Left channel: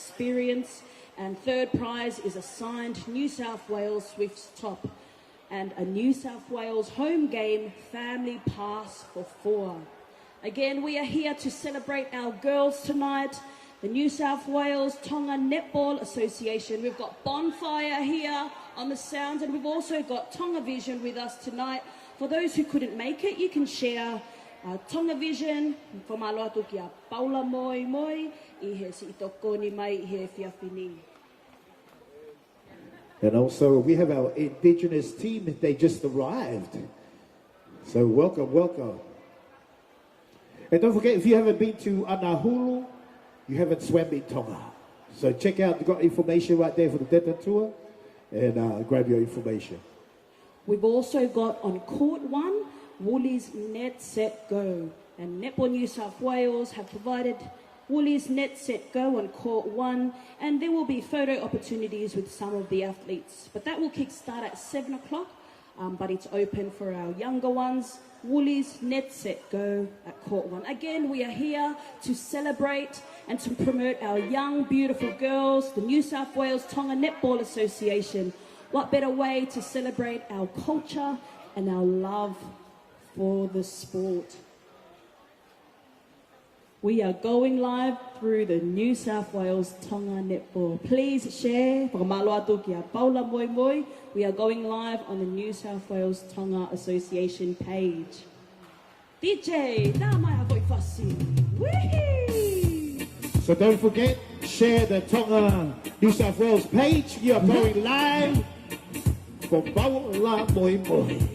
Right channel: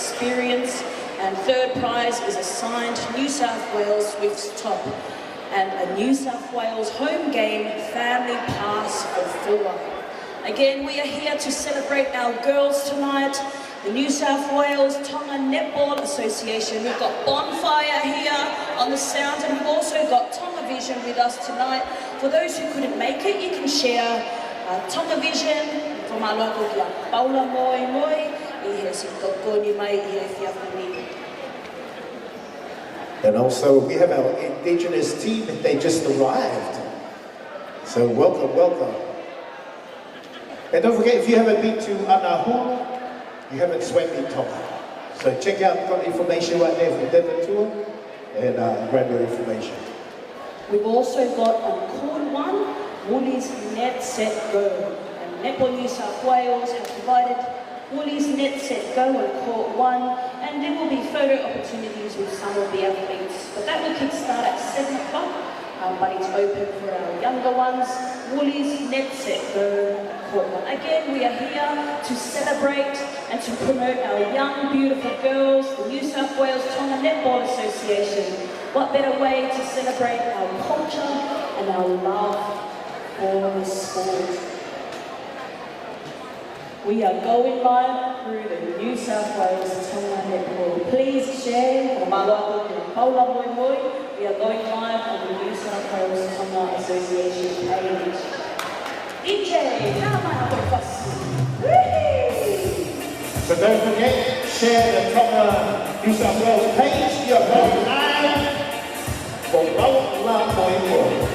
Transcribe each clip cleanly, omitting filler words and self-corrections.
experience. And third prize is a signed New South Wales Swifts top and a New South Wales home game family pass for 4. Again, we are here to celebrate our girls tonight. The New South Wales Tonga Netball Association. We've got Bonfire here on the sound, and we've also got Tonga Vision with us tonight. For those who couldn't make it, you can share Tonga Vision from our local Paula Moimoi. And also, we have our Indigenous team, they just arrived. So welcome, welcome. And don't forget, if you haven't been to Anahua, you haven't swam in Tonga. So check out, we've got information right there for the Denver tour, and grab your information. We've also got on court 1, Woolies Net Set Go. And Netball New South Wales have provided Woolies Net Set Go on court 1, and there will be photo opportunities with some of the athletes. But that will kickstart at 7 o'clock, but it's open for our younger ones. Woolies Net Set Go at court 1. Again, we are here to celebrate and to promote our young, beautiful girls, the New South Wales Tonga Netball Association. What better way to celebrate our culture and our love for the sport? We are going live through the New South Wales Tonga Netball. Please share for Latu to Paula Moimoi. We are going live on the New South Wales Tonga Association page. DJ, so don't forget, share the Tonga New South Wales page. You are going live for Paula Moimoi.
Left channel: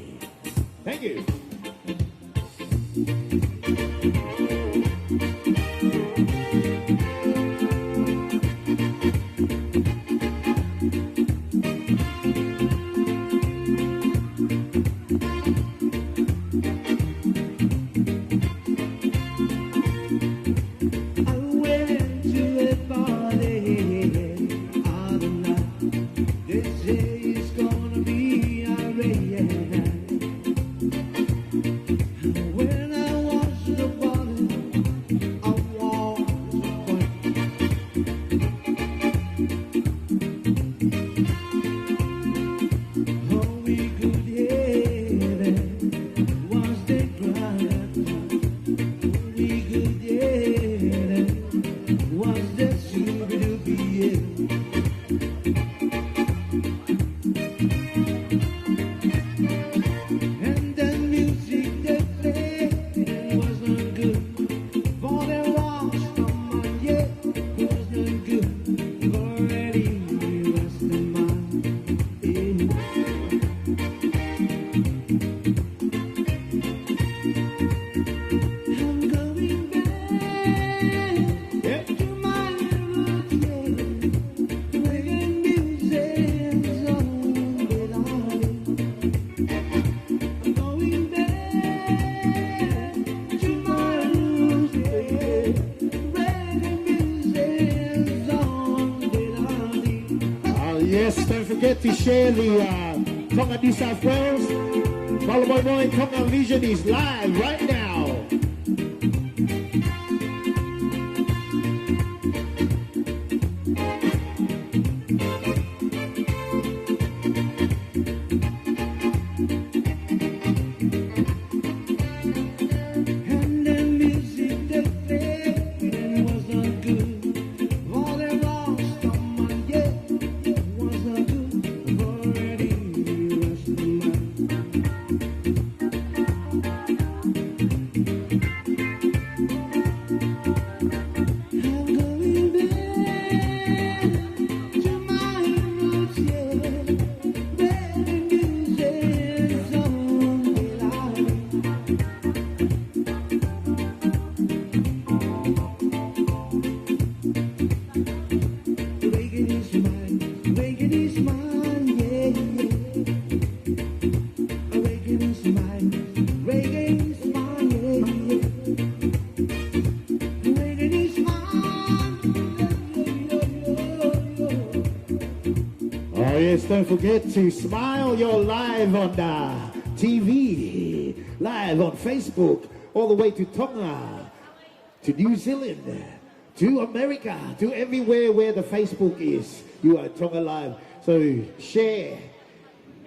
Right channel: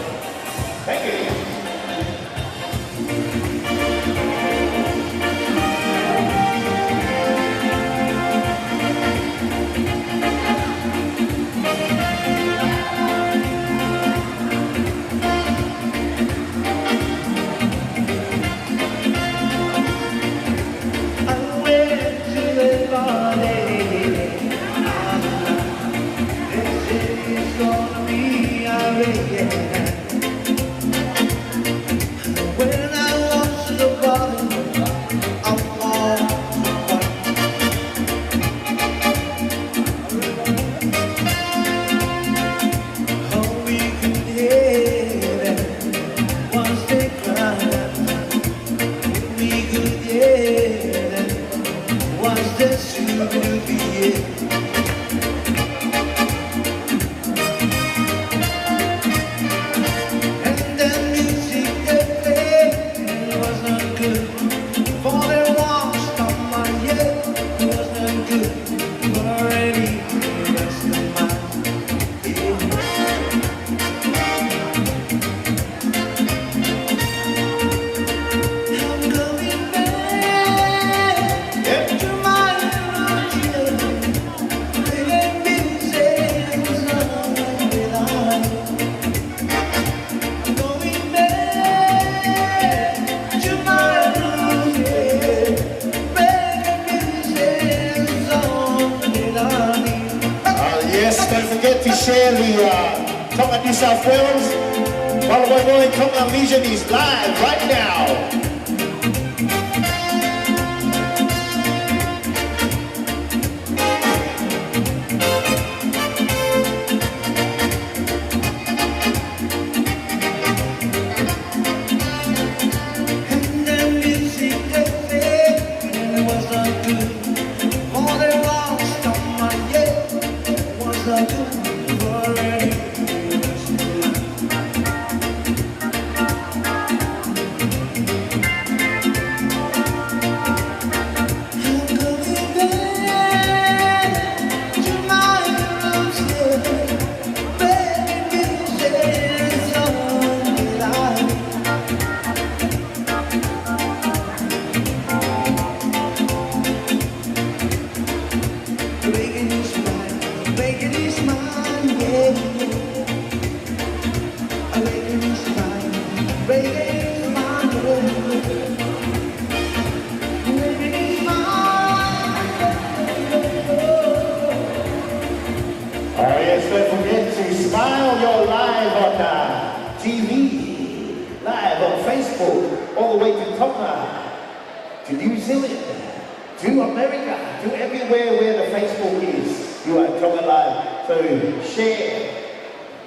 Thank you. Don't forget to share the Tonga New South Wales. Paula Moimoi Tonga Vision is live right now. Yes, don't forget to smile. You're live on TV, live on Facebook, all the way to Tonga, to New Zealand, to America, to everywhere where the Facebook is. You are Tonga Live, so share.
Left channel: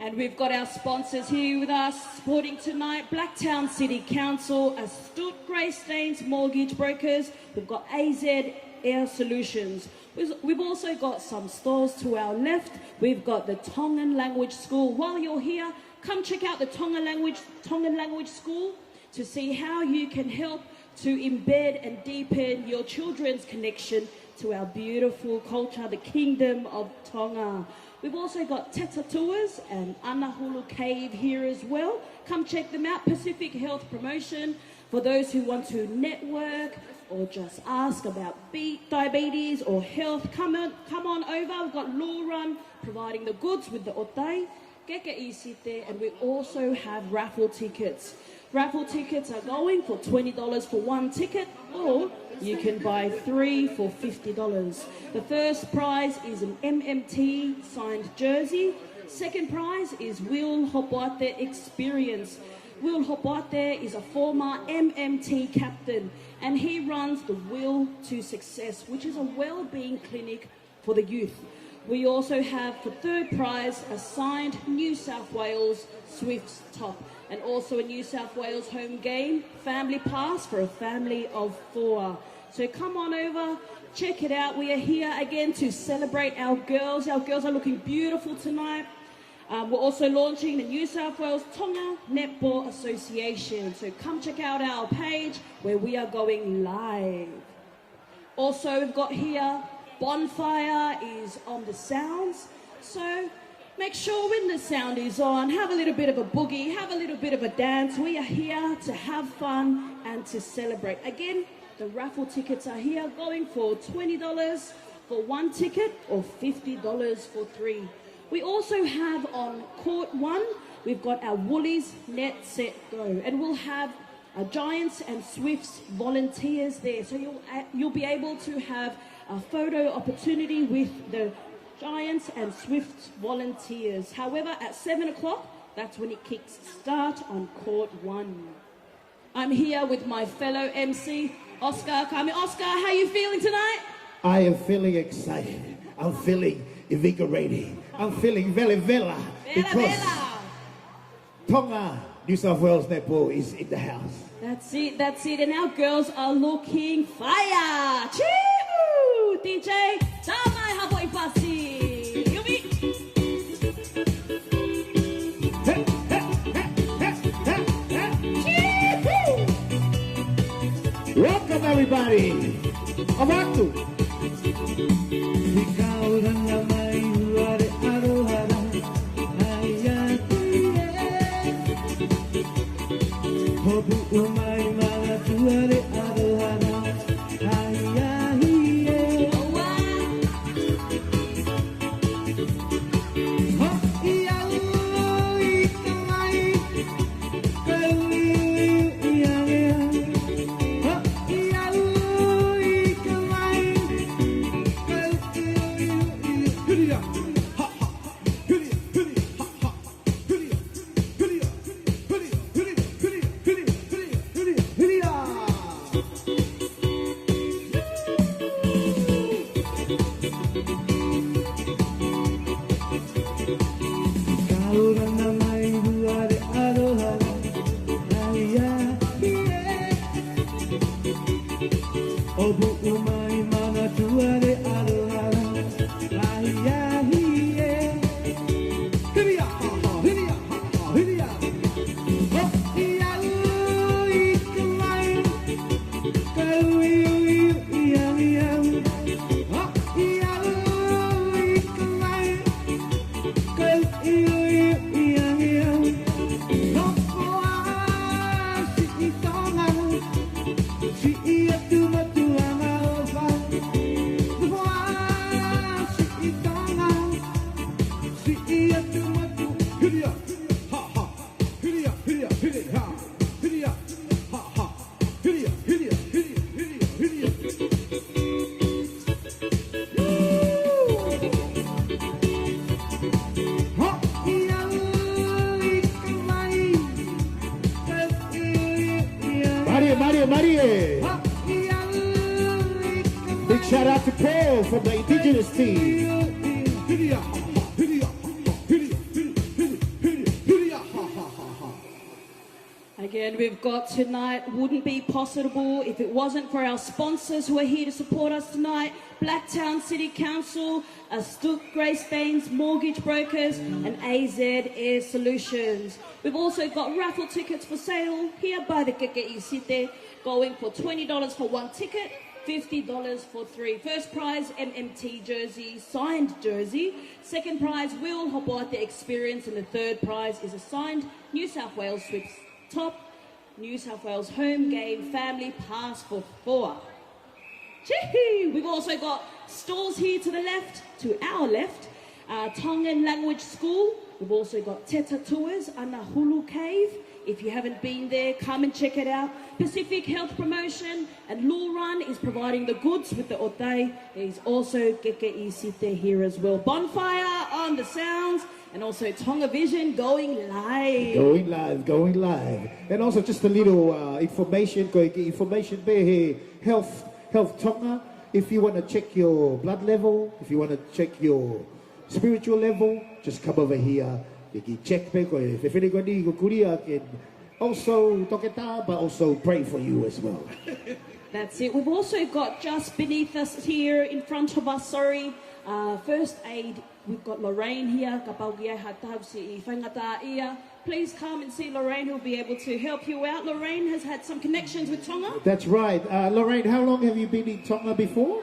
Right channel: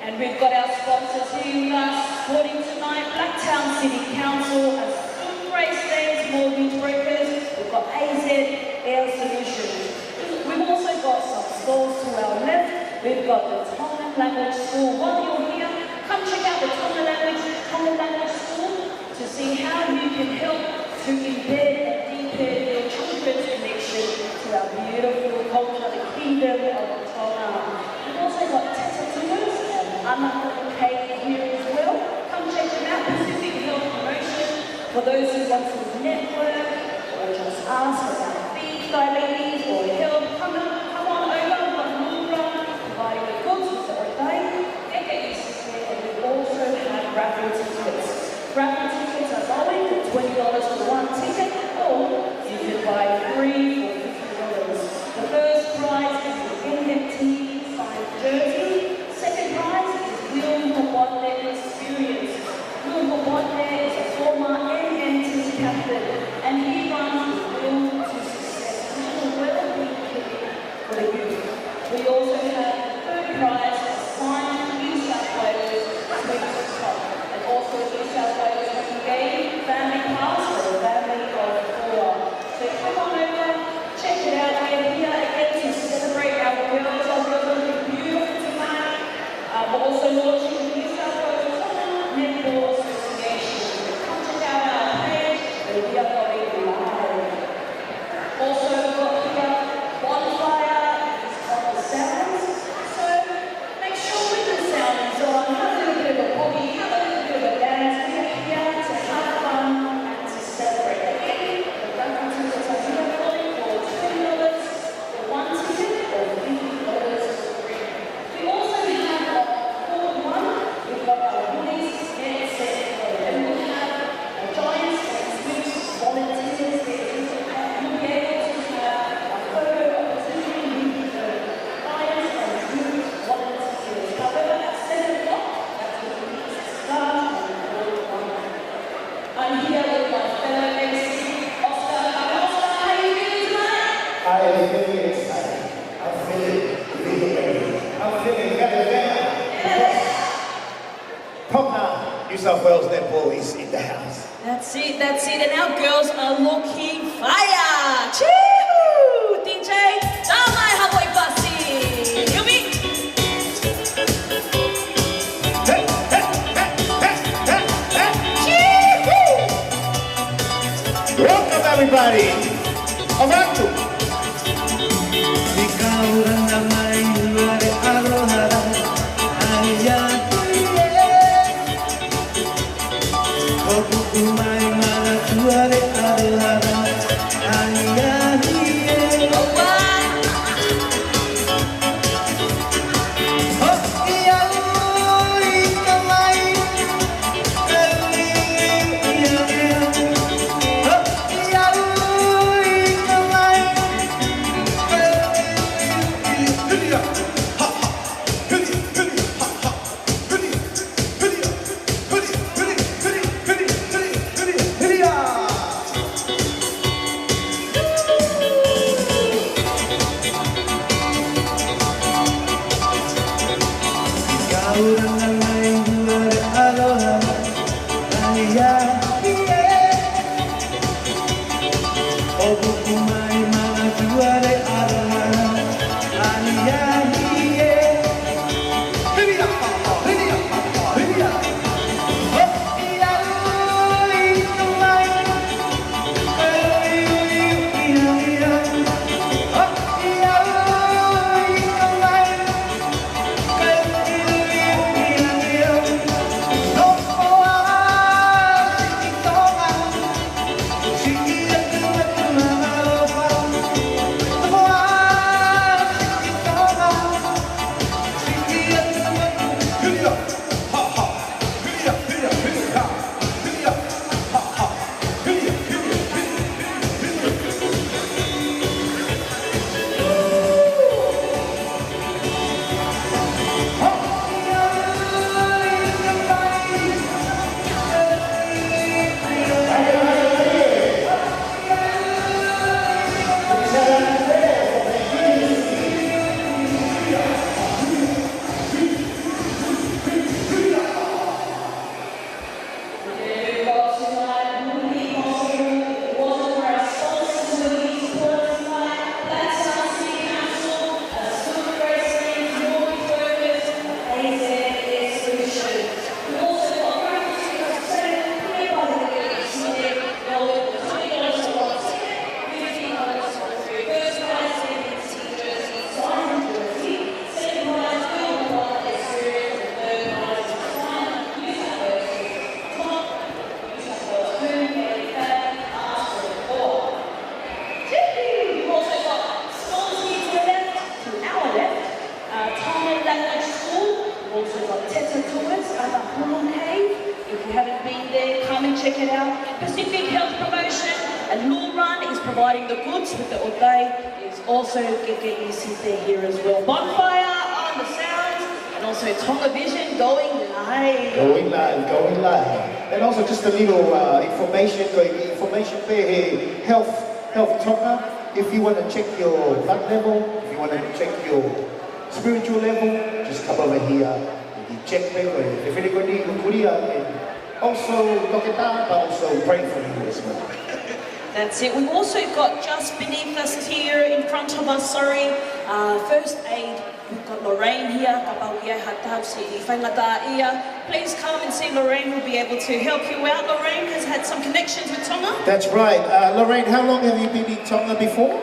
And we've got our sponsors here with us, supporting tonight, Blacktown City Council, Aston Race Days Mortgage Brokers, we've got AZ Air Solutions. We've also got some stalls to our left. We've got the Tongan Language School. While you're here, come check out the Tongan Language School to see how you can help to embed and deepen your children's connection to our beautiful culture, the Kingdom of Tonga. We've also got Tetatumas and Anahon Kane here as well. Come check them out. Pacific Health Promotion for those who want to network or just ask about feed diabetes or health. Come on over. We've got Moonrun providing the goods with the Otai. Get your there, and we also have raffle tickets. Raffle tickets are going for $20 for one ticket, or you can buy 3 for $50. The first prize is an NMT signed jersey. Second prize is Will Hobote Experience. Will Hobote is a former NMT captain, and he runs the Will to Success, which is a well-being clinic for the youth. We also have the third prize, a signed New South Wales Swift top, and also a New South Wales home game family pass for a family of 4. So come on over, check it out. We're here again to celebrate our girls. Our girls are looking beautiful tonight. We're also launching the New South Wales Tonga Netball Association. So come check out our page where we are going live. Also got here, bonfire is on the sounds. So make sure when the sound is on, have a little bit of a boogie, have a little bit of a dance. We are here to have fun and to celebrate. Again, the raffle tickets are here going for $20 for one ticket or $50 for 3. We also have on court 1, we've got our Woolies Net Set Flow, and we'll have Giants and Swifts volunteers there too. You'll be able to have a photo opportunity with the Giants and Swifts volunteers. However, at 7 o'clock, that's when it gets started on court 1. I'm here with my fellow MC, Oscar. Oscar, how are you feeling tonight? I am feeling excited. I'm feeling invigorated. I'm feeling very better because Tonga, New South Wales Netball is in the house. That's it. And our girls are looking fire. Chee-hoo! DJ, damai haboi pasi. Yubi. Chee-hoo! Welcome everybody. Latu. check it out. Pacific Health Promotion and Law Run is providing the goods with the Otay. Is also Geke Isite here as well. Bonfire on the sounds, and also Tonga Vision going live. Going live, going live. And also just a little information there here. Health Tonga. If you want to check your blood level, if you want to check your spiritual level, just come over here. You can check paper. If anybody can also talk it down, but also pray for you as well. That's it. We've also got just beneath us here, in front of us, first aid. We've got Lorraine here. Please come and see Lorraine. Will be able to help you out. Lorraine has had some connections with Tonga. That's right. Lorraine, how long have you been in Tonga before?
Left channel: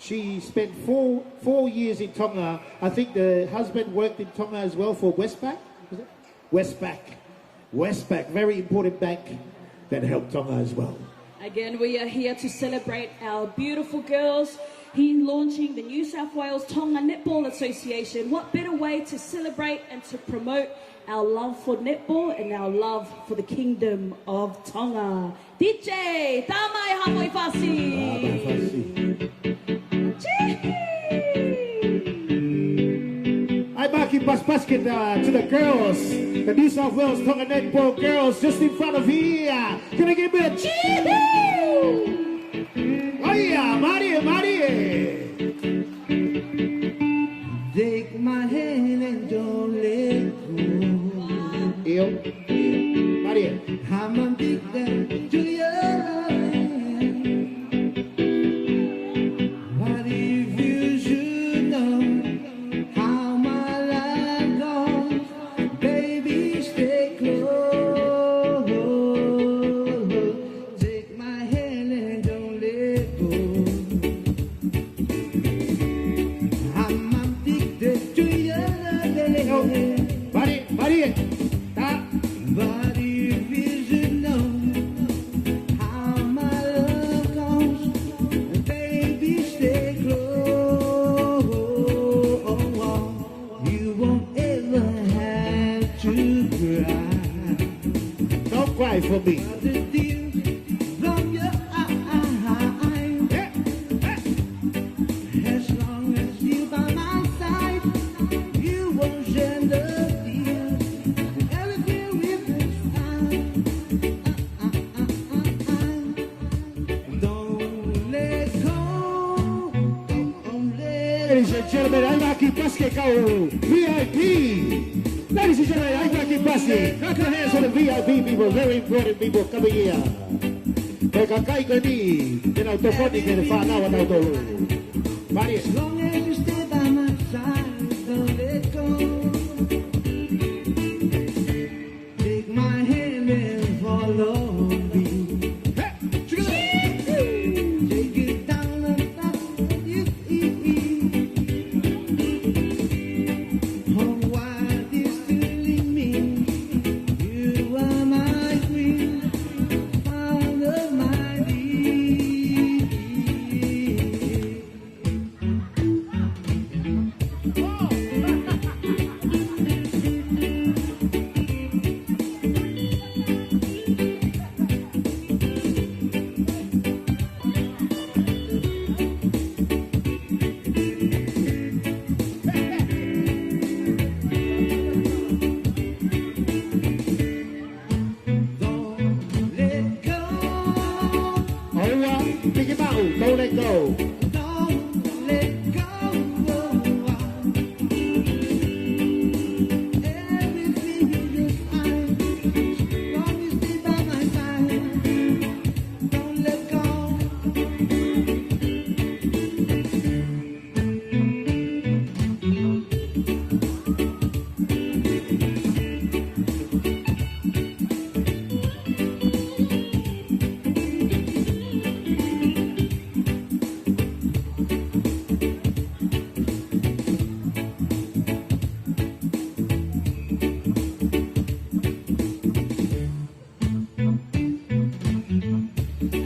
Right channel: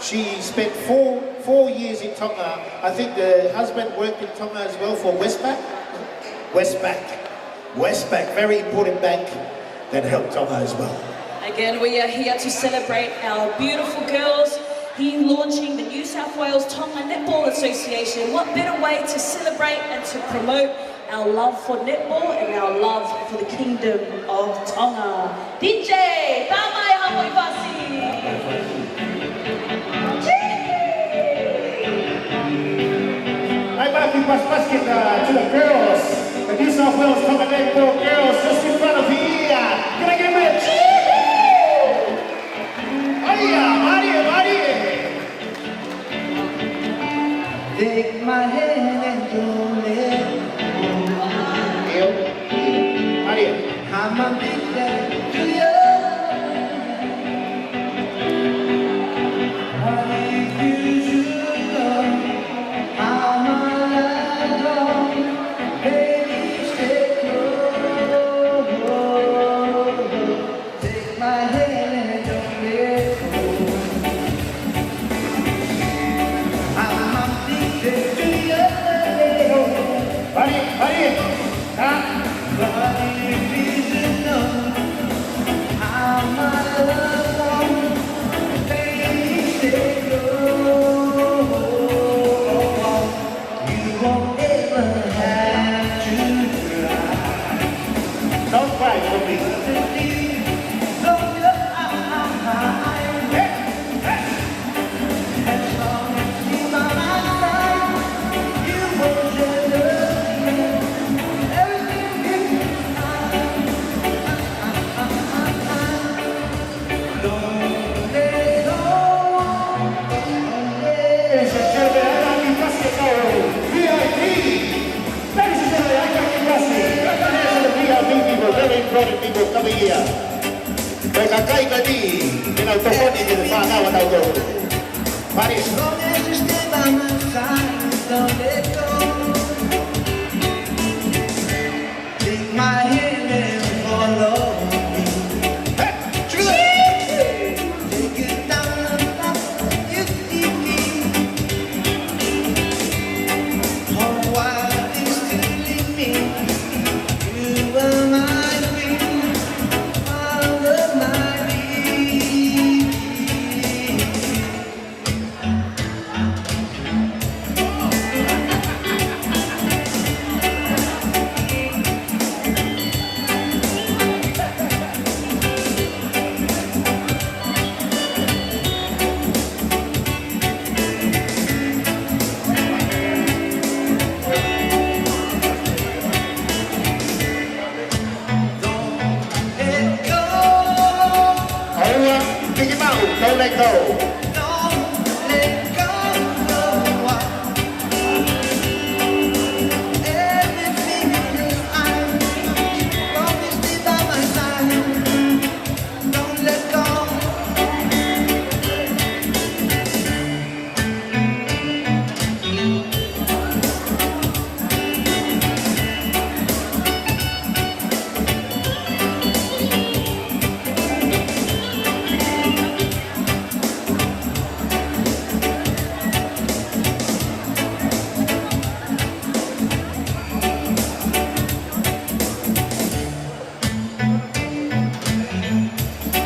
She spent four years in Tonga. I think the husband worked in Tonga as well for Westpac. Westpac, very important bank that helped Tonga as well. Again, we are here to celebrate our beautiful girls here launching the New South Wales Tonga Netball Association. What better way to celebrate and to promote our love for netball and our love for the Kingdom of Tonga. DJ, tamai hapoi fasi. I'm back in basket to the girls. The New South Wales Tonga Netball girls just in front of here. Can I give it a cheer? Maria. Take my hand and don't let go. Maria. I'm a big fan to you. What if you should know how my love goes? Baby, stay close. Take my hand and don't let go. I'm a big fan to you. Maria. What if you should know how my love goes? Baby, stay close. You won't ever have to cry. Don't cry for me. The deep from your eyes. As long as you're by my side, you won't shed a tear. Everything is fine. Don't let go. Ladies and gentlemen, I'd like you to our VIP. Ladies and gentlemen, I'd like you to clap your hands for the VIP people, very important people coming here. Mereka kaya ni, pinautohon ni whānau anau tō. Maria. As long as you stay by my side, don't let go. Take my hand and follow me. Take it down the path you see me. Oh, why is still me? You were my queen, part of my dream. Don't let go. Don't let go. Don't let go. Everything is fine. Promise me by my side. Don't let go.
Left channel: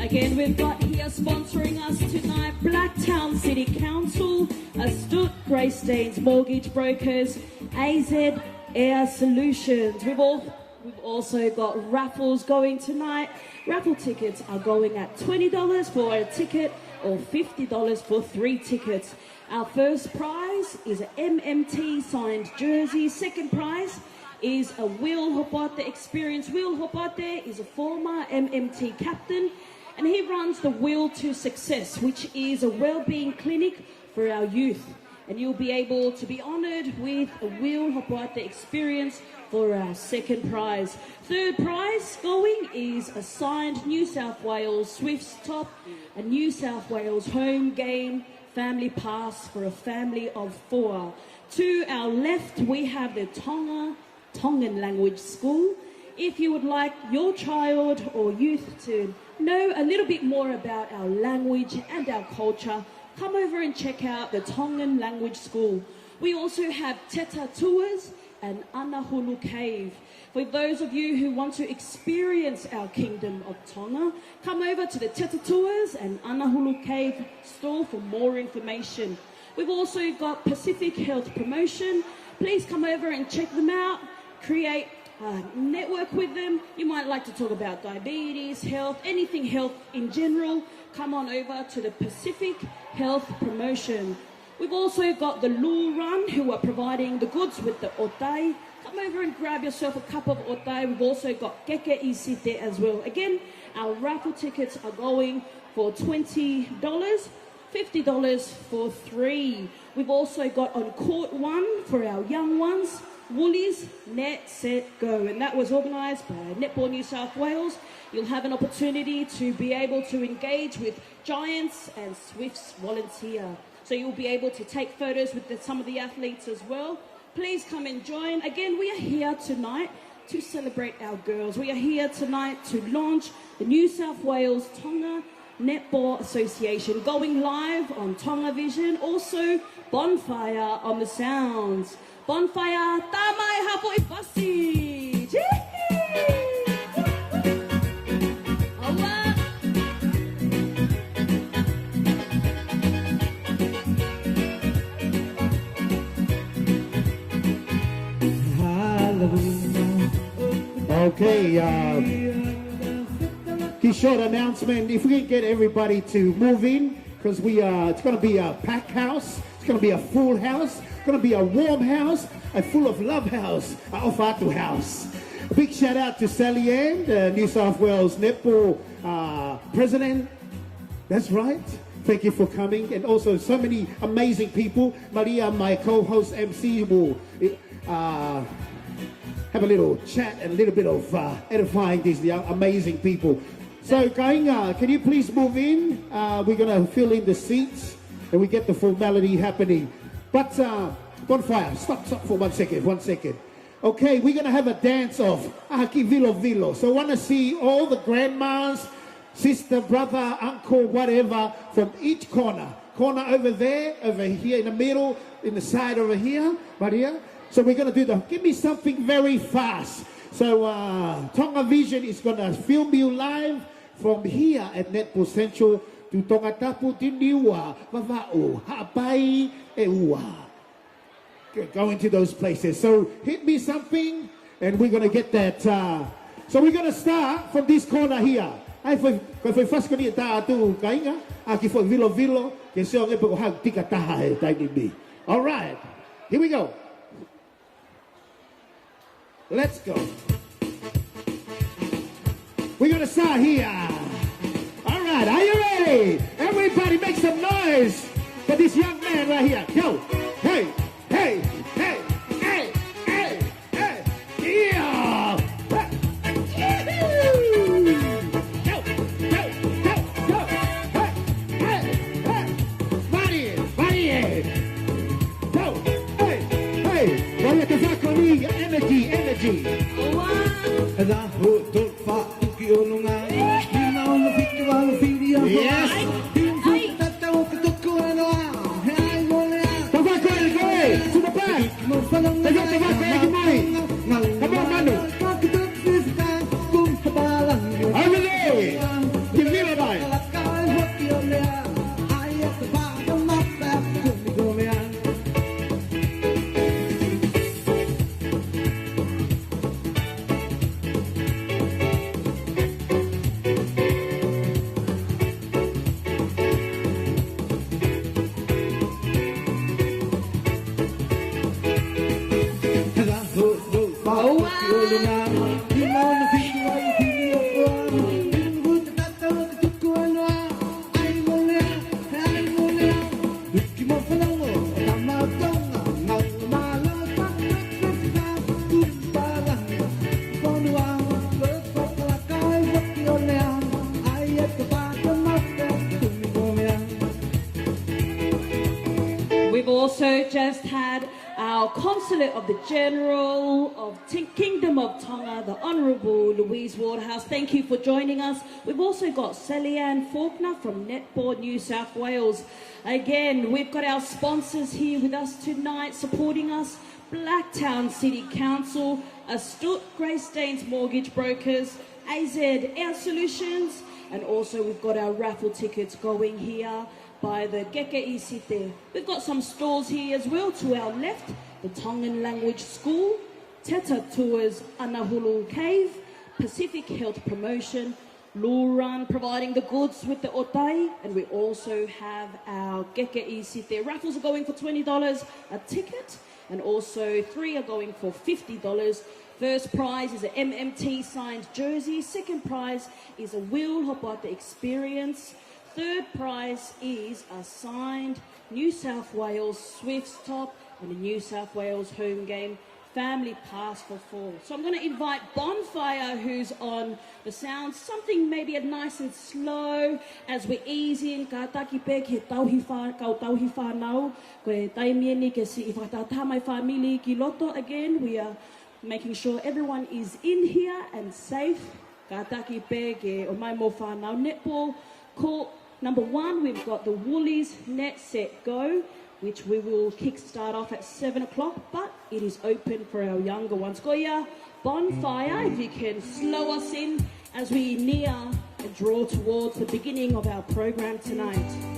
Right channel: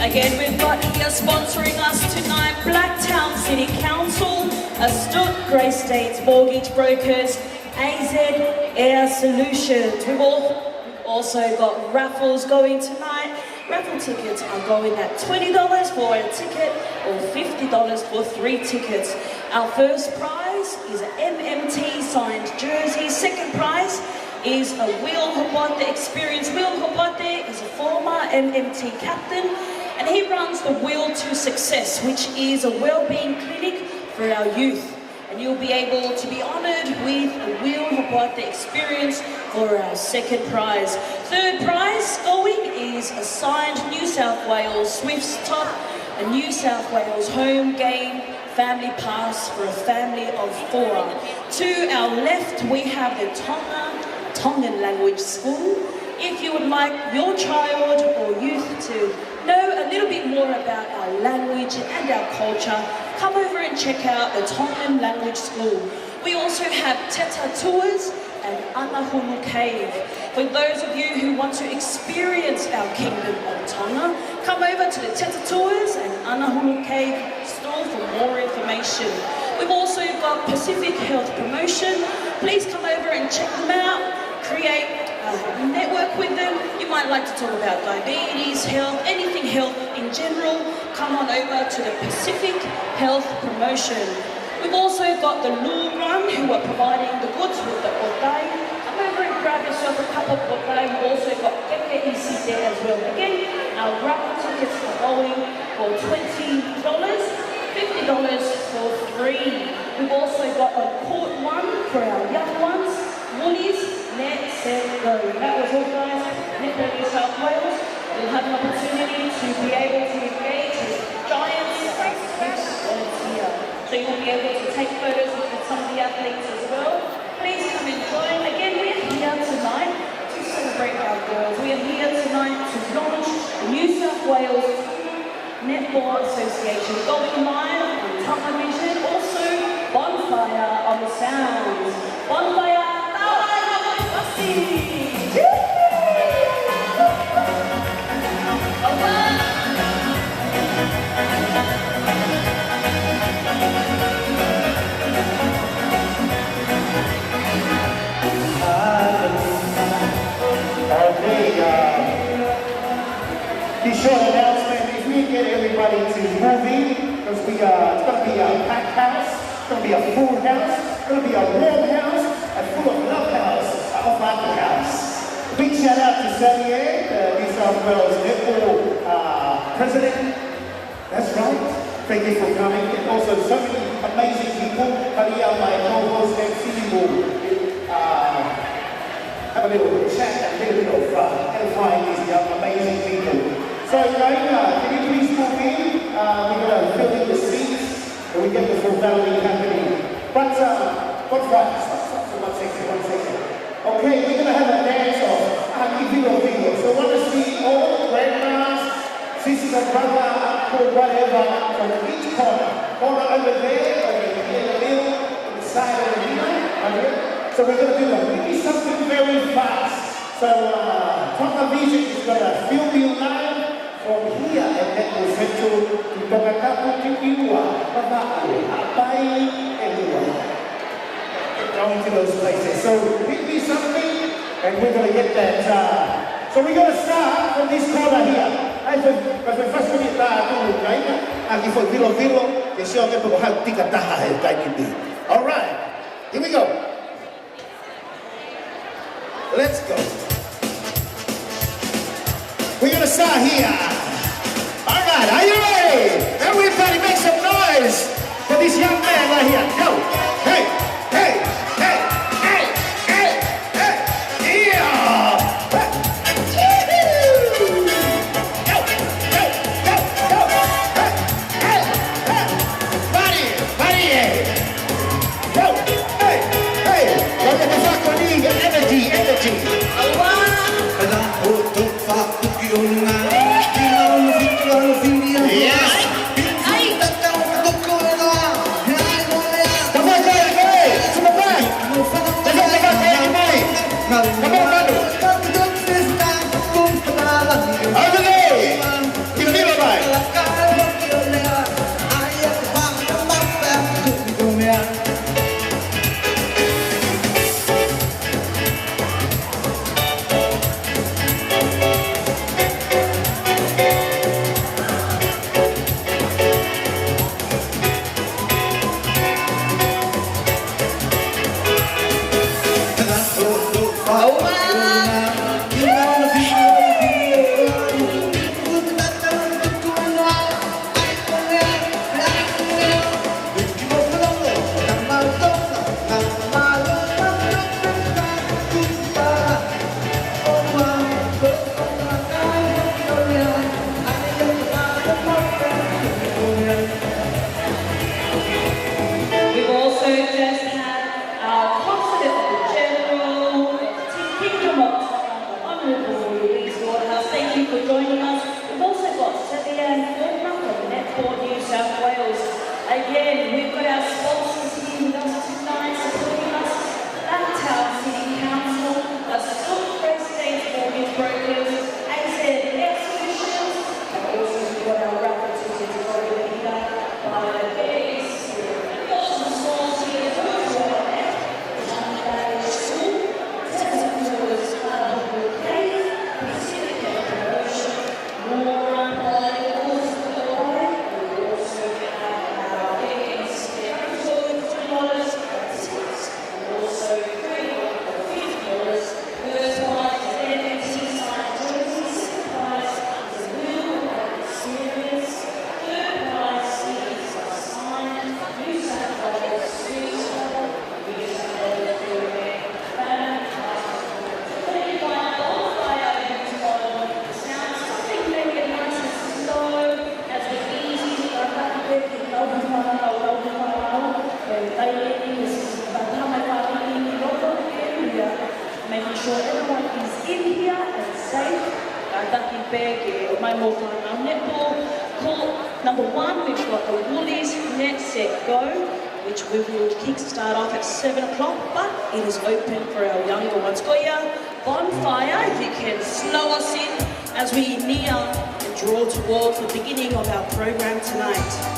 Again, we've got here sponsoring us tonight, Blacktown City Council, Astute Grace States Mortgage Brokers, AZ Air Solutions. We've Also got raffles going tonight. Raffle tickets are going at $20 for a ticket or $50 for 3 tickets. Our first prize is an MMT signed jersey. Second prize is a Will Hobote experience. Will Hobote is a former MMT captain and he runs the Will to Success, which is a wellbeing clinic for our youth. And you'll be able to be honoured with a Will Hobote experience for our second prize. Third prize going is a signed New South Wales Swifts top, a New South Wales home game family pass for a family of 4. To our left, we have the Tongan language school. If you would like your child or youth to know a little bit more about our language and our culture, come over and check out the Tongan language school. We also have Teta tours and Anahulu Cave. For those of you who want to experience our kingdom of Tonga, come over to the Teta tours and Anahulu Cave store for more information. We've also got Pacific Health Promotion. Please come over and check them out. Create a network with them. You might like to talk about diabetes, health, anything health in general. Come on over to the Pacific Health Promotion. We've also got the Lure Run who are providing the goods with the otai. Come over and grab yourself a cup of otai. We've also got keke isi there as well. Again, our raffle tickets are going for $20, $50 for 3. We've also got on court 1 for our young ones, Woolies, Net, Set, Go. That was organised by Netball New South Wales. You'll have an opportunity to be able to engage with giants and Swifts volunteer. So you'll be able to take photos with some of the athletes as well. Please come and join. Again, we're here tonight to celebrate our girls. We are here tonight to launch the New South Wales Netball Association, going live on Tonga Vision, also Bonfire on the Sounds. Bonfire, Tawai Hapoi Pasi! Okay, this short announcement, if we get everybody to move in, because it's going to be a packed house, it's going to be a full house, it's going to be a warm house, a full of love house, a Ofaki house. A big shout out to Sammy Ann, the New South Wales Netball president. That's right. Thank you for coming. And also so many amazing people. Maria, my co-host MC, will have a little chat and a little bit of edifying these amazing people. So again, can you please move in? We're going to fill in the seats and we get the formality happening. But stop for 1 second. Okay, we're going to have a dance off. Aki Vilo Vilo. So I want to see all the grandmas, sister, brother, uncle, whatever, from each corner. Corner over there, over here in the middle, on the side over here, right here. So we're going to give me something very fast. So Tonga Vision is going to film you live from here at Netball Central to Tongatapu Tipiwa, Papa'u, Hapai, and Ua. Going to those places. So pick me something and we're going to get that. So we're going to start from this corner here. Ai foi first kami tu kaina aki foi vilo e seo me pego hau tika taha e taimi me. All right. Here we go. Let's go. We're going to start here. All right, are you ready? Everybody make some noise for this young man right here. Go. Hey, hey, hey, hey, hey, hey. Yeah. Go, go, go, go. Hey, hey, hey. Body, go. Hey, hey. Energy. Yes. We've also just had our Consulate of the General of the Kingdom of Tonga, the Honourable Louise Waterhouse. Thank you for joining us. We've also got Celia and Faulkner from Netball, New South Wales. Again, we've got our sponsors here with us tonight supporting us. Blacktown City Council, Astute Grace States Mortgage Brokers, AZ Air Solutions, and also we've got our raffle tickets going here by the Get Institute. We've got some schools here as well to our left. The Tonga School, Texas Coolers, Honourable Pay, Pacific Health Promotion, more applying the courses that we're paying. We also have our Get Institute. That is worth $20 of tickets, and also $3 of them for $50. First prize is an NFT signed jersey. Second prize is a wheel of experience. Third prize is a signed New South Wales Superstar, New South Wales Building, family passport. So we're going to invite Bonfire, who's on the sound, something maybe a nice and slow as we ease in. Making sure everyone is in here and safe. Netball court number 1, we've got the Woolies Net Set Go, which we will kick-start off at 7 o'clock, but it is open for our younger ones. Goya, Bonfire, if you can slow us in as we near and draw towards the beginning of our program tonight.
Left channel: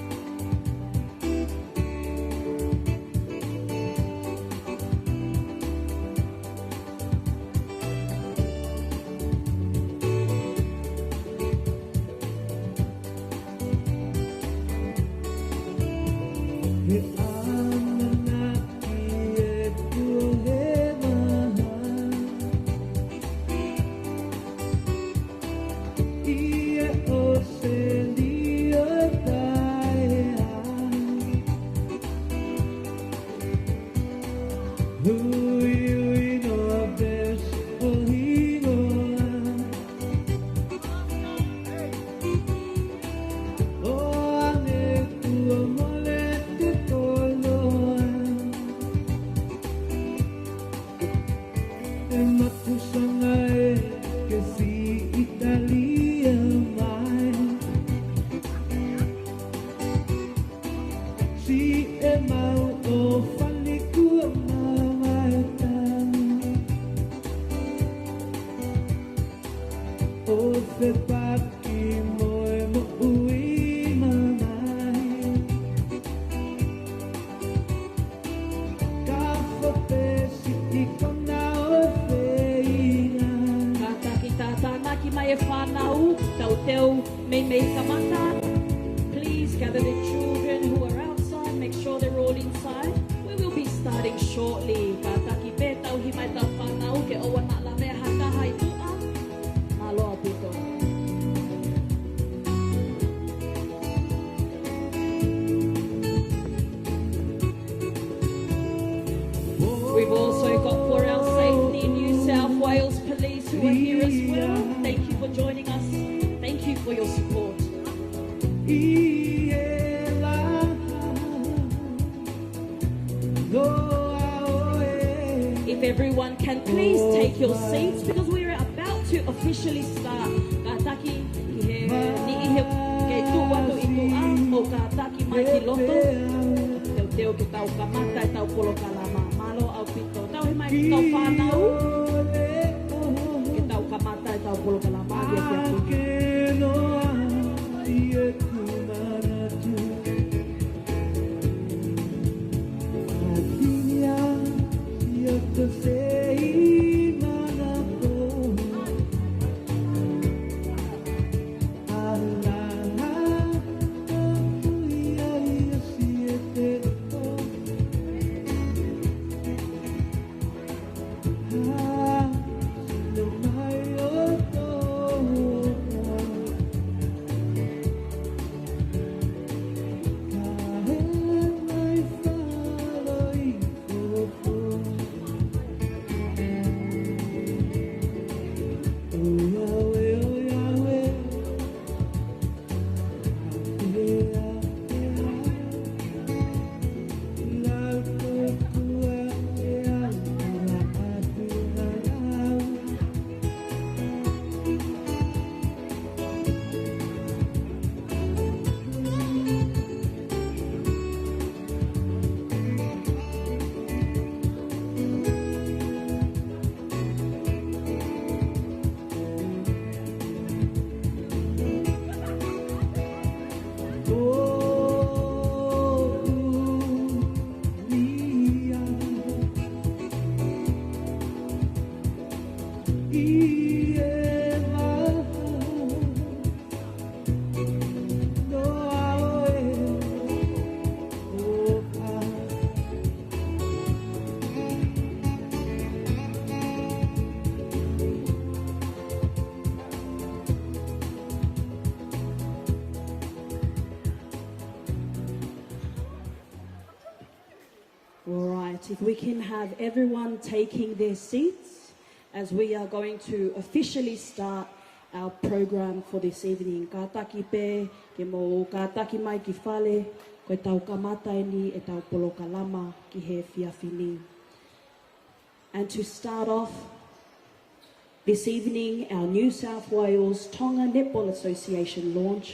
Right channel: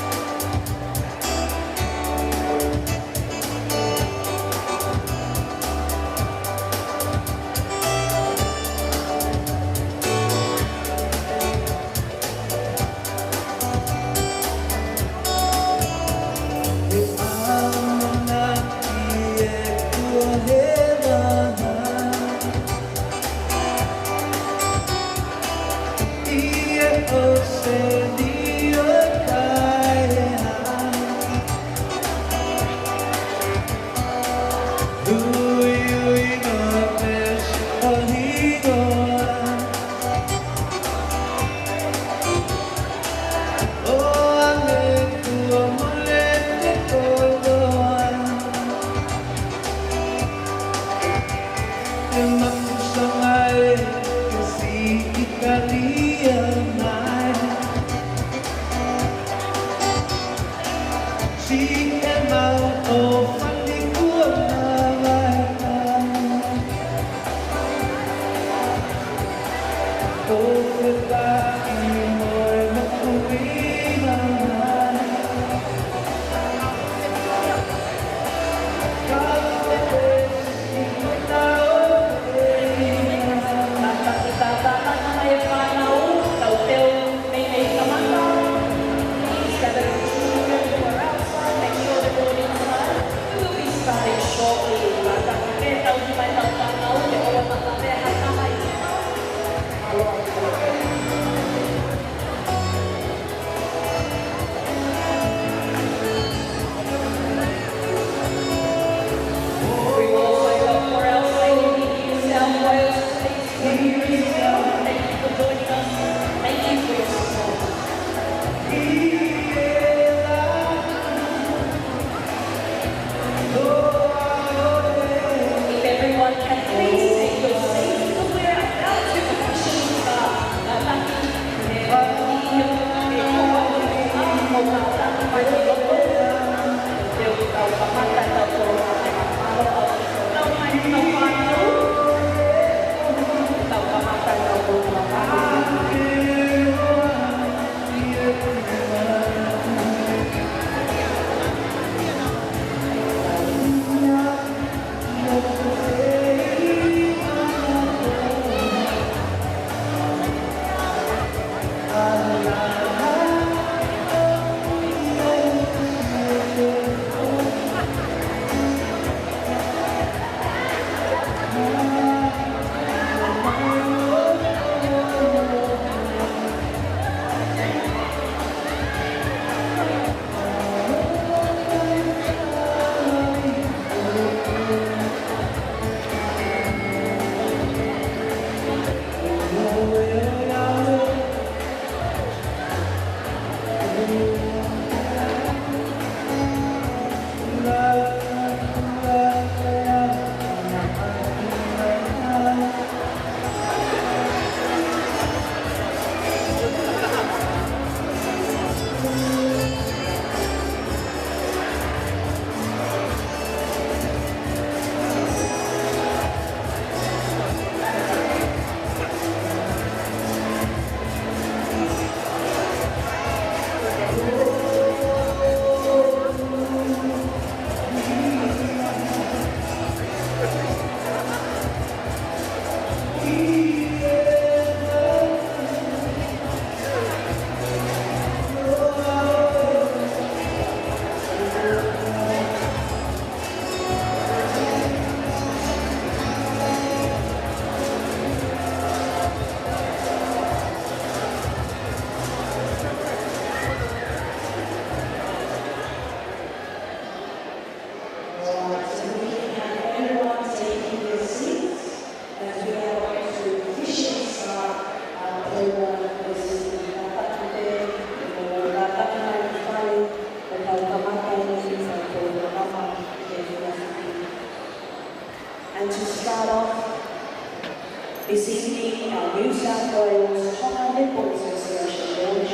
This evening, our New South Wales Tonga Netball Association launch,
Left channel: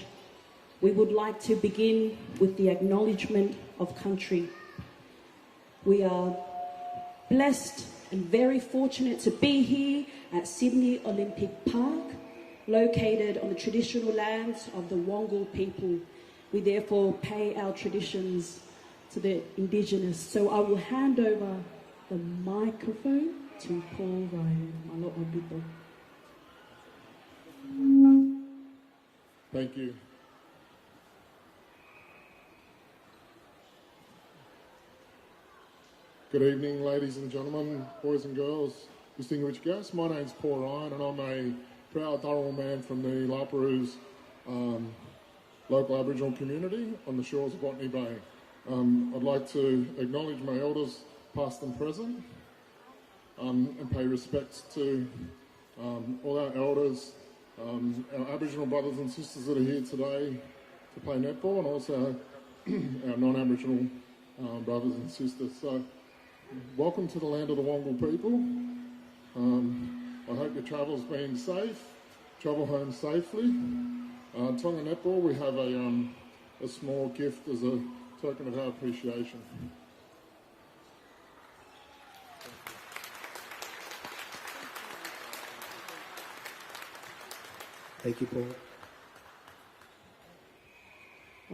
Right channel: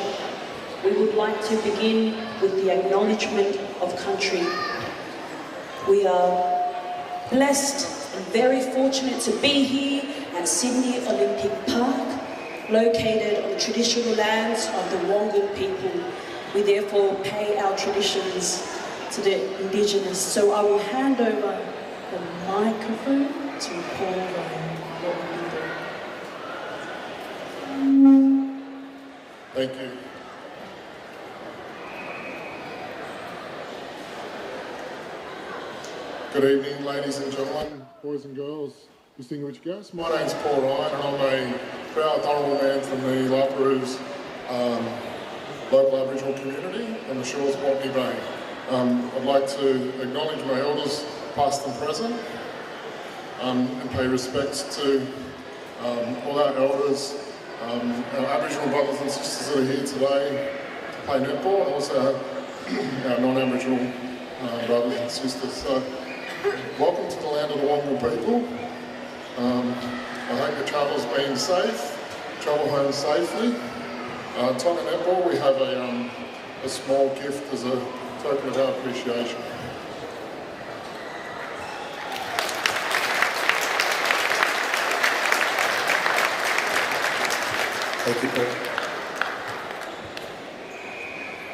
we would like to begin with the acknowledgement of country. We are blessed and very fortunate to be here at Sydney Olympic Park, located on the traditional lands of the Wongal people. We therefore pay our traditions to the Indigenous. So I will hand over the microphone to Paula. Thank you. Good evening, ladies and gentlemen, boys and girls, distinguished guests. My name's Paul Ryan and I'm a proud Tonga man from the Lapuru's local Aboriginal community on the shores of Botany Bay. I'd like to acknowledge my elders, past and present, and pay respects to all our elders, our Aboriginal brothers and sisters that are here today to play netball, and also our non-Aboriginal brothers and sisters. So, welcome to the land of the Wongal people. I hope your travel's been safe, travel home safely. Tonga Netball, we have a small gift as a token of our appreciation. Thank you, Paul.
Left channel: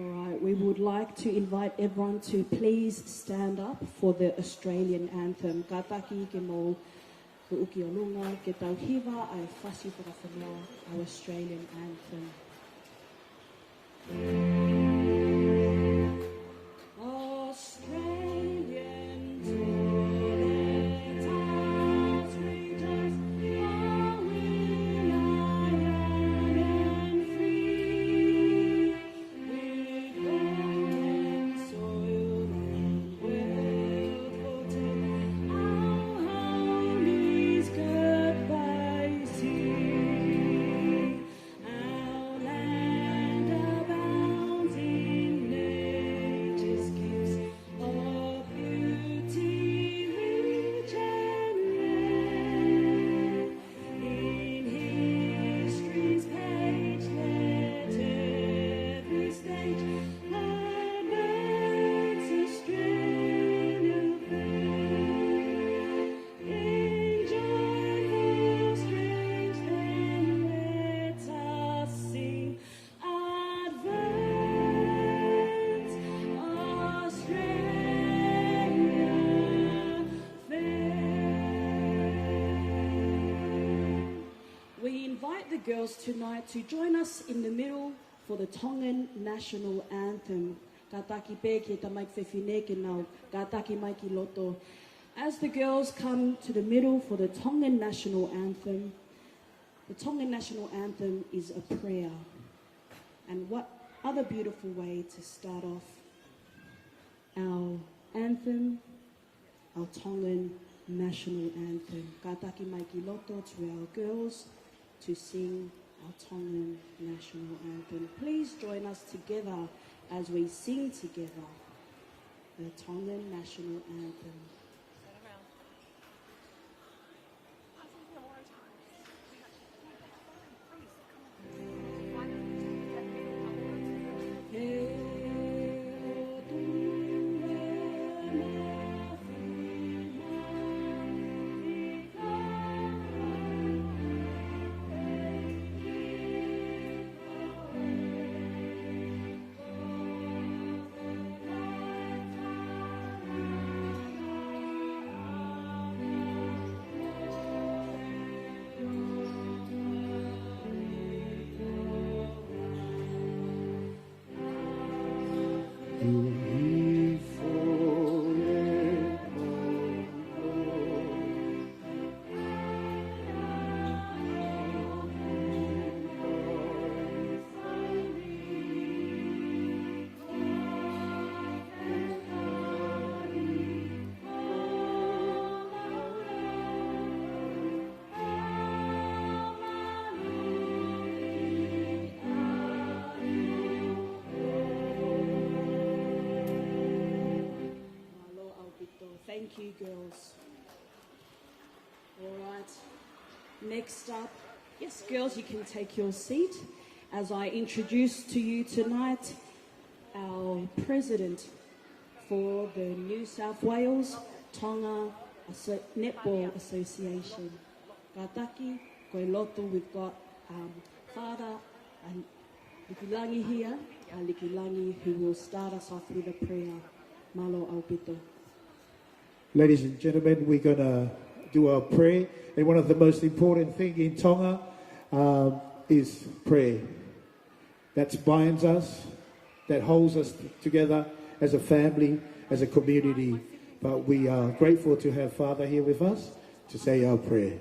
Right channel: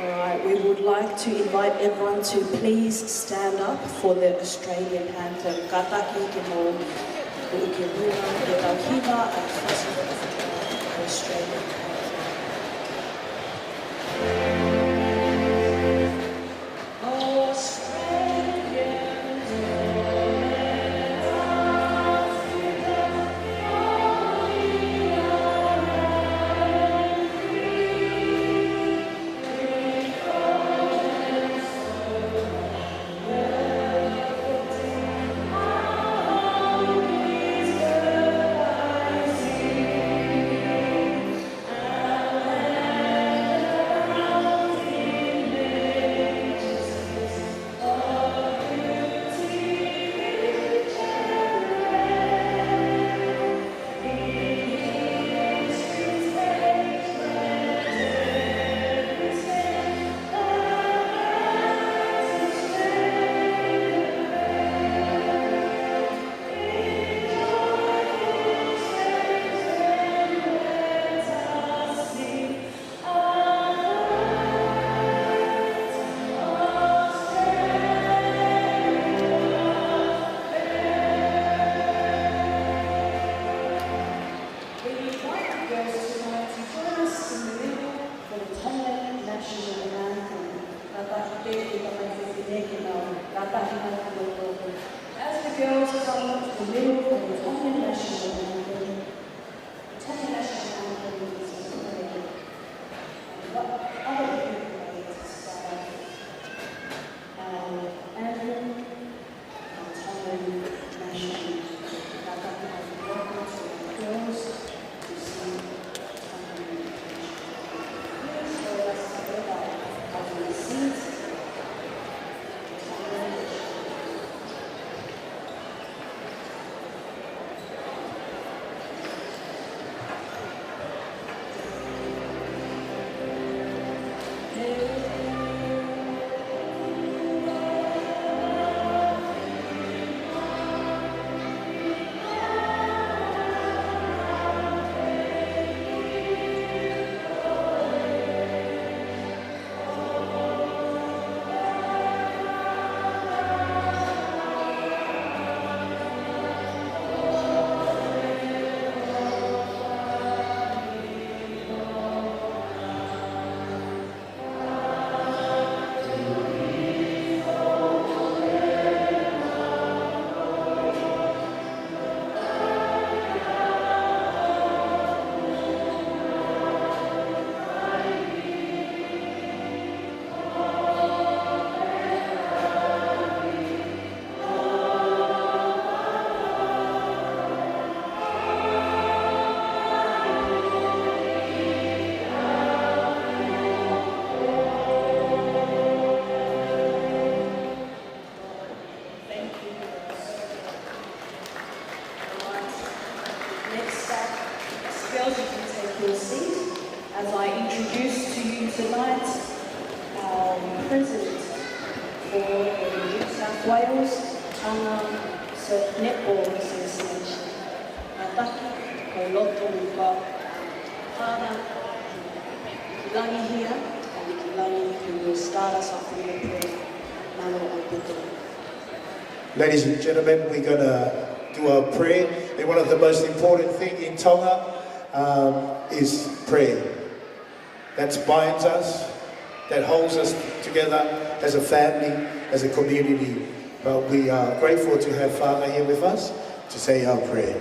All right, we would like to invite everyone to please stand up for the Australian anthem. Kataki te mo ukiwina e tauhiwa a whasara Australian anthem. Next up, yes, girls, you can take your seat as I introduce to you tonight our president for the New South Wales Tonga Netball Association. Nataki, ko Latu, we've got Paula and Ikilangi here, and Ikilangi who will start us off with a prayer. Malo Obuto. Ladies and gentlemen, we're going to do our prayer. And one of the most important things in Tonga is prayer. That binds us, that holds us together as a family, as a community. But we are grateful to have Father here with us to say our prayer.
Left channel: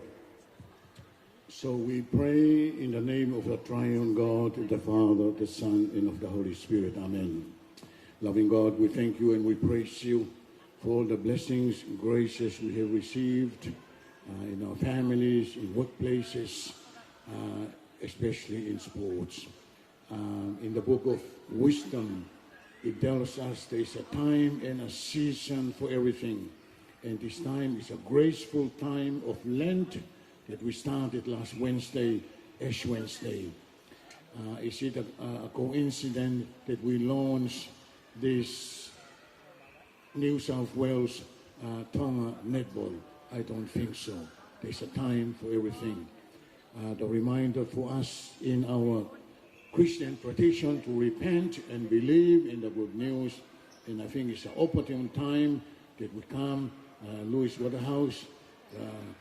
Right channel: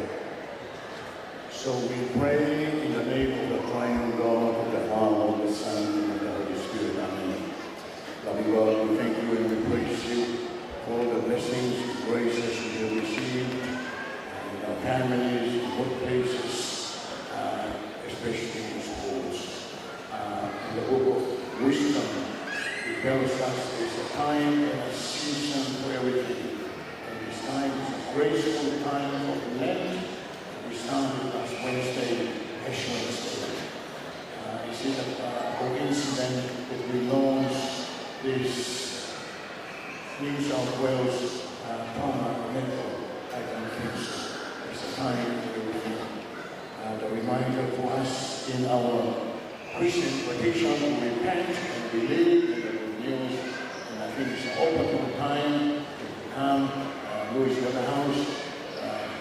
So we pray in the name of the triune God, the Father, the Son, and the Holy Spirit. Amen. Loving God, we thank you and we praise you for the blessings, graces we have received in our families, in workplaces, especially in sports. In the book of Wisdom, it tells us there's a time and a season for everything. And this time is a graceful time of Lent that we started last Wednesday, Ash Wednesday. Is it a coincidence that we launched this New South Wales Tonga Netball? I don't think so. There's a time for everything. The reminder for us in our Christian tradition, repent and believe in the good news. And I think it's an opportune time to become Louis Waterhouse,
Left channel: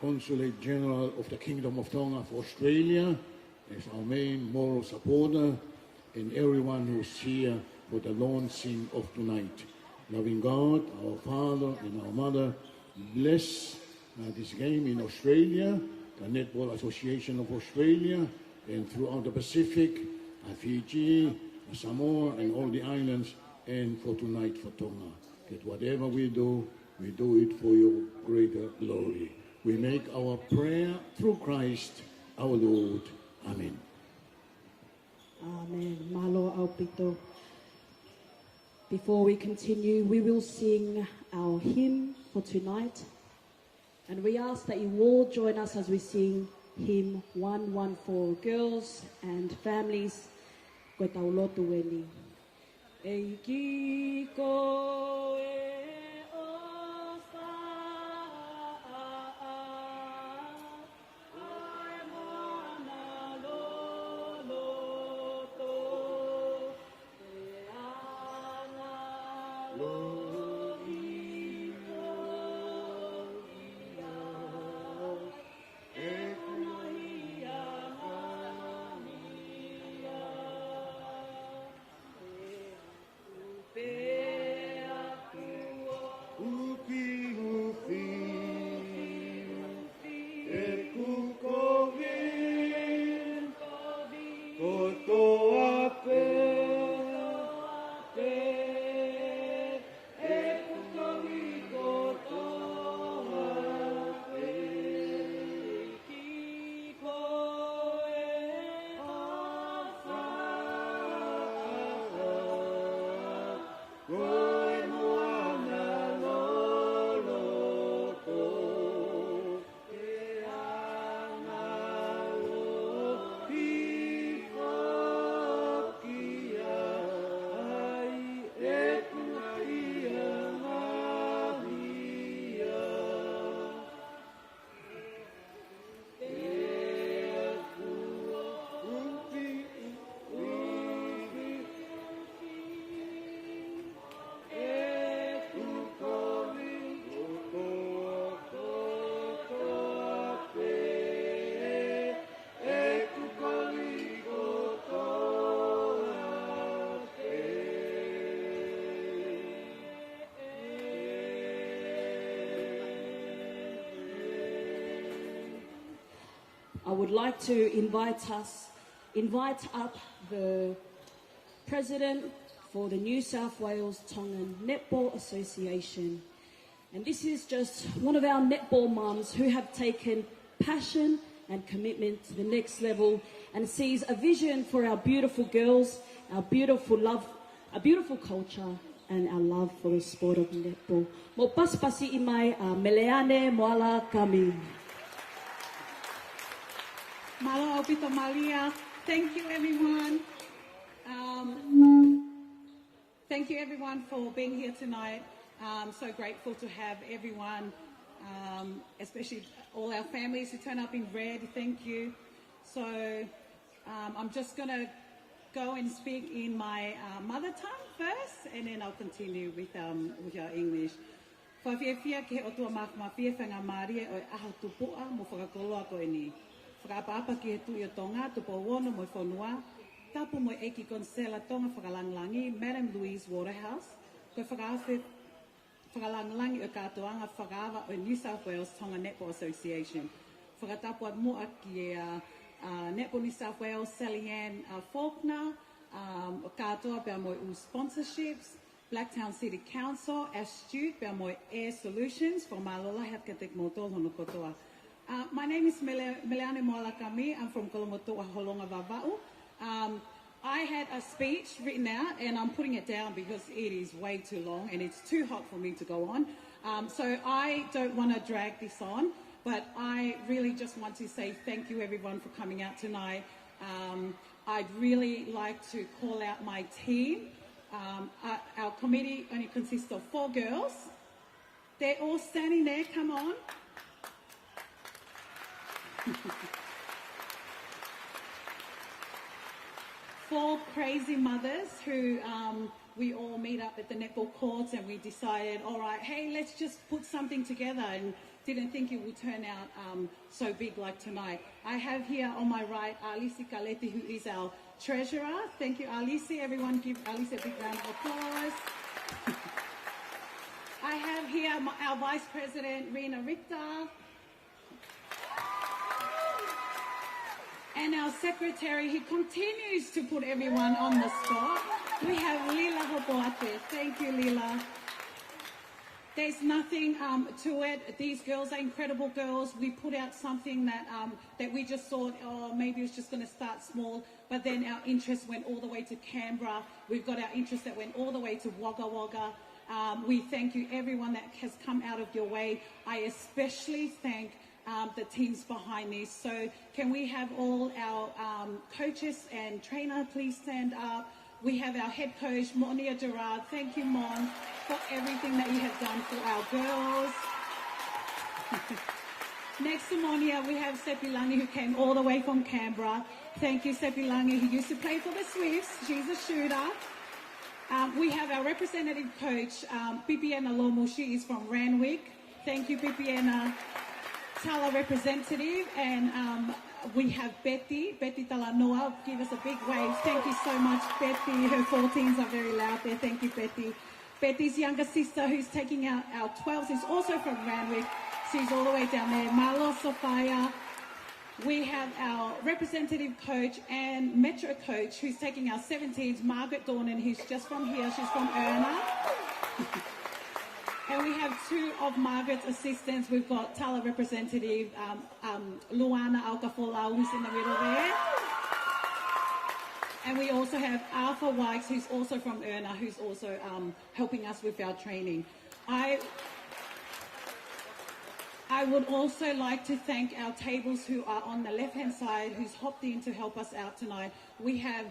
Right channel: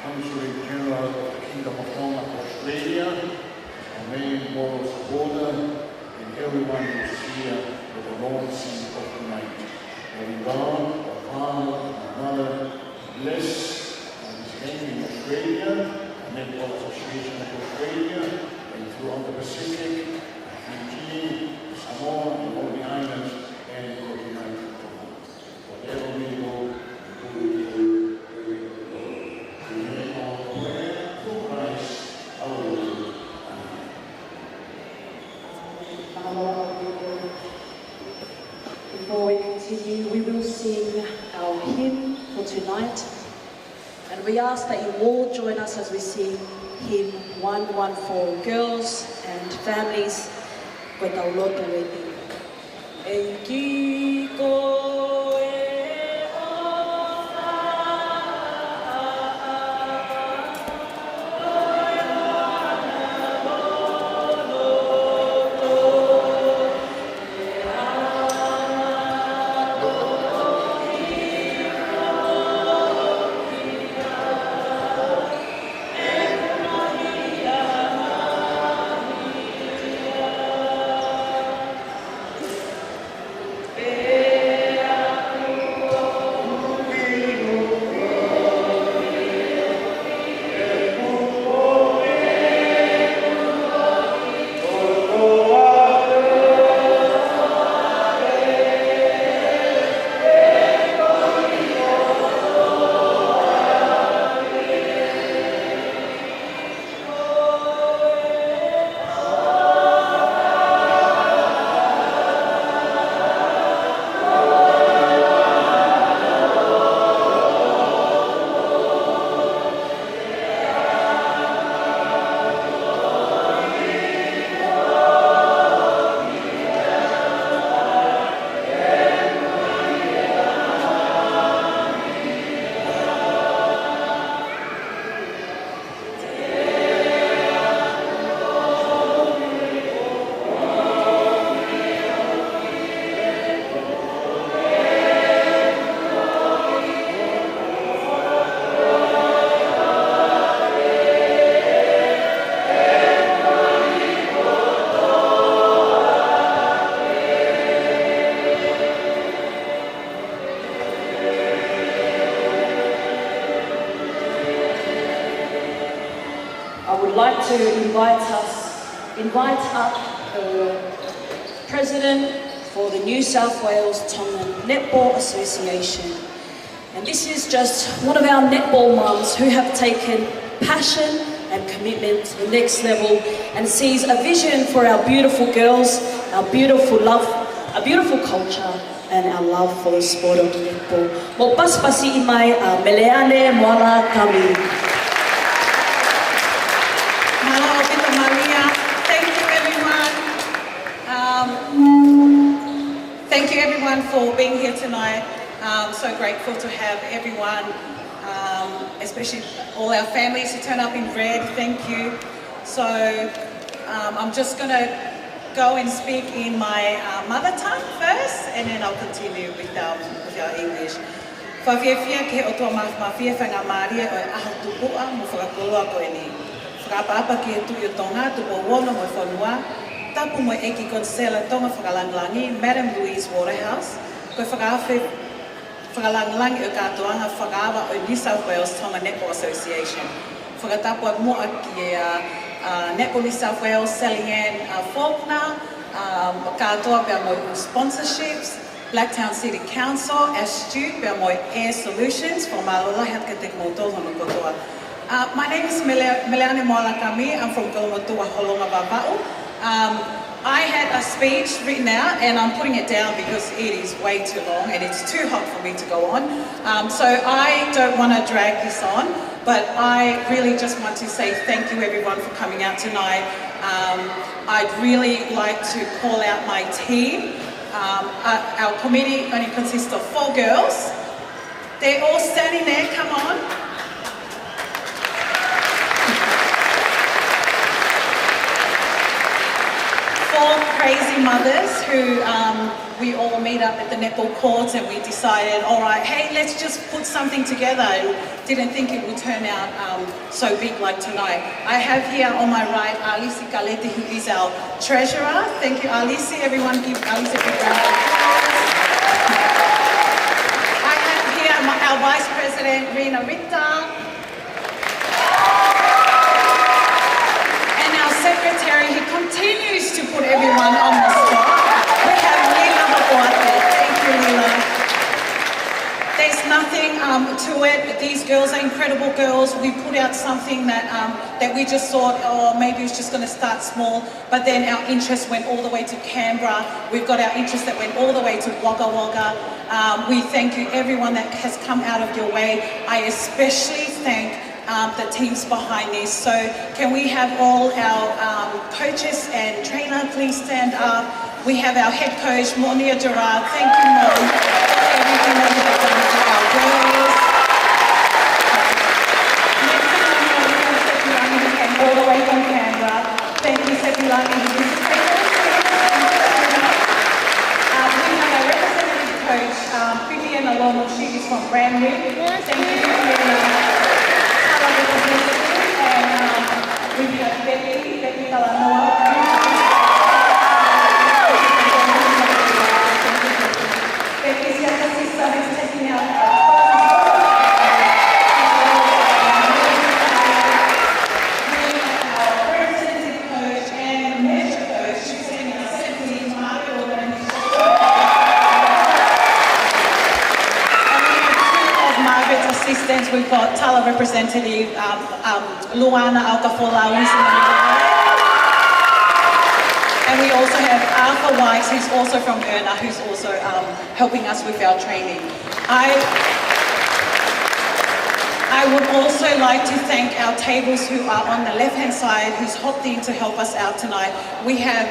Consulate General of the Kingdom of Tonga, Australia, our main moral supporter, and everyone who's here with the Lord's seed of tonight. Loving God, our Father and our Mother, bless this game in Australia, the Netball Association of Australia, and throughout the Pacific, Fiji, Samoa, and all the islands, and continent of Tonga. Whatever we do it for you, we will glory. We make our prayer through Christ, our Lord. Amen. Before we continue, we will sing our hymn for tonight. And we ask that you all join us as we sing hymn 114, Girls and Families with our Lord Duweni. I would like to invite up the President for the New South Wales Tonga Netball Association. And this is just one of our netball mums who have taken passion and commitment to the next level and sees a vision for our beautiful girls, our beautiful love, our beautiful culture, and our love for the sport of netball. Mo paspasi imai a meleane moala kami. everyone for being here tonight. So grateful to have everyone, especially all our families who turn up in red. Thank you. So I'm just going to go and speak in my mother tongue first, and then I'll continue with our English. Whawhiawhia ke o tō mawhia whanga Māria o e aho tupua mo whakakoloa koe ni. Whakapapa ki e tui o Tonga, tupo wono mo whanua, tapu mo eki konsela Tonga whakalanglangi, Madam Louise Waterhouse, koe whakawhi whakalanglangi o katoanga whakawa o New South Wales Tonga Netball Association. Whakatapua mo aki e Netball New South Wales, Sally Ann Faulkner, katoa pia mo sponsorships, Blacktown City Council, Astute, pia mo Air Solutions, for Malola Hatkatek Motohono Kotoa. My name is Meleane Moalakami. I'm from Kolomotua Holonga Vava'u. I had a speech written out and I'm putting it down because it is way too long and it's too hot for me to go on. So I don't want to drag this on, but I really just want to say thank you everyone for coming out tonight. I'd really like to call out my team. Our committee only consists of 4 girls. They're all standing there, come on. 4 crazy mothers who we all meet up at the netball courts and we decided, all right, hey, let's just put something together. And didn't think it would turn out so big like tonight. I have here on my right Alisi Kalete, who is our treasurer. Thank you, Alisi. Everyone give Alisi a big round of applause. I have here our vice president, Rina Ritta. Secretary, he continues to put everyone on the spot. We have Lila Hawaii. Thank you, Lila. There's nothing to it. These girls are incredible girls. We put out something that we just thought, oh, maybe it's just going to start small. But then our interest went all the way to Canberra. We've got our interest that went all the way to Wagga Wagga. We thank you, everyone that has come out of your way. I especially thank the teams behind this. So can we have all our coaches and trainer please stand up? We have our head coach, Monia Gerard. Thank you, Mom, for everything that you have done for our girls. Next to me, we have Sepulani, who came all the way from Canberra. Thank you, Sepulani. We have our representative coach, Vivian Alomo. She is from Randwick. Thank you, Vivian. And we have Becky Talanoa. Becky's younger sister who's taking out our representative coach and measure coach. She's taking out 17 market women. Margaret's assistants, we've got Tala representative, Luana Alcafola, and we also have Arthur Wikes, who's also from Erna, who's also helping us with our training. I would also like to thank our tables who are on the left-hand side, who's hopped in to help us out tonight. We have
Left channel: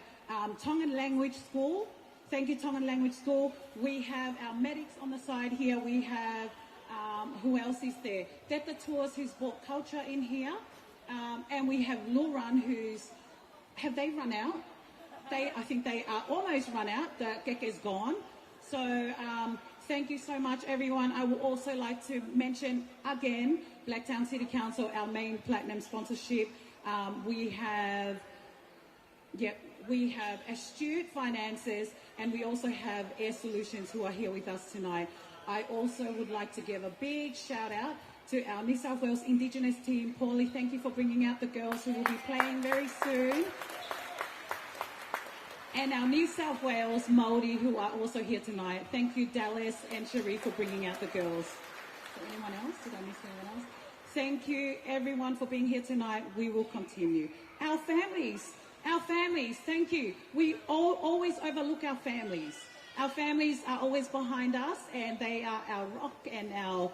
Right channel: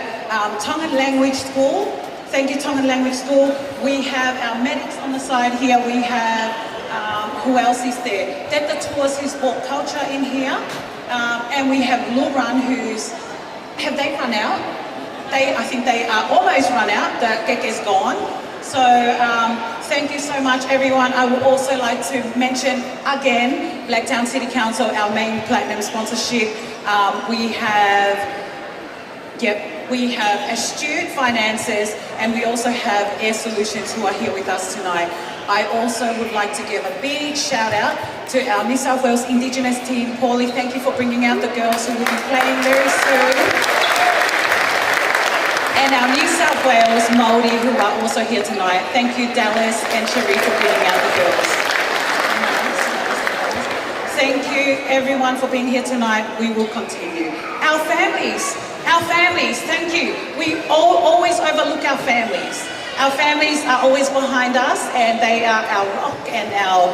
Tongan Language School. Thank you, Tongan Language School. We have our medics on the side here. We have who else is there? Detta Tours, who's brought culture in here. And we have Luran, have they run out? I think they are almost run out. The gig is gone. So thank you so much, everyone. I would also like to mention again, Blacktown City Council, our main platinum sponsorship. We have Astute Finances, and we also have Air Solutions who are here with us tonight. I also would like to give a big shout out to our New South Wales Indigenous team. Paulie, thank you for bringing out the girls who will be playing very soon. And our New South Wales Māori who are also here tonight. Thank you, Dallas and Cherie, for bringing out the girls. Thank you, everyone, for being here tonight. We will continue. Our families, thank you. We always overlook our families. Our families are always behind us, and they are our rock and our,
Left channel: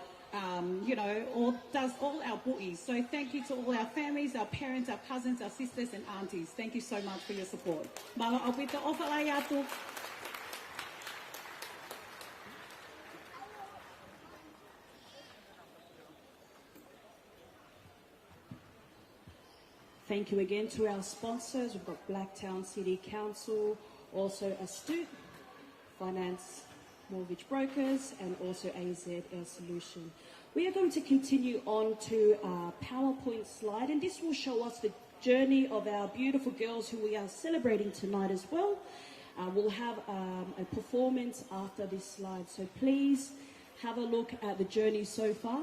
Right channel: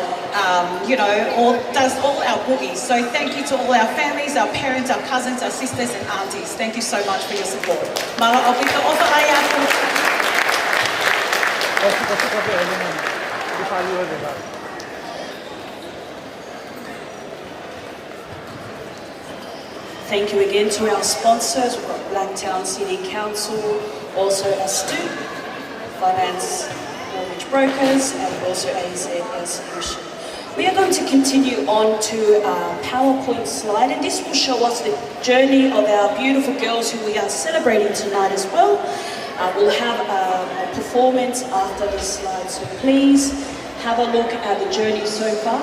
does all our boogies. So thank you to all our families, our parents, our cousins, our sisters and aunties. Thank you so much for your support. Mara opika ofa ai aku. Thank you again to our sponsors. We've got Blacktown City Council, also Astute, Finance Mortgage Brokers, and also AZS Solution. We are going to continue on to our PowerPoint slide, and this will show us the journey of our beautiful girls who we are celebrating tonight as well. We'll have a performance after this slide, so please have a look at the journey so far.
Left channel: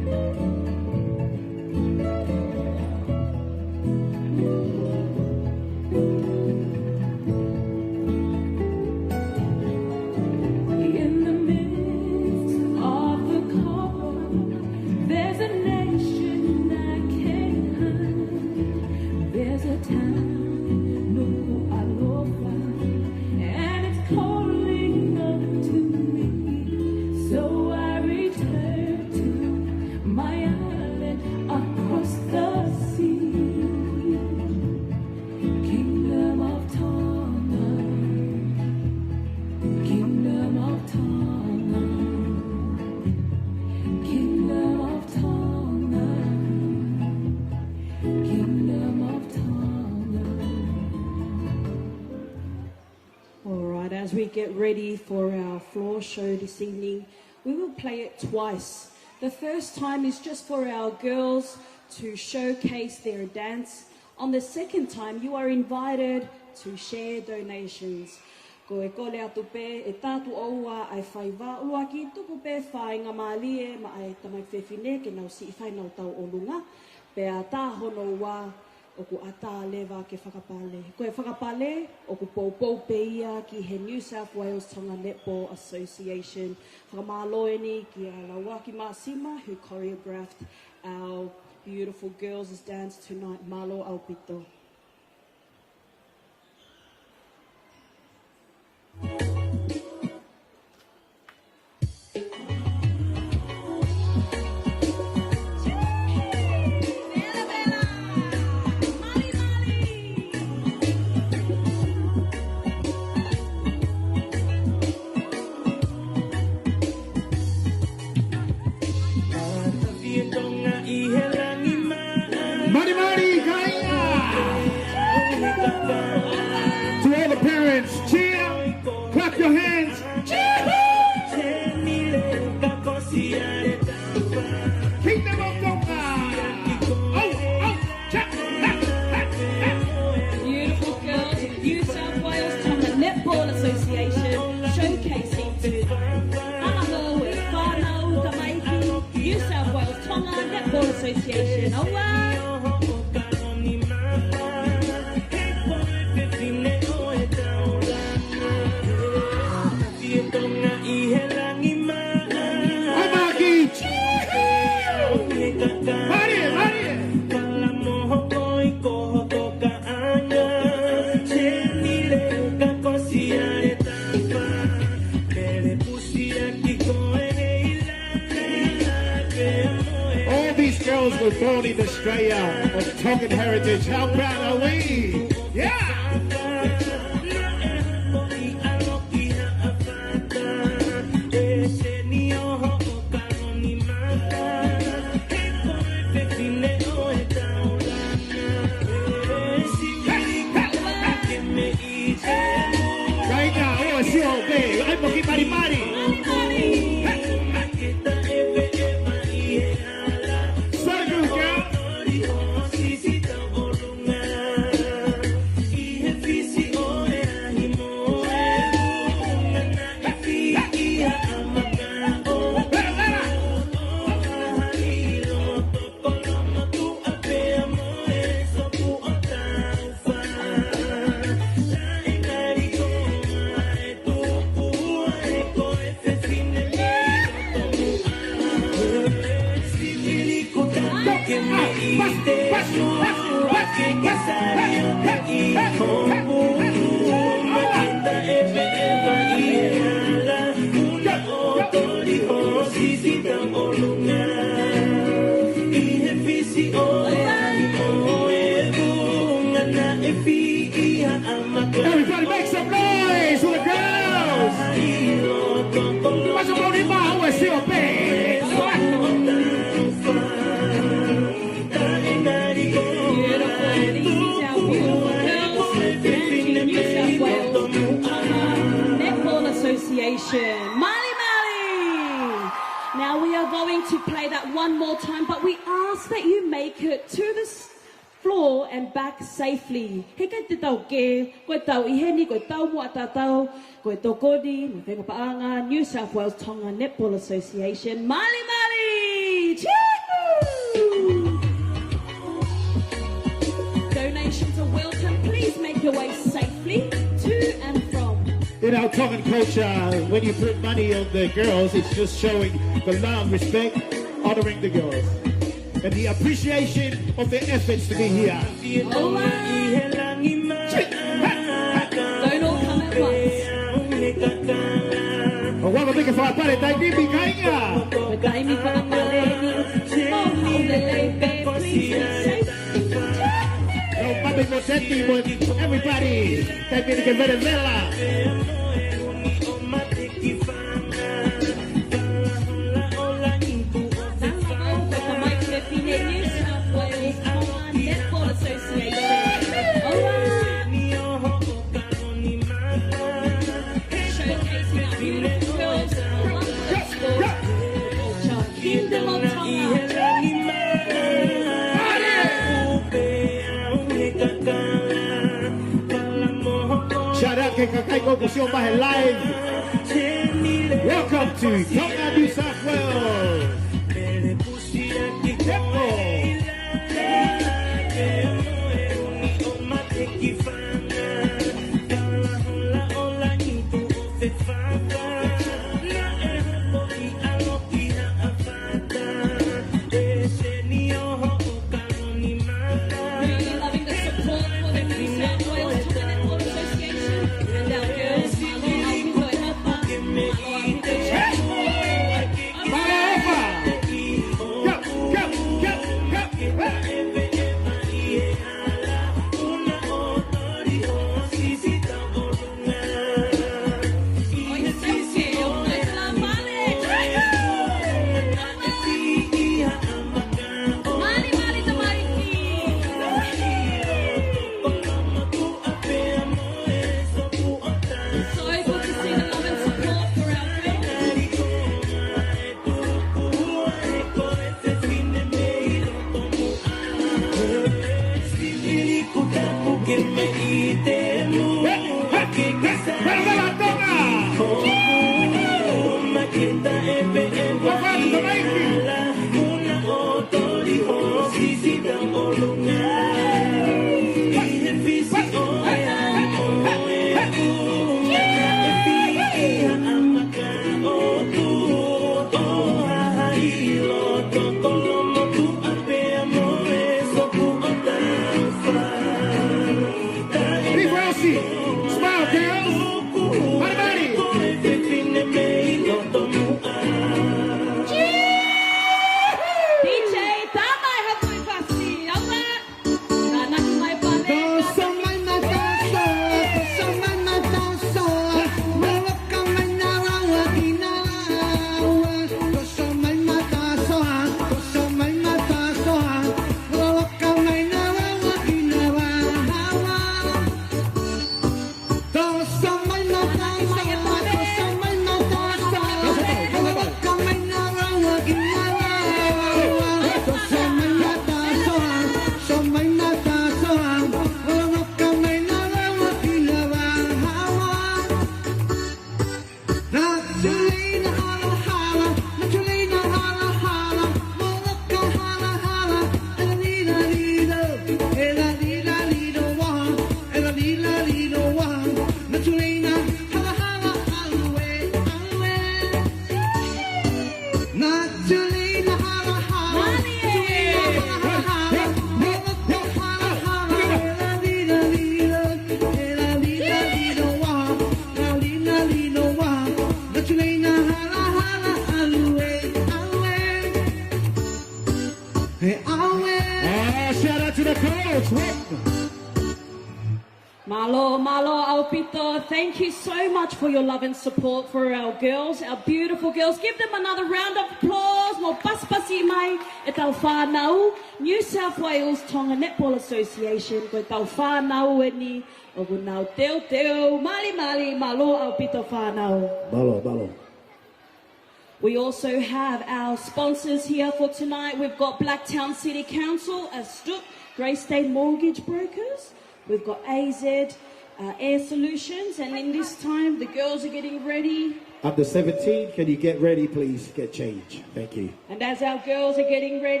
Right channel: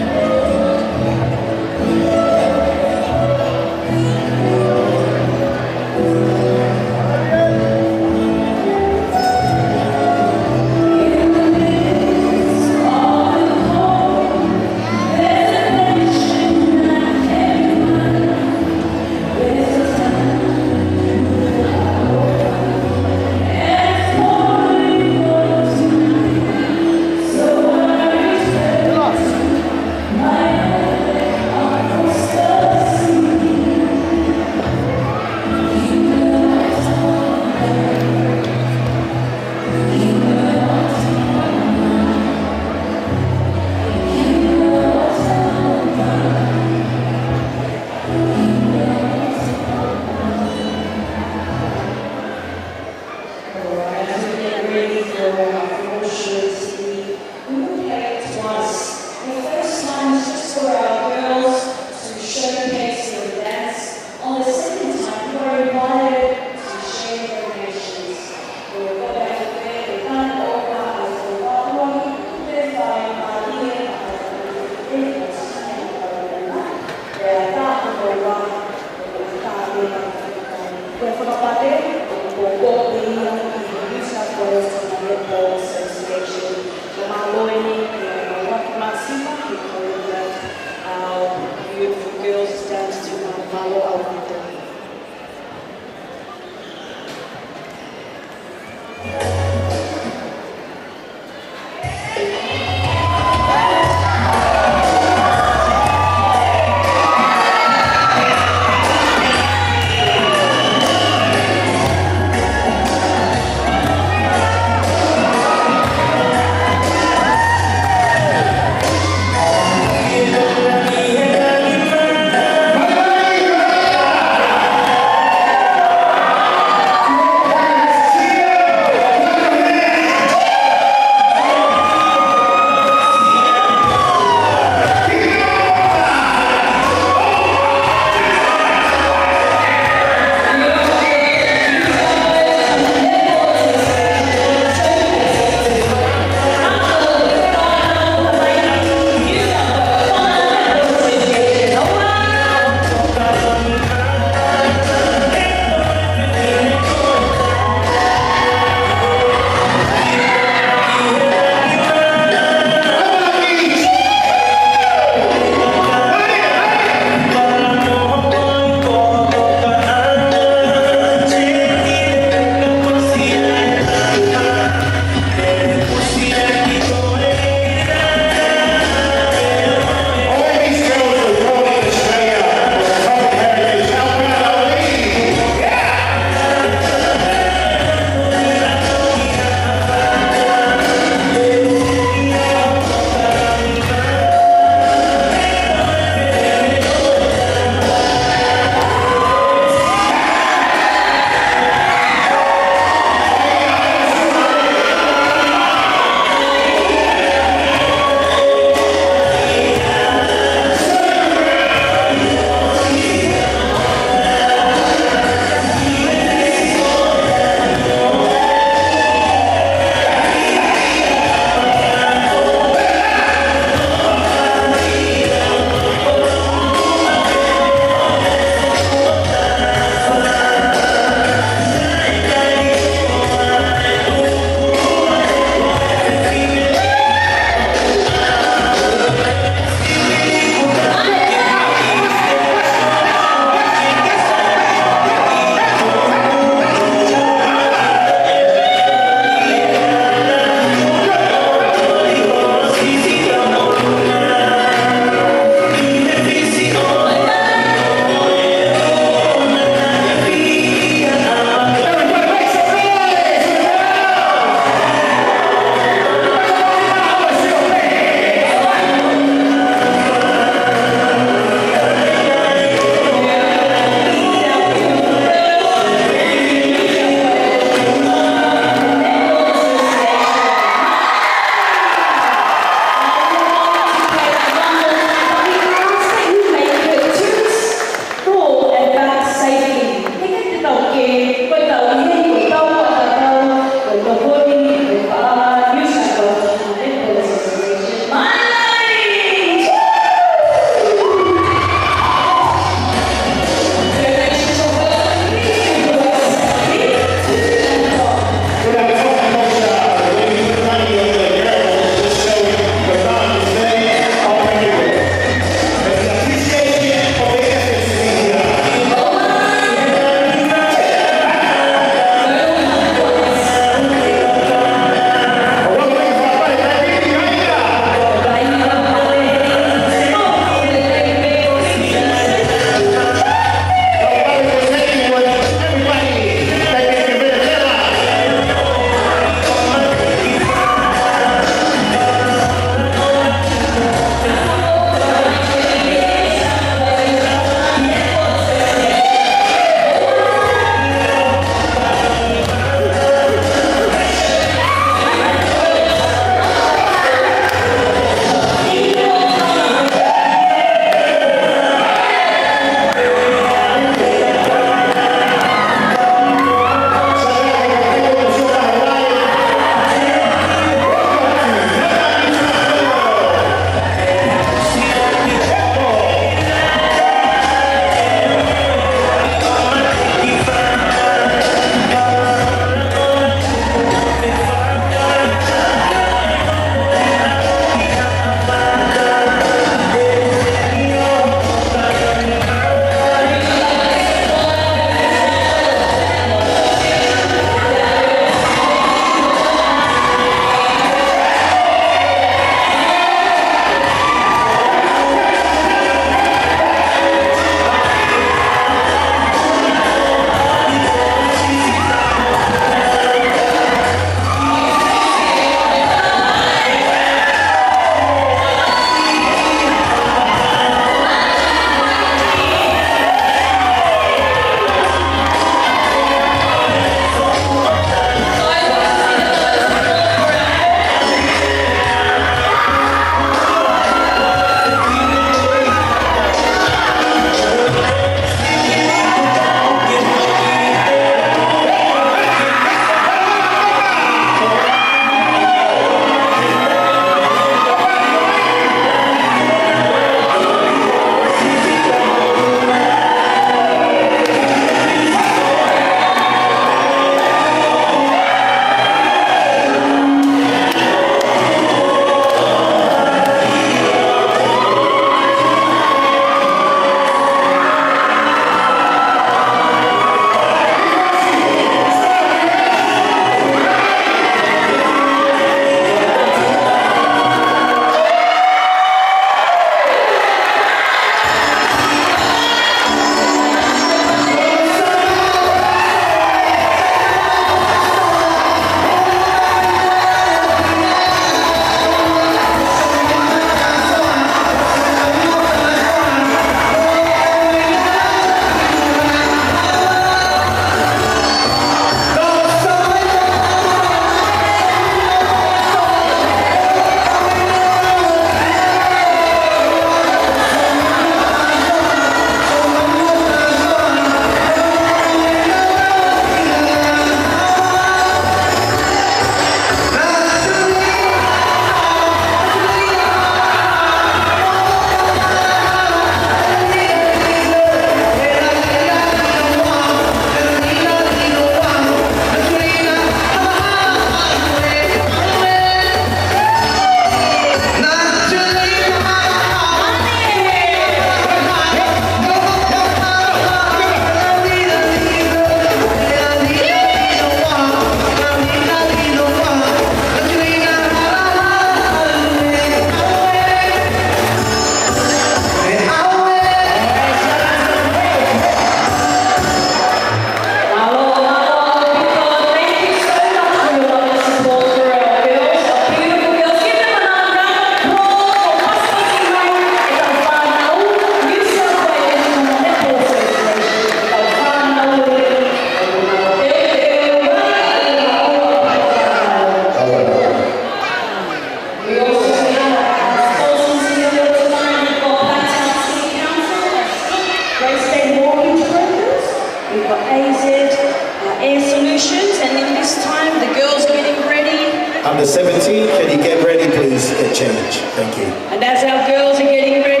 under 17, can you get ready, please, and change? Thank you. And as our girls are getting ready,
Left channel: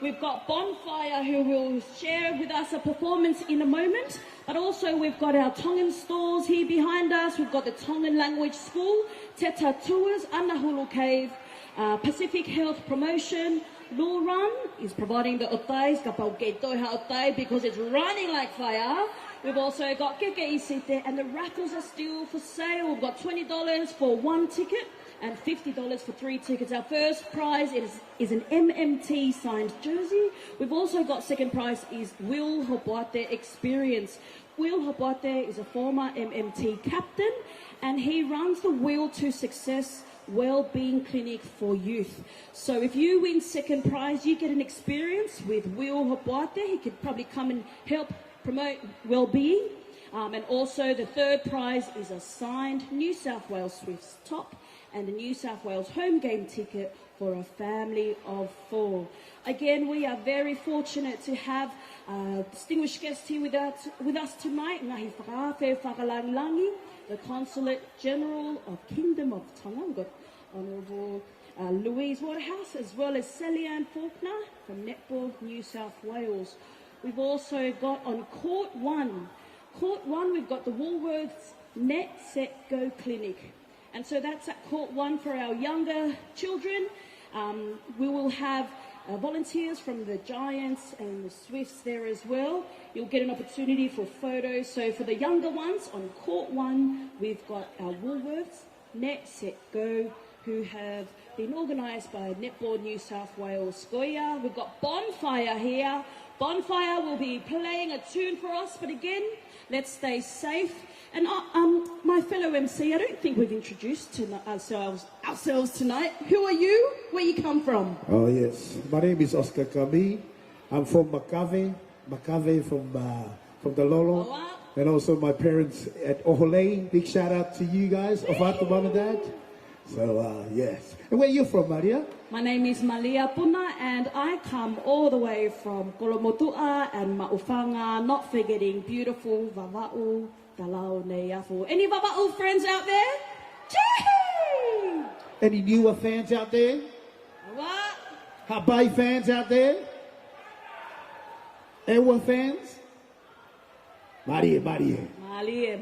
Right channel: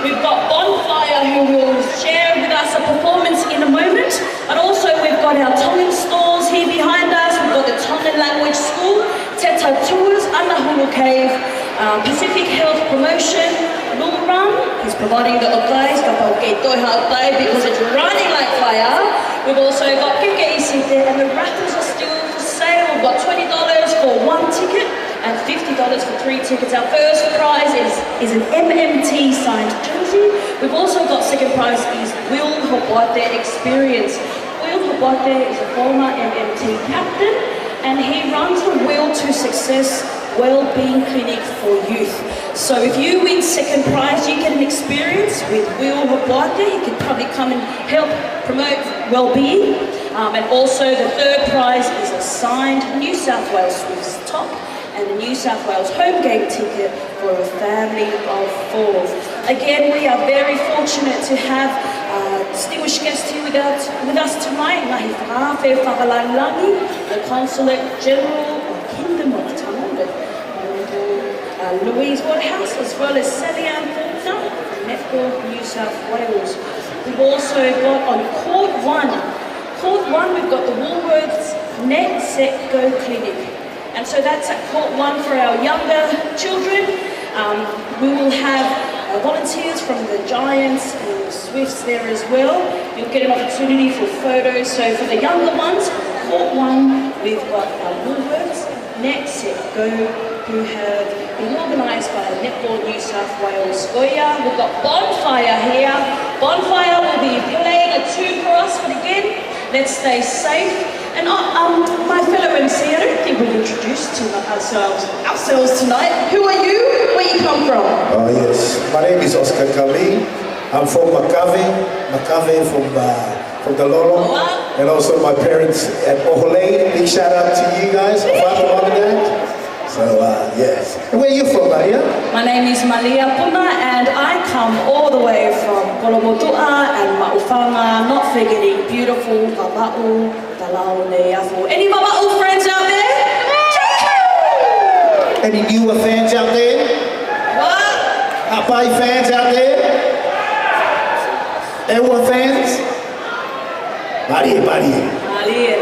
we've got Bonfire who will share with us a performance in a moment. But also we've got our Tongan stores here behind us. We've got the Tongan Language School, Teta Tours, Anahulu Cave, Pacific Health Promotion, Lul Run. He's providing the otais, kapau kei toiha otai, because it's running like fire. We've also got Kike Isite, and the raffles are still for sale. We've got $20 for 1 ticket and $50 for 3 tickets. Our first prize is an MMT signed jersey. We've also got second prize is Will Hobate Experience. Will Hobate is a former MMT captain, and he runs the Will to Success Wellbeing Clinic for Youth. So if you win second prize, you get an experience with Will Hobate. He could probably come and help promote well-being. And also the third prize is a signed New South Wales Swifts top and a New South Wales home game ticket for a family of 4. Again, we are very fortunate to have distinguished guests here with us tonight. Ngahi Whakawhawhi Whakalangi, the Consulate General of Kingdom of Tonga, Louise Woodhouse, as well as Sally-Ann Faulkner, Netball, New South Wales. We've also got on Court 1, we've got the Woolworths Net Set Go Clinic. And so that's at Court 1 for our younger children. We will have volunteers from the Giants and the Swifts there as well. You'll get an opportunity for photos. So for the younger ones, Court 1, we've got our Woolworths Net Set Go, who have been organised by Netball New South Wales Goya. We've got Bonfire here. Bonfire will be playing a tune for us, but again, let's stay safe. And my fellow MC, I don't think we've introduced ourselves tonight. Who are you? Where you come from? Oh yes, my name is Oscar Kali. I'm from Makave from the Lolo. And also my parents at Ohole. Big shout out to you guys, Mom and Dad. So yes. And where are you from, Maria? My name is Malia Puna, and I come all the way from Kolomotua and Maufanga, not forgetting beautiful Vava'u, Talaone, Yafu. Any Vava'u friends out there? Any newer fans out there? What? Hapai fans out there? Everyone fans? Maria.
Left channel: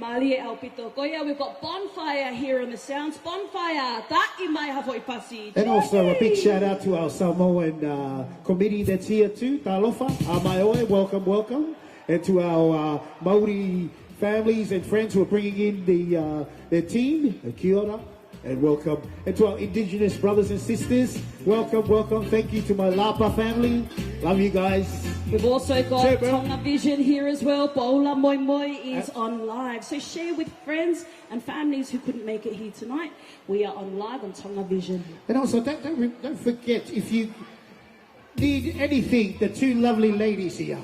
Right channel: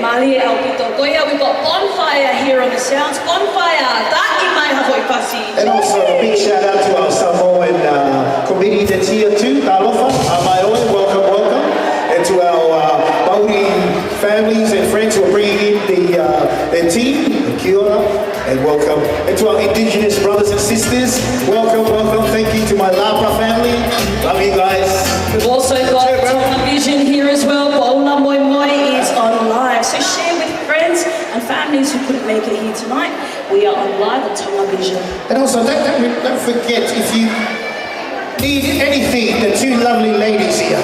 Mali Alpito Goya. We've got Bonfire here on the sounds. Bonfire, Taki Mai Havoi Pasi. And also a big shout out to our Samoan committee that's here too, Talofa, Amaoe, welcome. And to our Maori families and friends who are bringing in their team, Kia ora, and welcome. And to our Indigenous brothers and sisters, welcome. Thank you to my Lapa family. Love you guys. We've also got Tonga Vision here as well. Paula Moimoi is on live. So share with friends and families who couldn't make it here tonight. We are on live on Tonga Vision. And also, don't forget, if you need anything, the two lovely ladies here.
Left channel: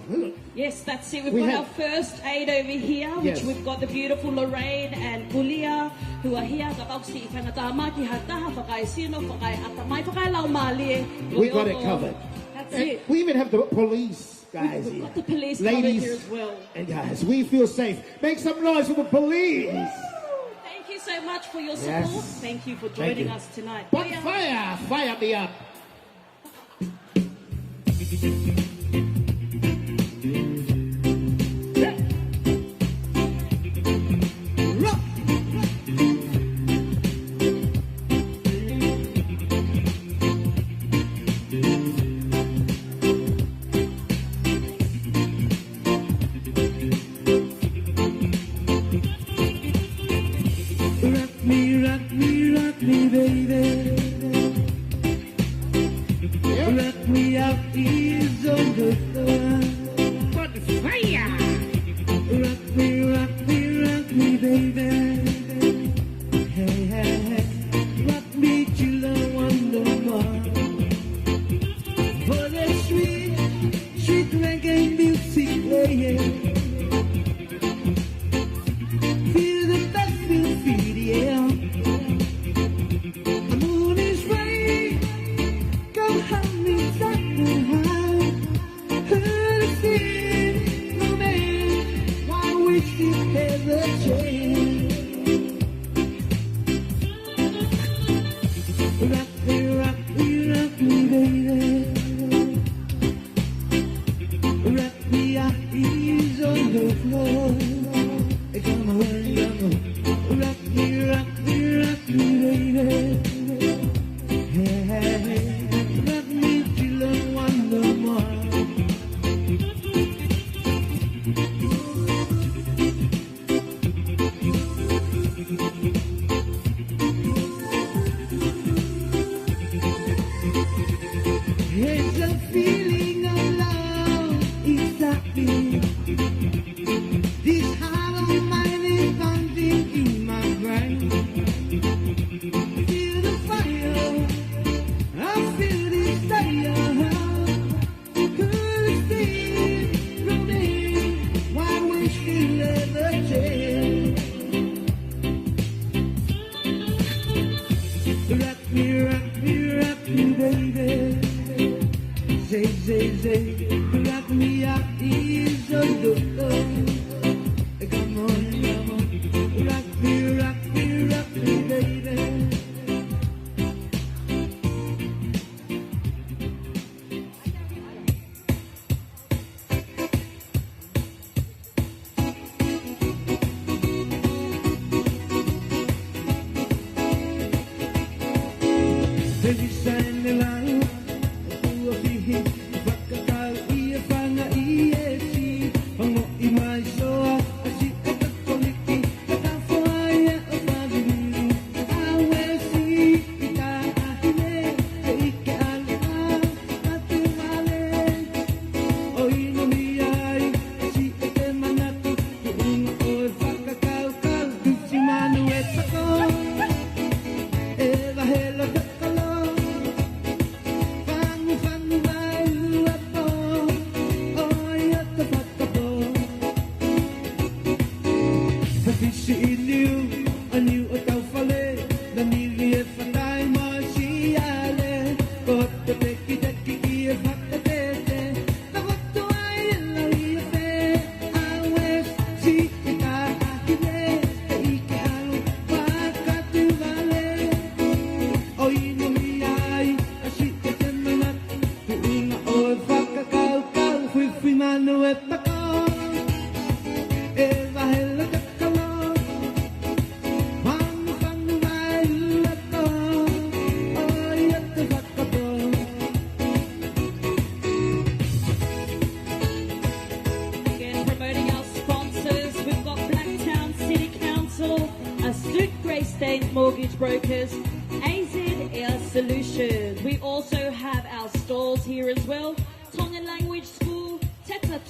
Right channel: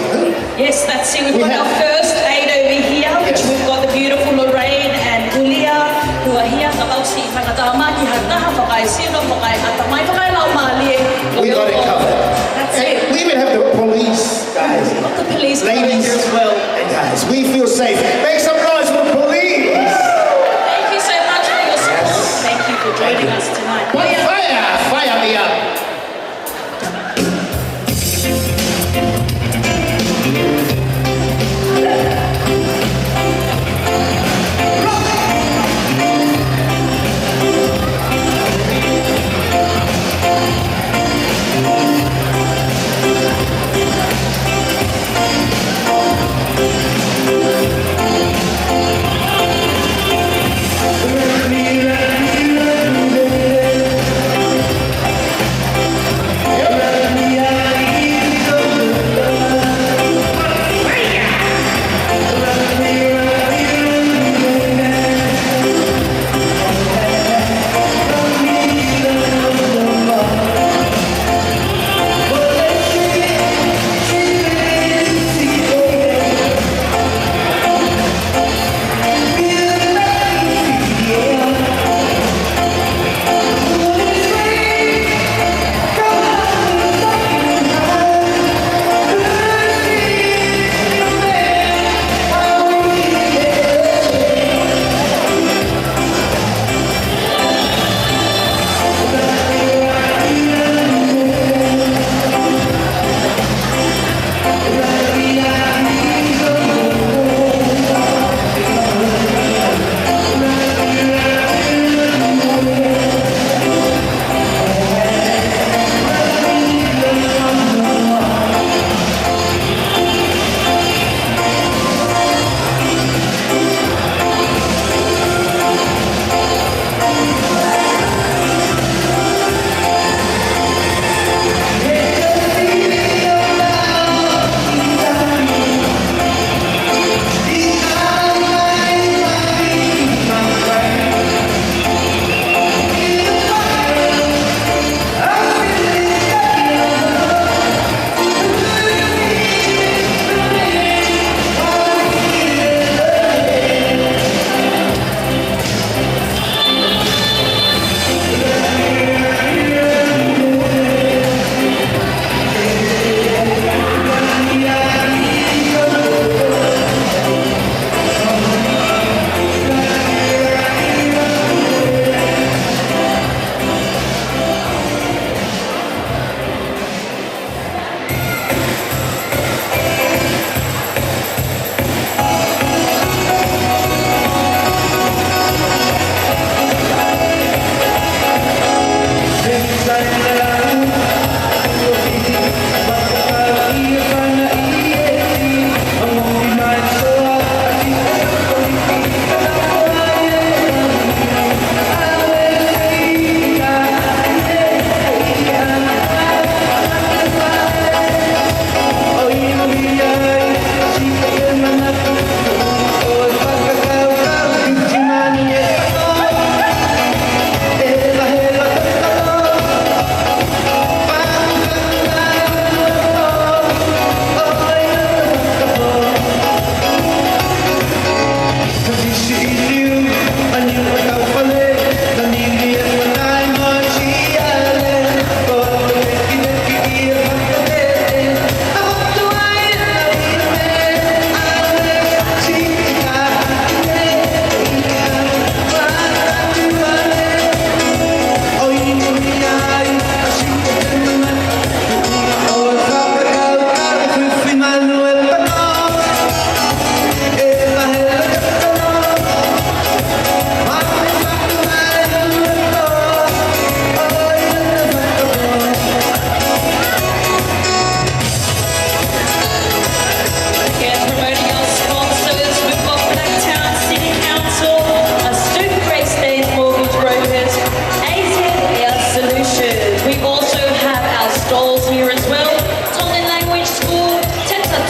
Yes, that's it. We've got our first aid over here, which we've got the beautiful Lorraine and Julia, who are here. We got it covered. That's it. We even have the police guys. Got the police Ladies here as well. And guys, we feel safe. Make some noise for the police. Thank you so much for your support. Yes. Thank you for joining us tonight. Fire me up.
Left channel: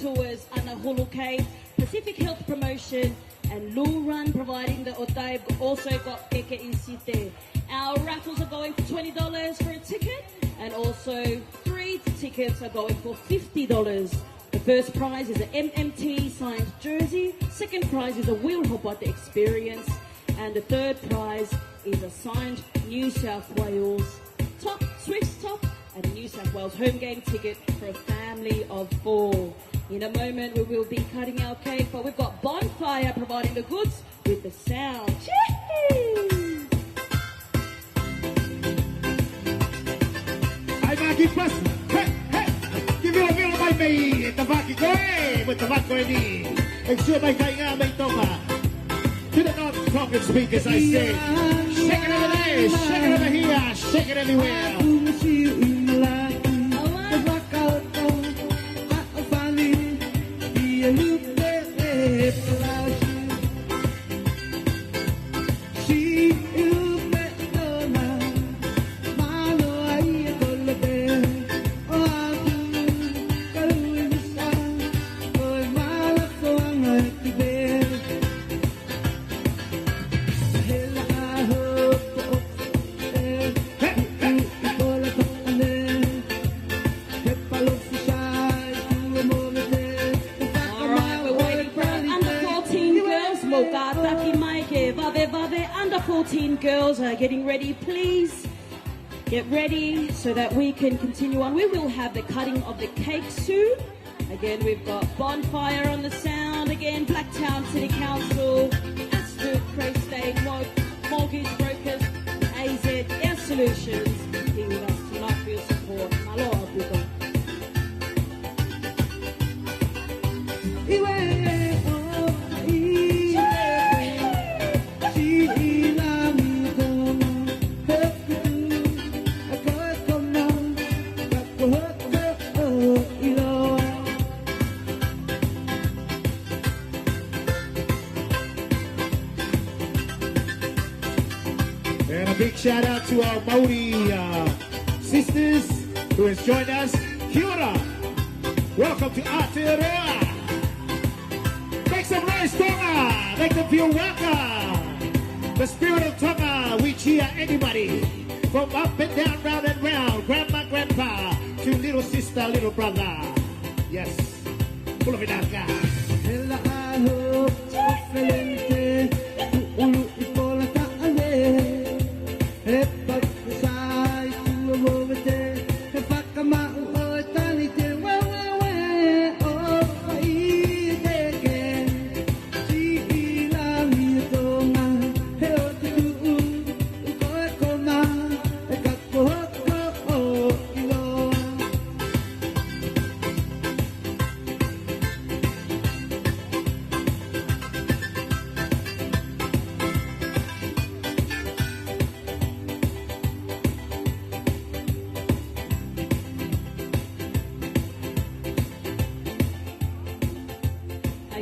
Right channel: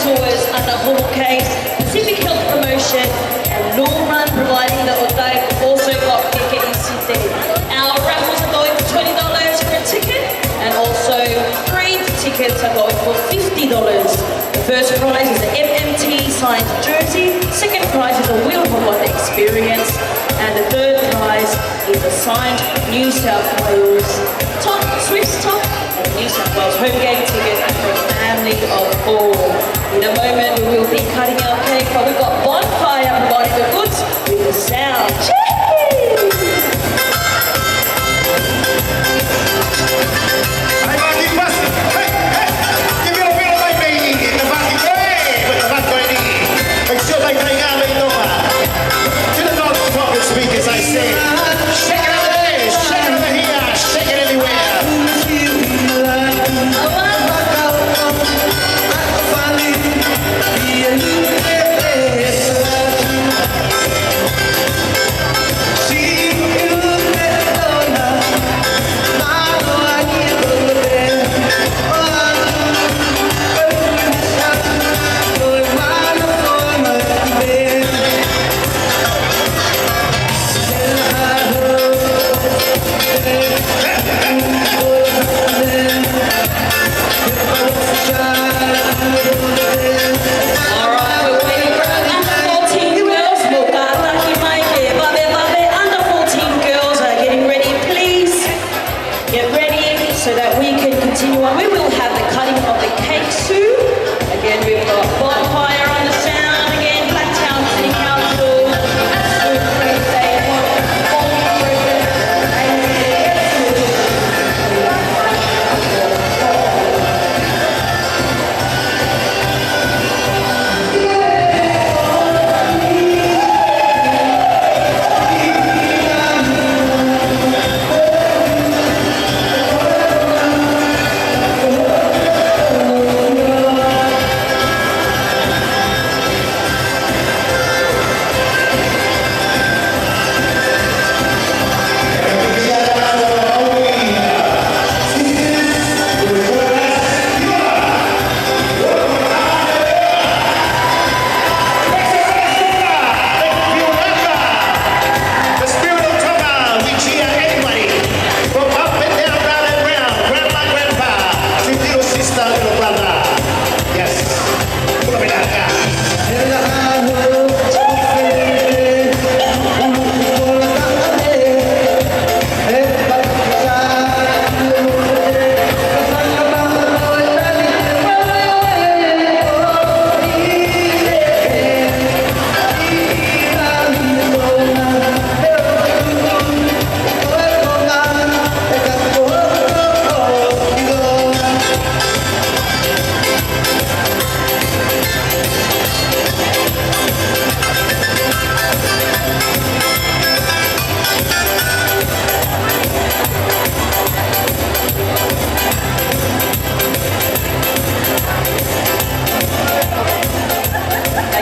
Tours under Hall Case, Pacific Health Promotion, and Law Run providing the Otai. We've also got Keke Isite. Our raffles are going for $20 for a ticket, and also 3 tickets are going for $50. The first prize is an MMT signed jersey, second prize is a Wheel Hop experience, and the third prize is a signed New South Wales top, Swiss top, and New South Wales home game ticket for a family of 4. In a moment we will be cutting our cake, but we've got Bonfire providing the goods with the sound. As I say, shake it over there, shake it over here, shake it everywhere.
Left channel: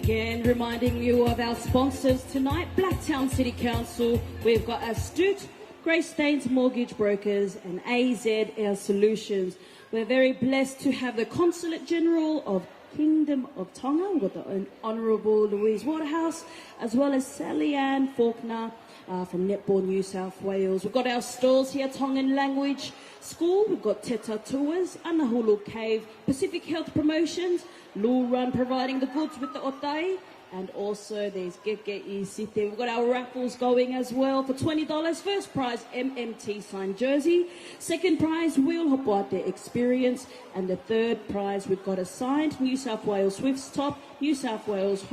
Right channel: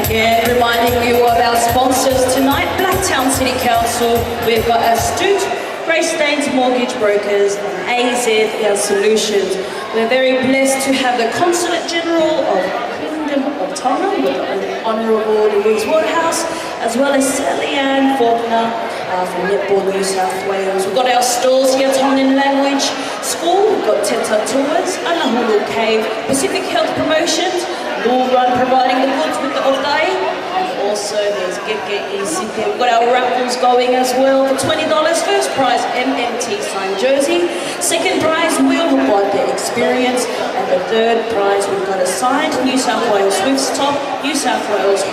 Again, reminding you of our sponsors tonight, Blacktown City Council, we've got Astute, Grace Staines Mortgage Brokers, and AZ Air Solutions. We're very blessed to have the Consulate General of Kingdom of Tonga, with the Honourable Louise Waterhouse, as well as Sally Ann Faulkner from Netball New South Wales. We've got our stalls here, Tongan Language School, we've got Teta Tours, Anahulu Cave, Pacific Health Promotions, Law Run providing the goods with the Otai, and also there's Geke Isite. We've got our raffles going as well for $20. First prize, MMT signed jersey. Second prize, Wheel Hop experience. And the third prize, we've got a signed New South Wales Swifts top, New South Wales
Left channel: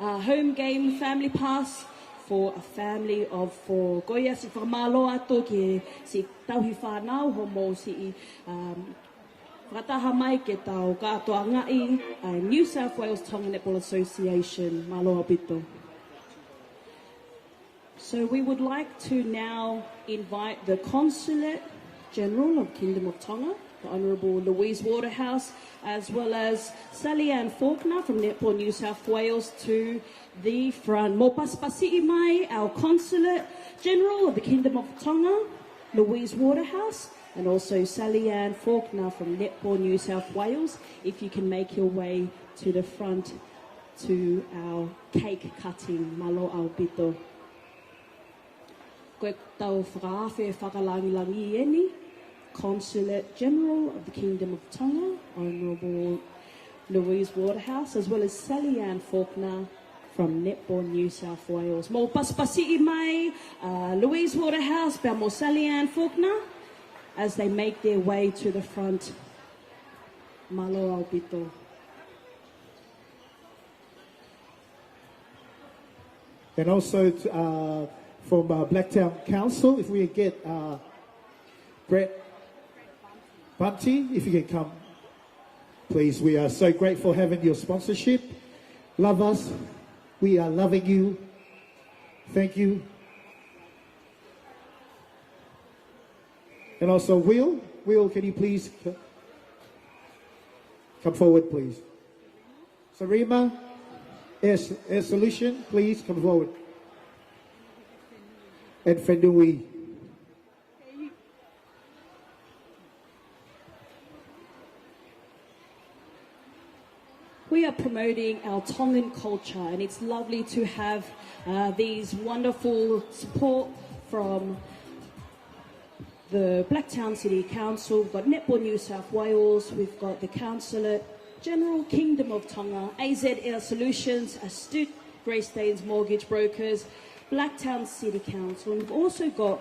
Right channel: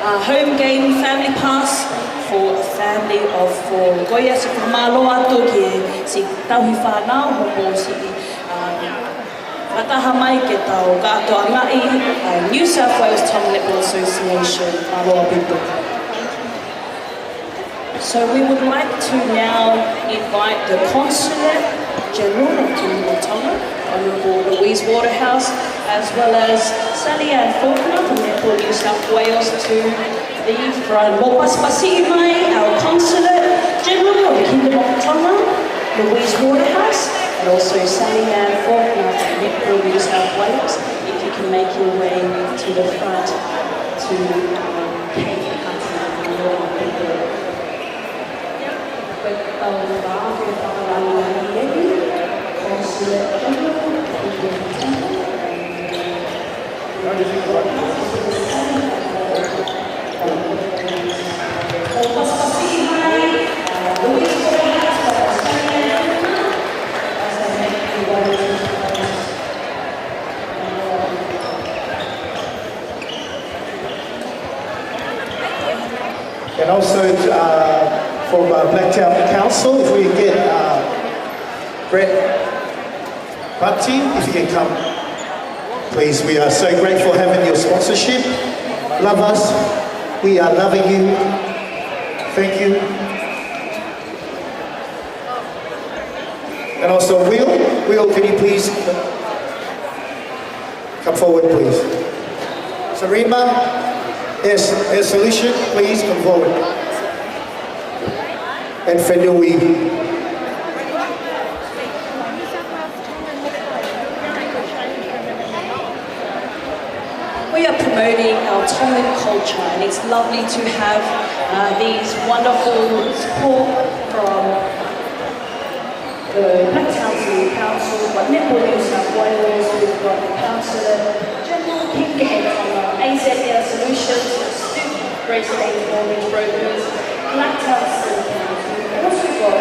home game family pass for a family of 4. Goia si kumalo ato ki si tauhi whanau homo si Whataha mai ke tau katoa ngai New South Wales Tonga Netball Association aloha bito. So we would like to now invite the Consulate General of Kingdom of Tonga, Honourable Louise Waterhouse, as well as Sally Ann Faulkner from Netball New South Wales to the front. Mopaspasi mai, our Consulate General of the Kingdom of Tonga, Louise Waterhouse, and also Sally Ann Faulkner from Netball New South Wales, if you can make your way to the front to cake cutting and all people. With Paula, with Paula, Consulate General, and also from Blacktown Council, if we get Brett Bunty, if you can come, please. We are so grateful having your sponsorship. Love us. We are loving you. Thank you. And also Will, can you please come forward, please? Sarima, Air Solution, please come forward. And Fenui. We are promoting our Tongan culture, and it's lovely to have these wonderful support from the Blacktown City Council, we've got Netball New South Wales, we've got the Councillor General King Henry, AZ Air Solutions, Stoop, Grace Lane Mortgage Brokers, Blacktown City Council. We've also got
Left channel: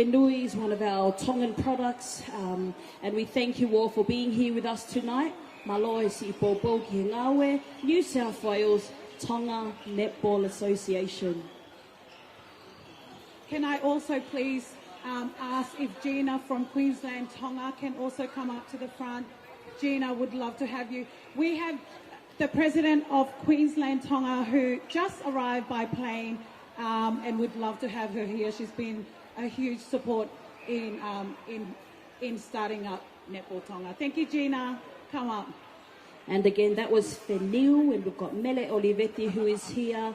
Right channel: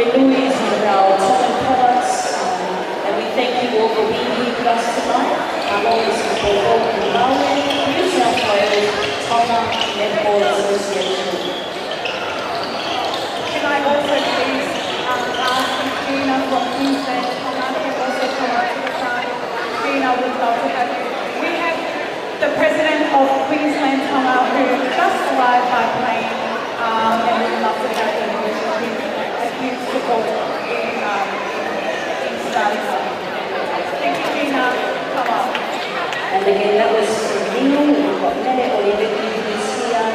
Fenui is one of our Tongan products, and we thank you all for being here with us tonight. I'm always for Maui, New South Wales, Tonga Netball Association. Can I also please ask Gina from Queensland Tonga can also come up to the front? Gina would love to have you. We have the president of Queensland Tonga who just arrived by plane, and we'd love to have him. He's been a huge support in starting up. Thank you, Gina. Come on. And again, that was Neil, we've got Nene Olivier who's here.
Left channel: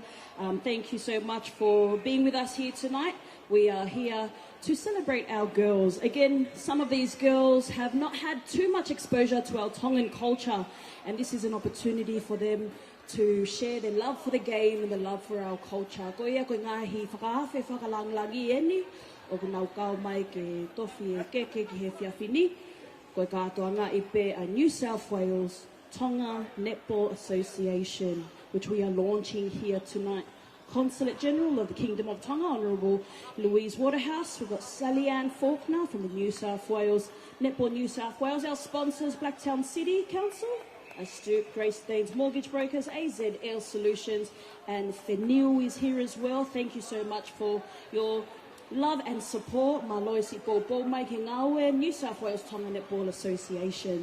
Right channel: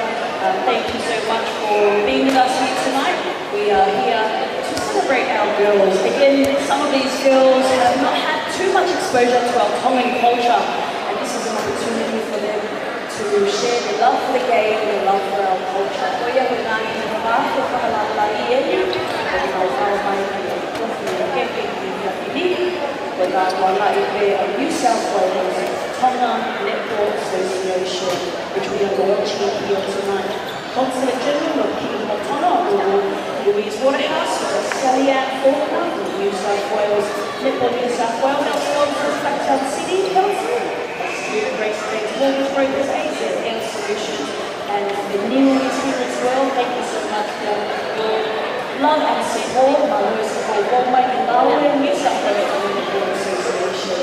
Thank you so much for being with us here tonight. We are here to celebrate our girls. Again, some of these girls have not had too much exposure to our Tongan culture, and this is an opportunity for them to share their love for the game and their love for our culture. New South Wales Tonga Netball Association, which we are launching here tonight. Consulate General of Kingdom of Tonga, Louise Waterhouse, Sally Ann Faulkner from New South Wales, Netball New South Wales, our sponsors, Blacktown City Council, Stuart Grace Banks, Mortgage Brokers, AZ Air Solutions, and the Neil is here as well. Thank you so much for your love and support. Malo support Moimoi and Laue, New South Wales Netball Association.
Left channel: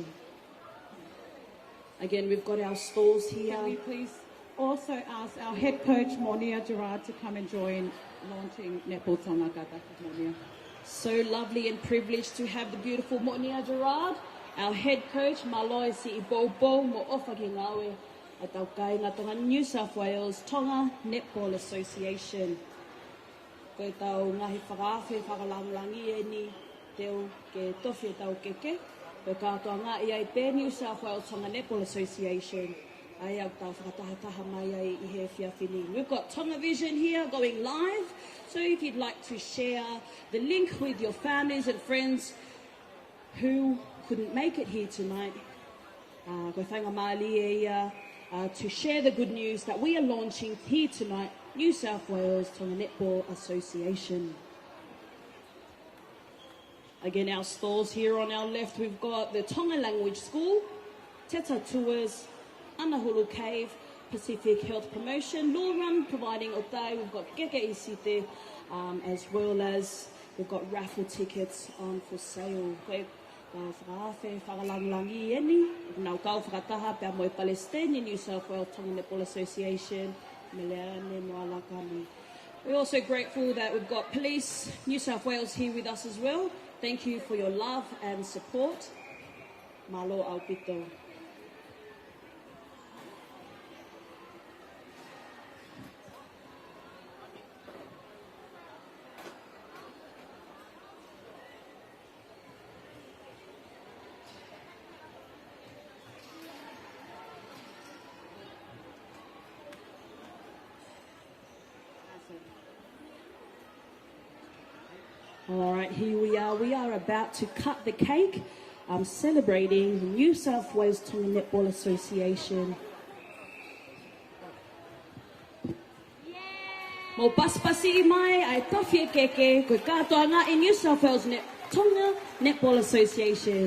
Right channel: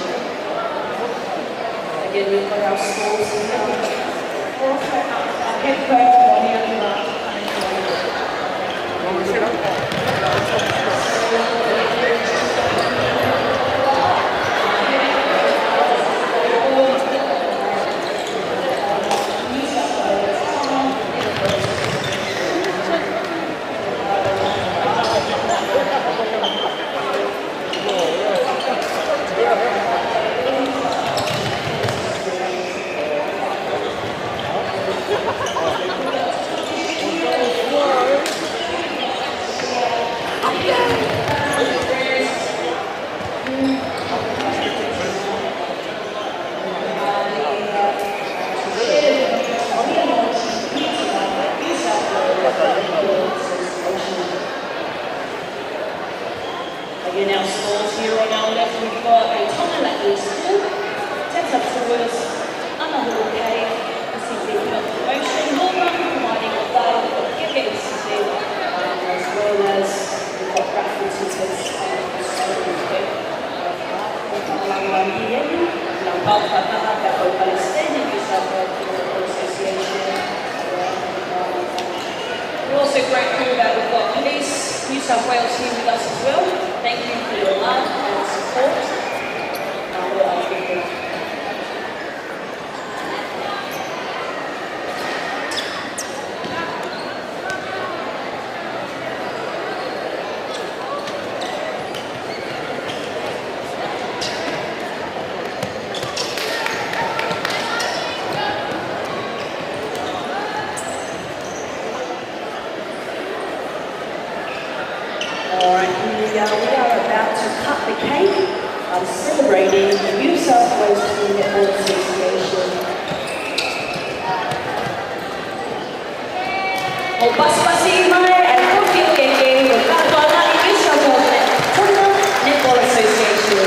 Again, we've got our stores here. We're also head coach Bonnie and Latu. Again, our stores here on our left, we've got the Tonga Language School, Teta Tours, Anahulu Cave, Pacific Health Promotion, Northern, providing a dial for GFCC, as well as we've got raffle tickets and so forth. We're also grateful that we've got Police New South Wales here with us as well. Thank you for your love and support. celebrating the New South Wales Netball Association. O paspasi mai ai kofi keke o katoana i New South Wales Tonga Netball Association.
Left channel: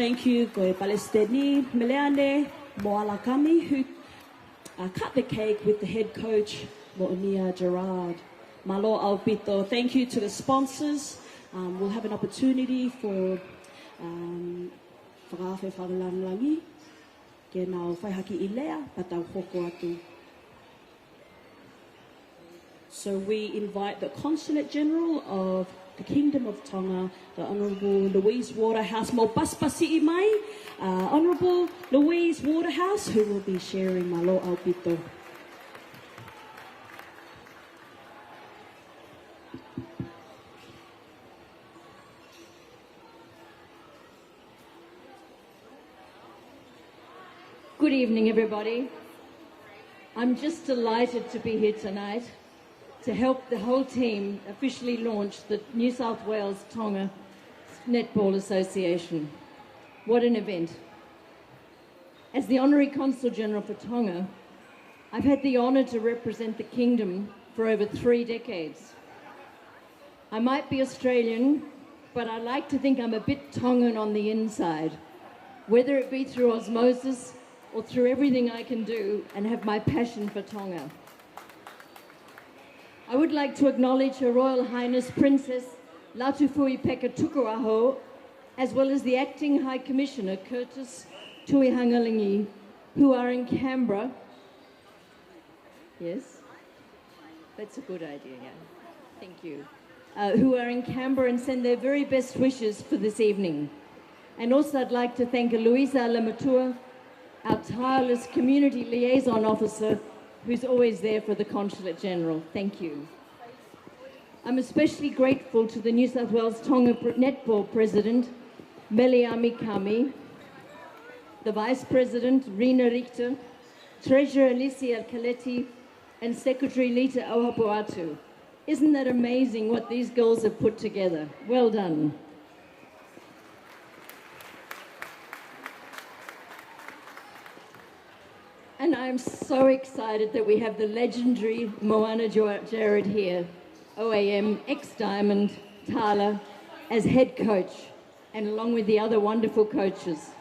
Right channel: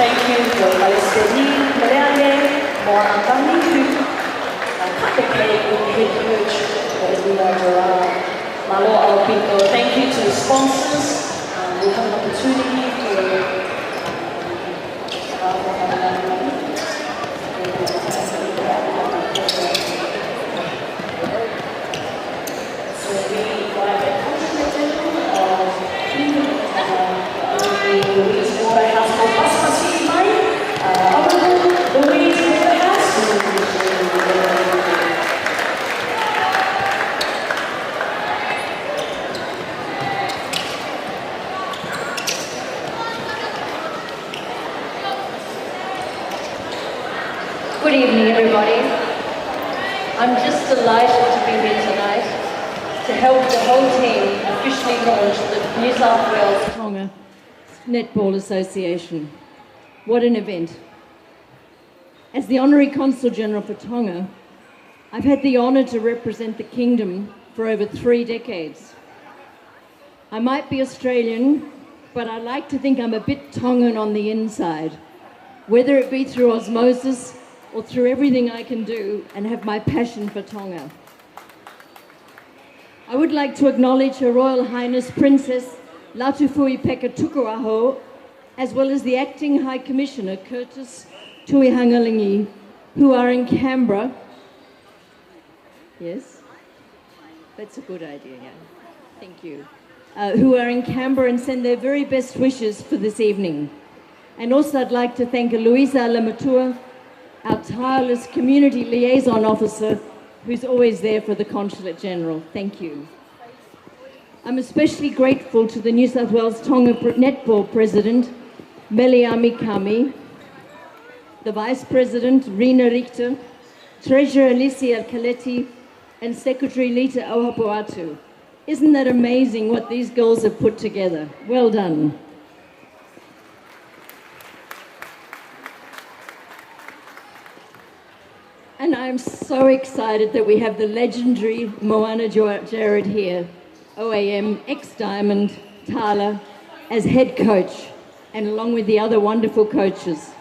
Thank you for Palestini, Koreane, Moana Kamitu, and Kakeke, the head coach of the Nua Malo Alpinto. Thank you to the sponsors. We'll have an opportunity for so we invite the consulate general of Louise Waterhouse for Paspasi Mai, Honourable Louise Waterhouse, who will be sharing the word. Good evening, everybody. I'm just delighted to be here tonight to help the whole team officially launch the New South Wales Tonga Netball Association. What an event. As the Honorary Consul General for Tonga, I've had the honour to represent the Kingdom for over 3 decades. I might be Australian, but I like to think I'm a bit Tongan on the inside, whether it be through osmosis or through everything I can do and have my passion for Tonga. I would like to acknowledge Her Royal Highness Princess Latu Tukuaho, as well as the Acting High Commissioner Curtis Tuihangalingi, who are in Canberra. Yes? That's a good idea, yeah. Thank you. Who are in Canberra and send their very best wishes for this evening. And also I'd like to thank Louisa Lamatua, our tireless community liaison officer, who's always there for the Consulate General. Thank you. I'm especially grateful to the New South Wales Tonga Netball President, Meliami Kami, the Vice President, Rina Richter, Treasurer Alicia Kaletti, and Secretary Lita Ohapuatu. Isn't that amazing what these girls have put together? Well done. And I'm so excited that we have the legendary Moana Jared here, OAM, ex-Diamond, Tala, as head coach, and along with the other wonderful coaches.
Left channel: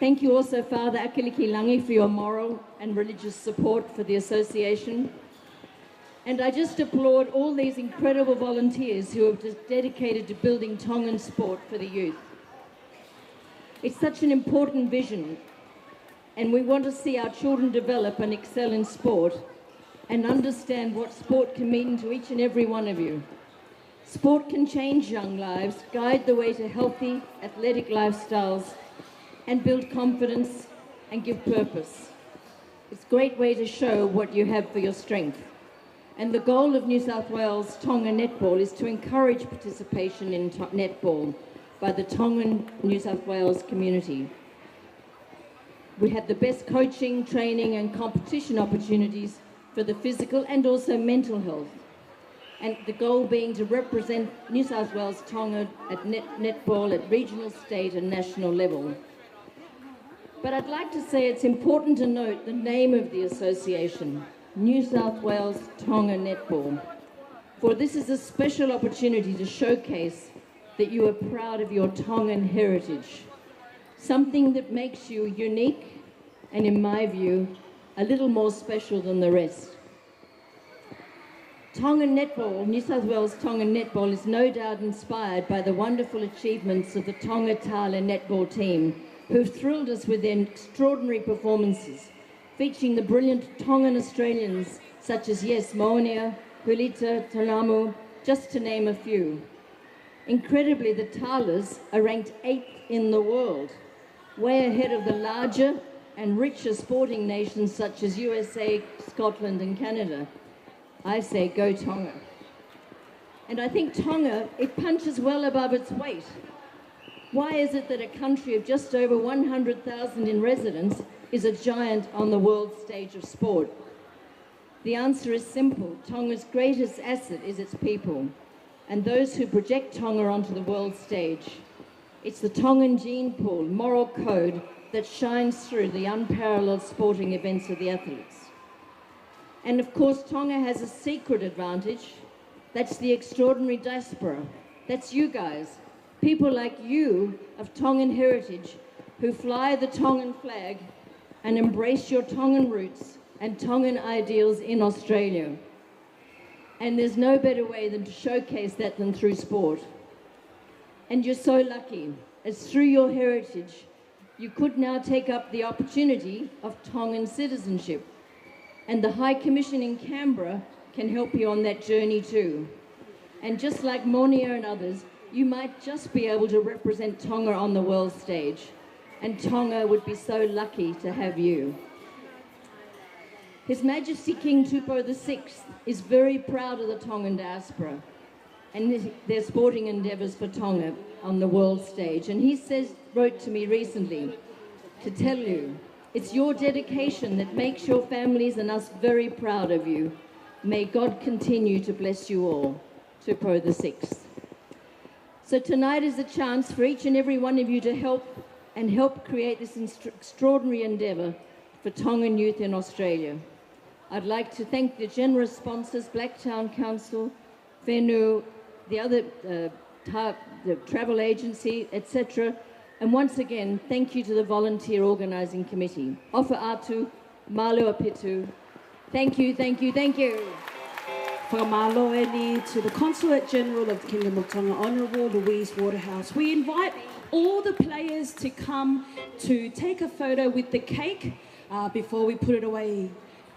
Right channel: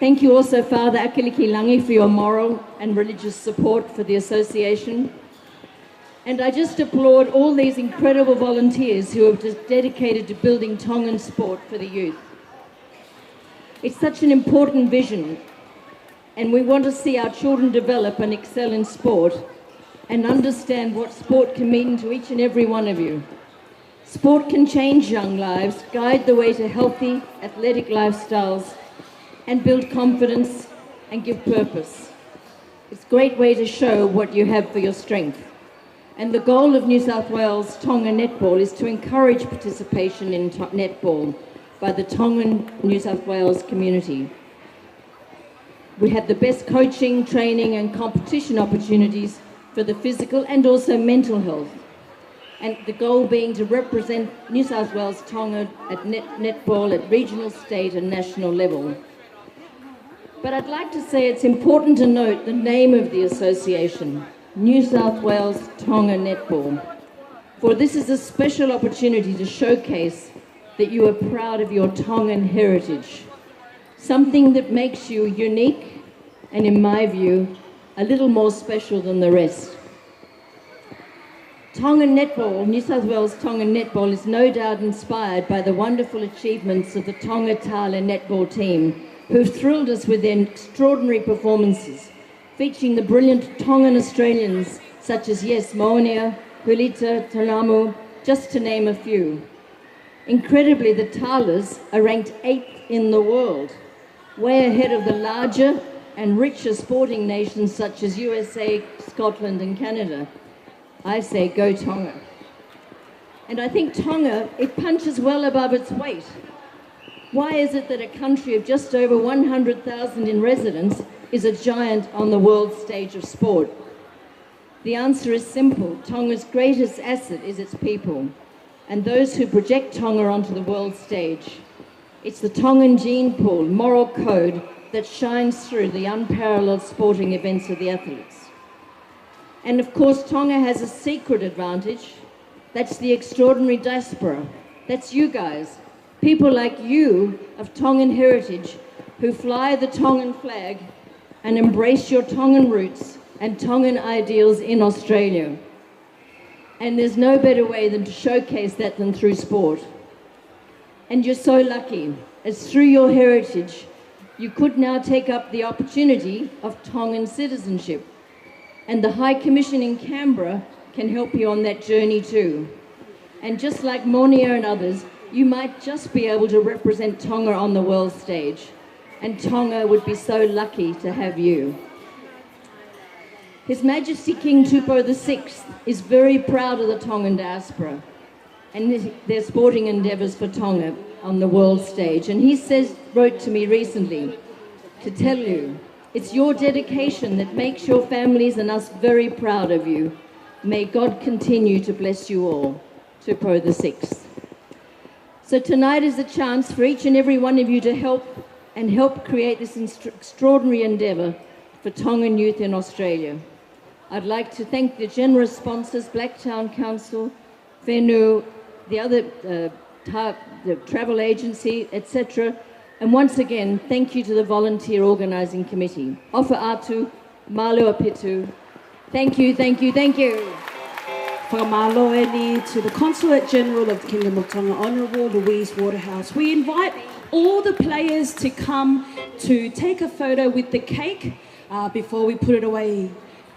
Thank you also, Father Akiliki Langi, for your moral and religious support for the association. And I just applaud all these incredible volunteers who have just dedicated to building Tongan sport for the youth. It's such an important vision, and we want to see our children develop and excel in sport and understand what sport can mean to each and every one of you. Sport can change young lives, guide the way to healthy, athletic lifestyles, and build confidence and give purpose. It's a great way to show what you have for your strength. And the goal of New South Wales Tonga Netball is to encourage participation in netball by the Tongan New South Wales community. We have the best coaching, training and competition opportunities for the physical and also mental health. And the goal being to represent New South Wales Tonga at netball at regional, state and national level. But I'd like to say it's important to note the name of the association, New South Wales Tonga Netball, for this is a special opportunity to showcase that you are proud of your Tongan heritage, something that makes you unique and, in my view, a little more special than the rest. Tongan Netball, New South Wales Tongan Netball, is no doubt inspired by the wonderful achievements of the Tonga Tala netball team, who've thrilled us with their extraordinary performances, featuring the brilliant Tongan Australians such as Moania, Hulita, Talamu, just to name a few. Incredibly, the Talas are ranked 8th in the world, way ahead of the larger and richer sporting nations such as USA, Scotland and Canada. I say go Tonga. And I think Tonga, it punches well above its weight. Why is it that a country of just over 100,000 in residents is a giant on the world stage of sport? The answer is simple. Tonga's greatest asset is its people and those who project Tonga onto the world stage. It's the Tongan gene pool, moral code that shines through the unparalleled sporting events of the athletes. And of course, Tonga has a secret advantage. That's the extraordinary diaspora. That's you guys, people like you of Tongan heritage who fly the Tongan flag and embrace your Tongan roots and Tongan ideals in Australia. And there's no better way than to showcase that than through sport. And you're so lucky, as through your heritage, you could now take up the opportunity of Tongan citizenship. And the High Commission in Canberra can help you on that journey too. And just like Monia and others, you might just be able to represent Tonga on the world stage. And Tonga would be so lucky to have you. His Majesty King Tupou VI is very proud of the Tongan diaspora and their sporting endeavours for Tonga on the world stage. And he wrote to me recently to tell you, it's your dedication that makes your families and us very proud of you. May God continue to bless you all. Tupou VI. So tonight is a chance for each and every one of you to help create this extraordinary endeavour for Tongan youth in Australia. I'd like to thank the generous sponsors, Blacktown Council, Whenua, the other the travel agency, etc. And once again, thank you to the volunteer organising committee. Ofa atu, malo apitu. Thank you, thank you, thank you. Whakamaloeni to the Consulate General of the Kingdom of Tonga, Honourable Louise Waterhouse. We invite all the players to come to take a photo with the cake before we put it away.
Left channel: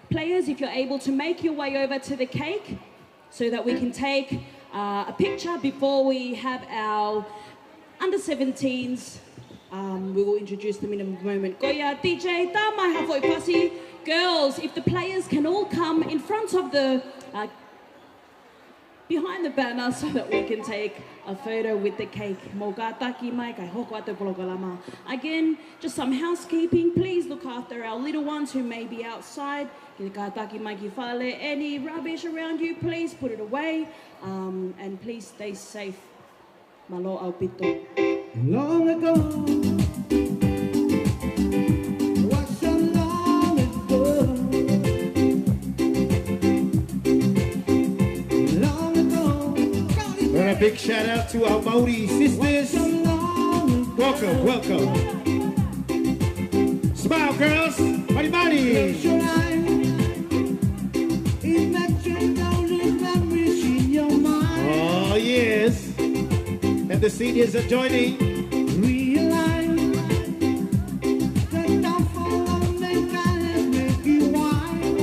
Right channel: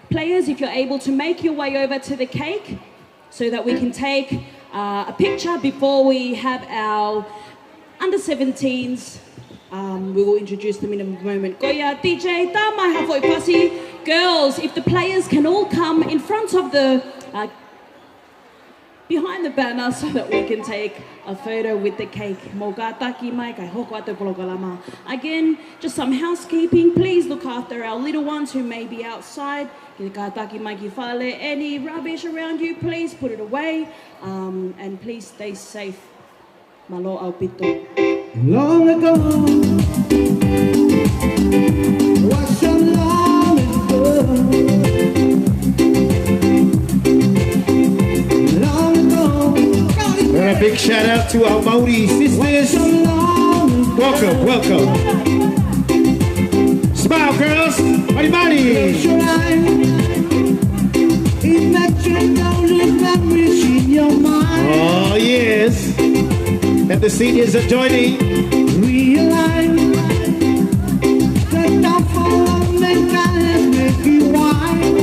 Players, if you're able to make your way over to the cake so that we can take a picture before we have our under-17s. We will introduce them in a moment. Goya, DJ, ta mai hafoi pasi. Girls, if the players can all come in front of the, behind the banner so that we can take a photo with the cake. Again, just some housekeeping. Please look after our little ones who may be outside. Any rubbish around you, please put it away. And please stay safe. Malo au pito. Long ago, was so long ago. Long ago. And a big shout out to our Maori sisters. Welcome, welcome. Smile, girls. Money, money. Oh, yes. And the seniors are joining. Realize the downfall of mankind has made you wise.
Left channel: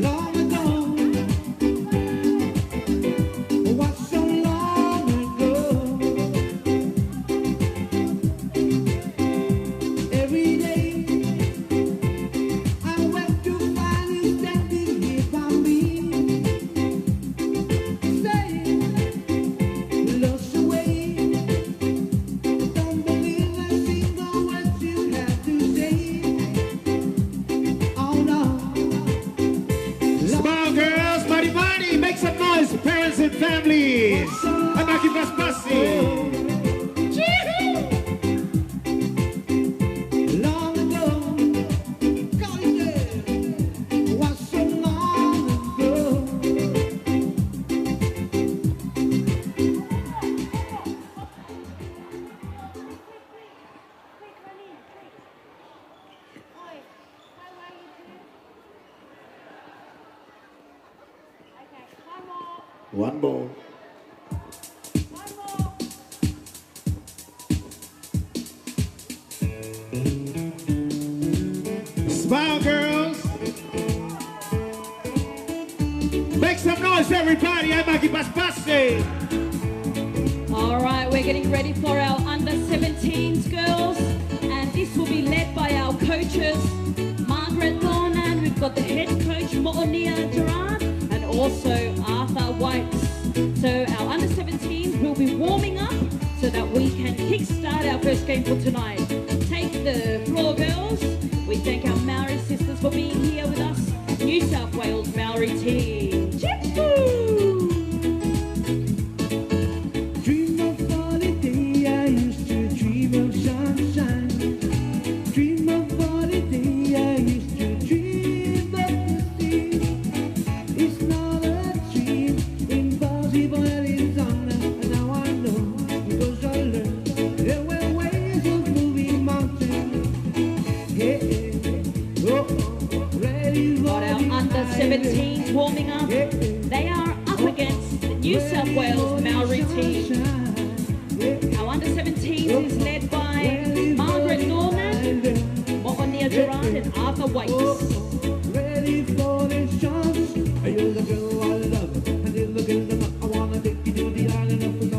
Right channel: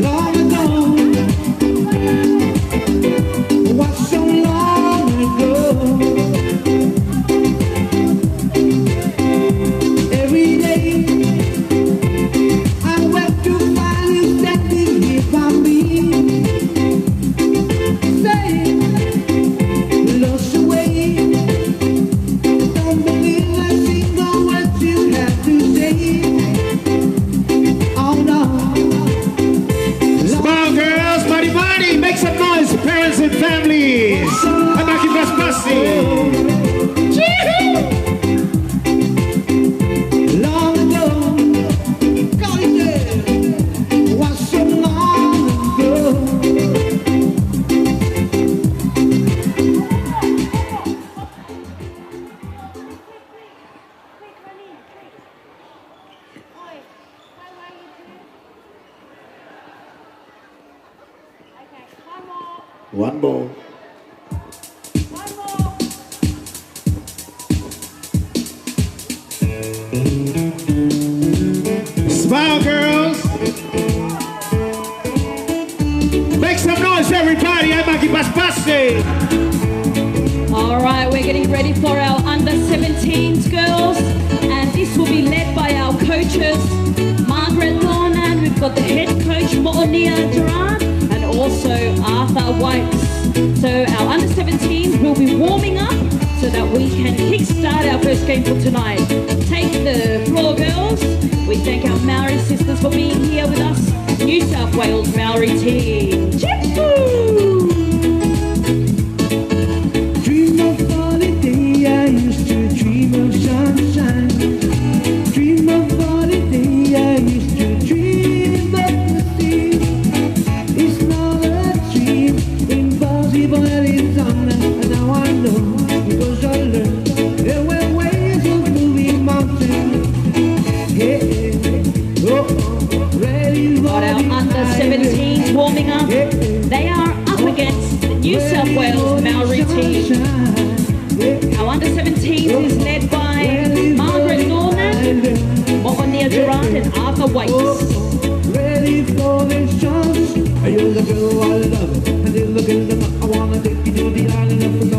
Long ago, was so long ago. Every day I wake to find you standing here by me. Parents and families, I'm Aki Basbasi. Long ago, God is was so long ago. One more. Smile, girls. Make some noise, everybody. I'm Aki Basbasi. All right, we're getting ready for our under-17s, girls. And this will be led by our coaches, Margaret Thorne, and we've got the head coach, Moonia Gerard, and also Arthur White. So our under-17s will be warming up so that we can kickstart our first game for tonight. Take the floor, girls. We thank our Maori sisters for being here with us. New South Wales Maori team. Chip-choo! Whites. Ready for the chance. You're the girl I love. And you're the girl that I wanna take you to the island of the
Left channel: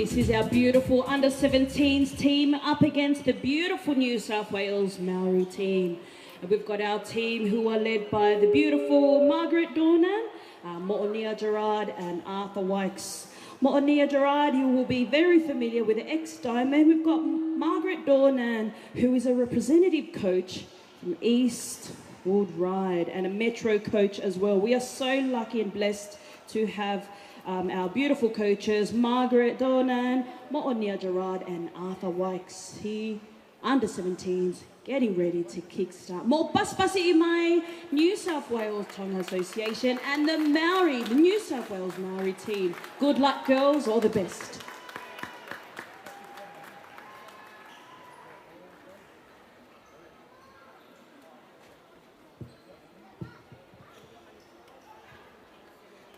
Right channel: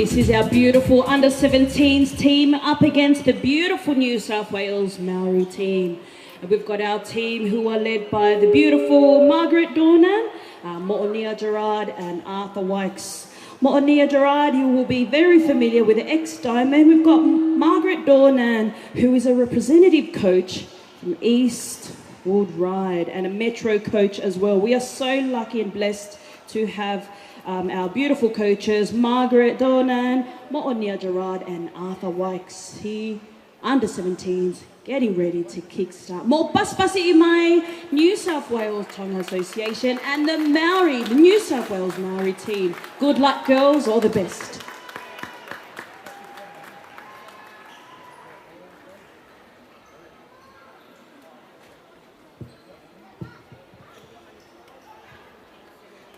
This is our beautiful under-17s team up against the beautiful New South Wales Maori team. And we've got our team who are led by the beautiful Margaret Dornan, Mo'onia Gerard and Arthur Wykes. Mo'onia Gerard, you will be very familiar with the ex-Diamond. We've got Margaret Dornan, who is a representative coach from East Wood Ride and a Metro coach as well. We are so lucky and blessed to have our beautiful coaches, Margaret Dornan, Mo'onia Gerard and Arthur Wykes. He, under-17s, getting ready to kickstart. Mo Paspasi i mai, New South Wales Tonga Association and the Maori, the New South Wales Maori team. Good luck, girls, all the best.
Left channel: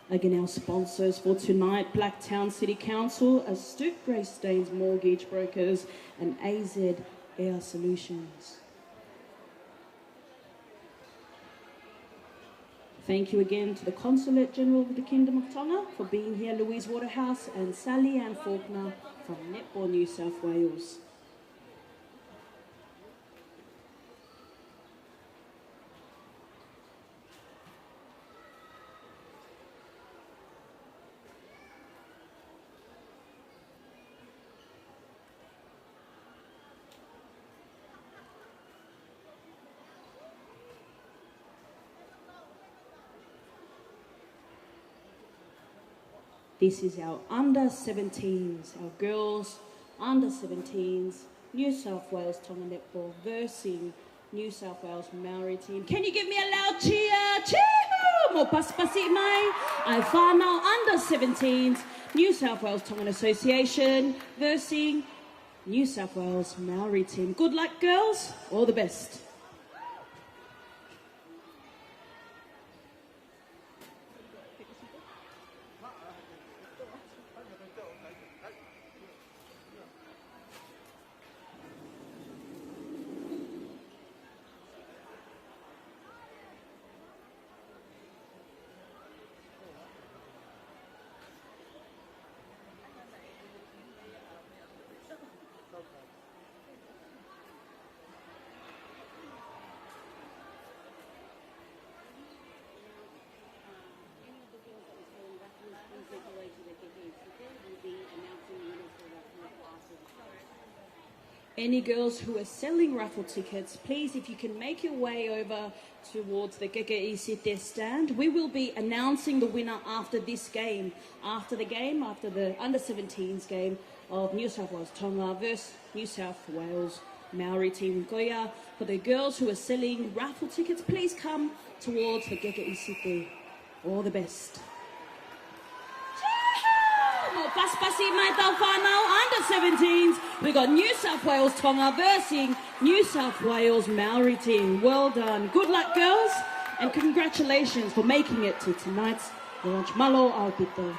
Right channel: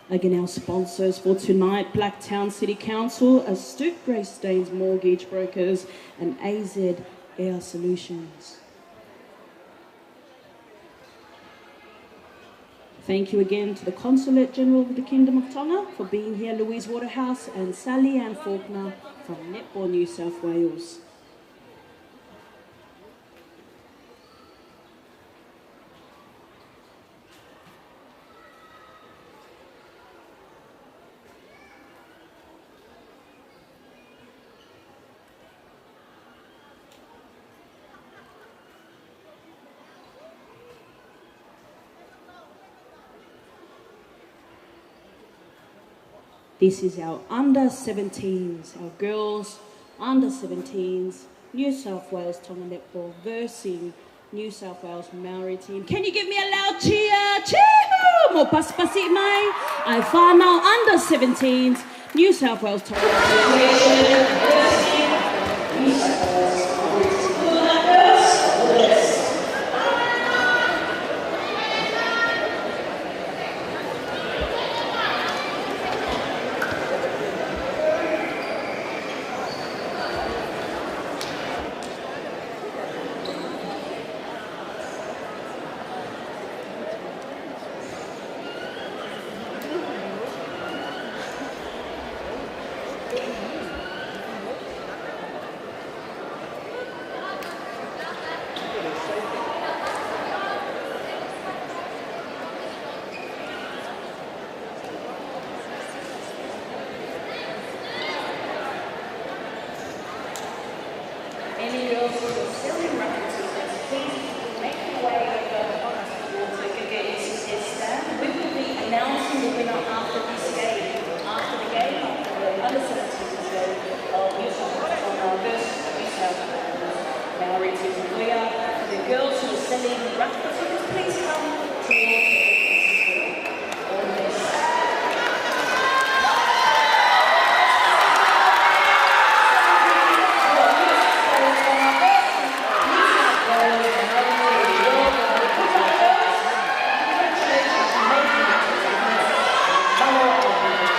Again, our sponsors for tonight, Blacktown City Council, Astute Greystanes Mortgage Brokers and AZ Air Solutions. Thank you again to the Consulate General of the Kingdom of Tonga for being here, Louise Waterhouse and Sally Ann Faulkner from Netball New South Wales. This is our under-17s, our girls under-17s, New South Wales Tonga Netball versus New South Wales Maori team. Can you give me a loud cheer? Cheer! Mo paspasi mai. Ai whanau under-17s, New South Wales Tonga Association versus New South Wales Maori team. Good luck, girls. All the best. Any girls who are selling raffle tickets, please make your way over towards the Gagani City stand. We will be announcing the winner after this game, after the under-17s game of New South Wales Tonga versus New South Wales Maori team. For the girls who are selling raffle tickets, please come towards the Gagani City. All the best. Tonga versus New South Wales Maori team. Well done. Good luck, girls, and congratulations for making it to tonight. And Noah Albuquerque.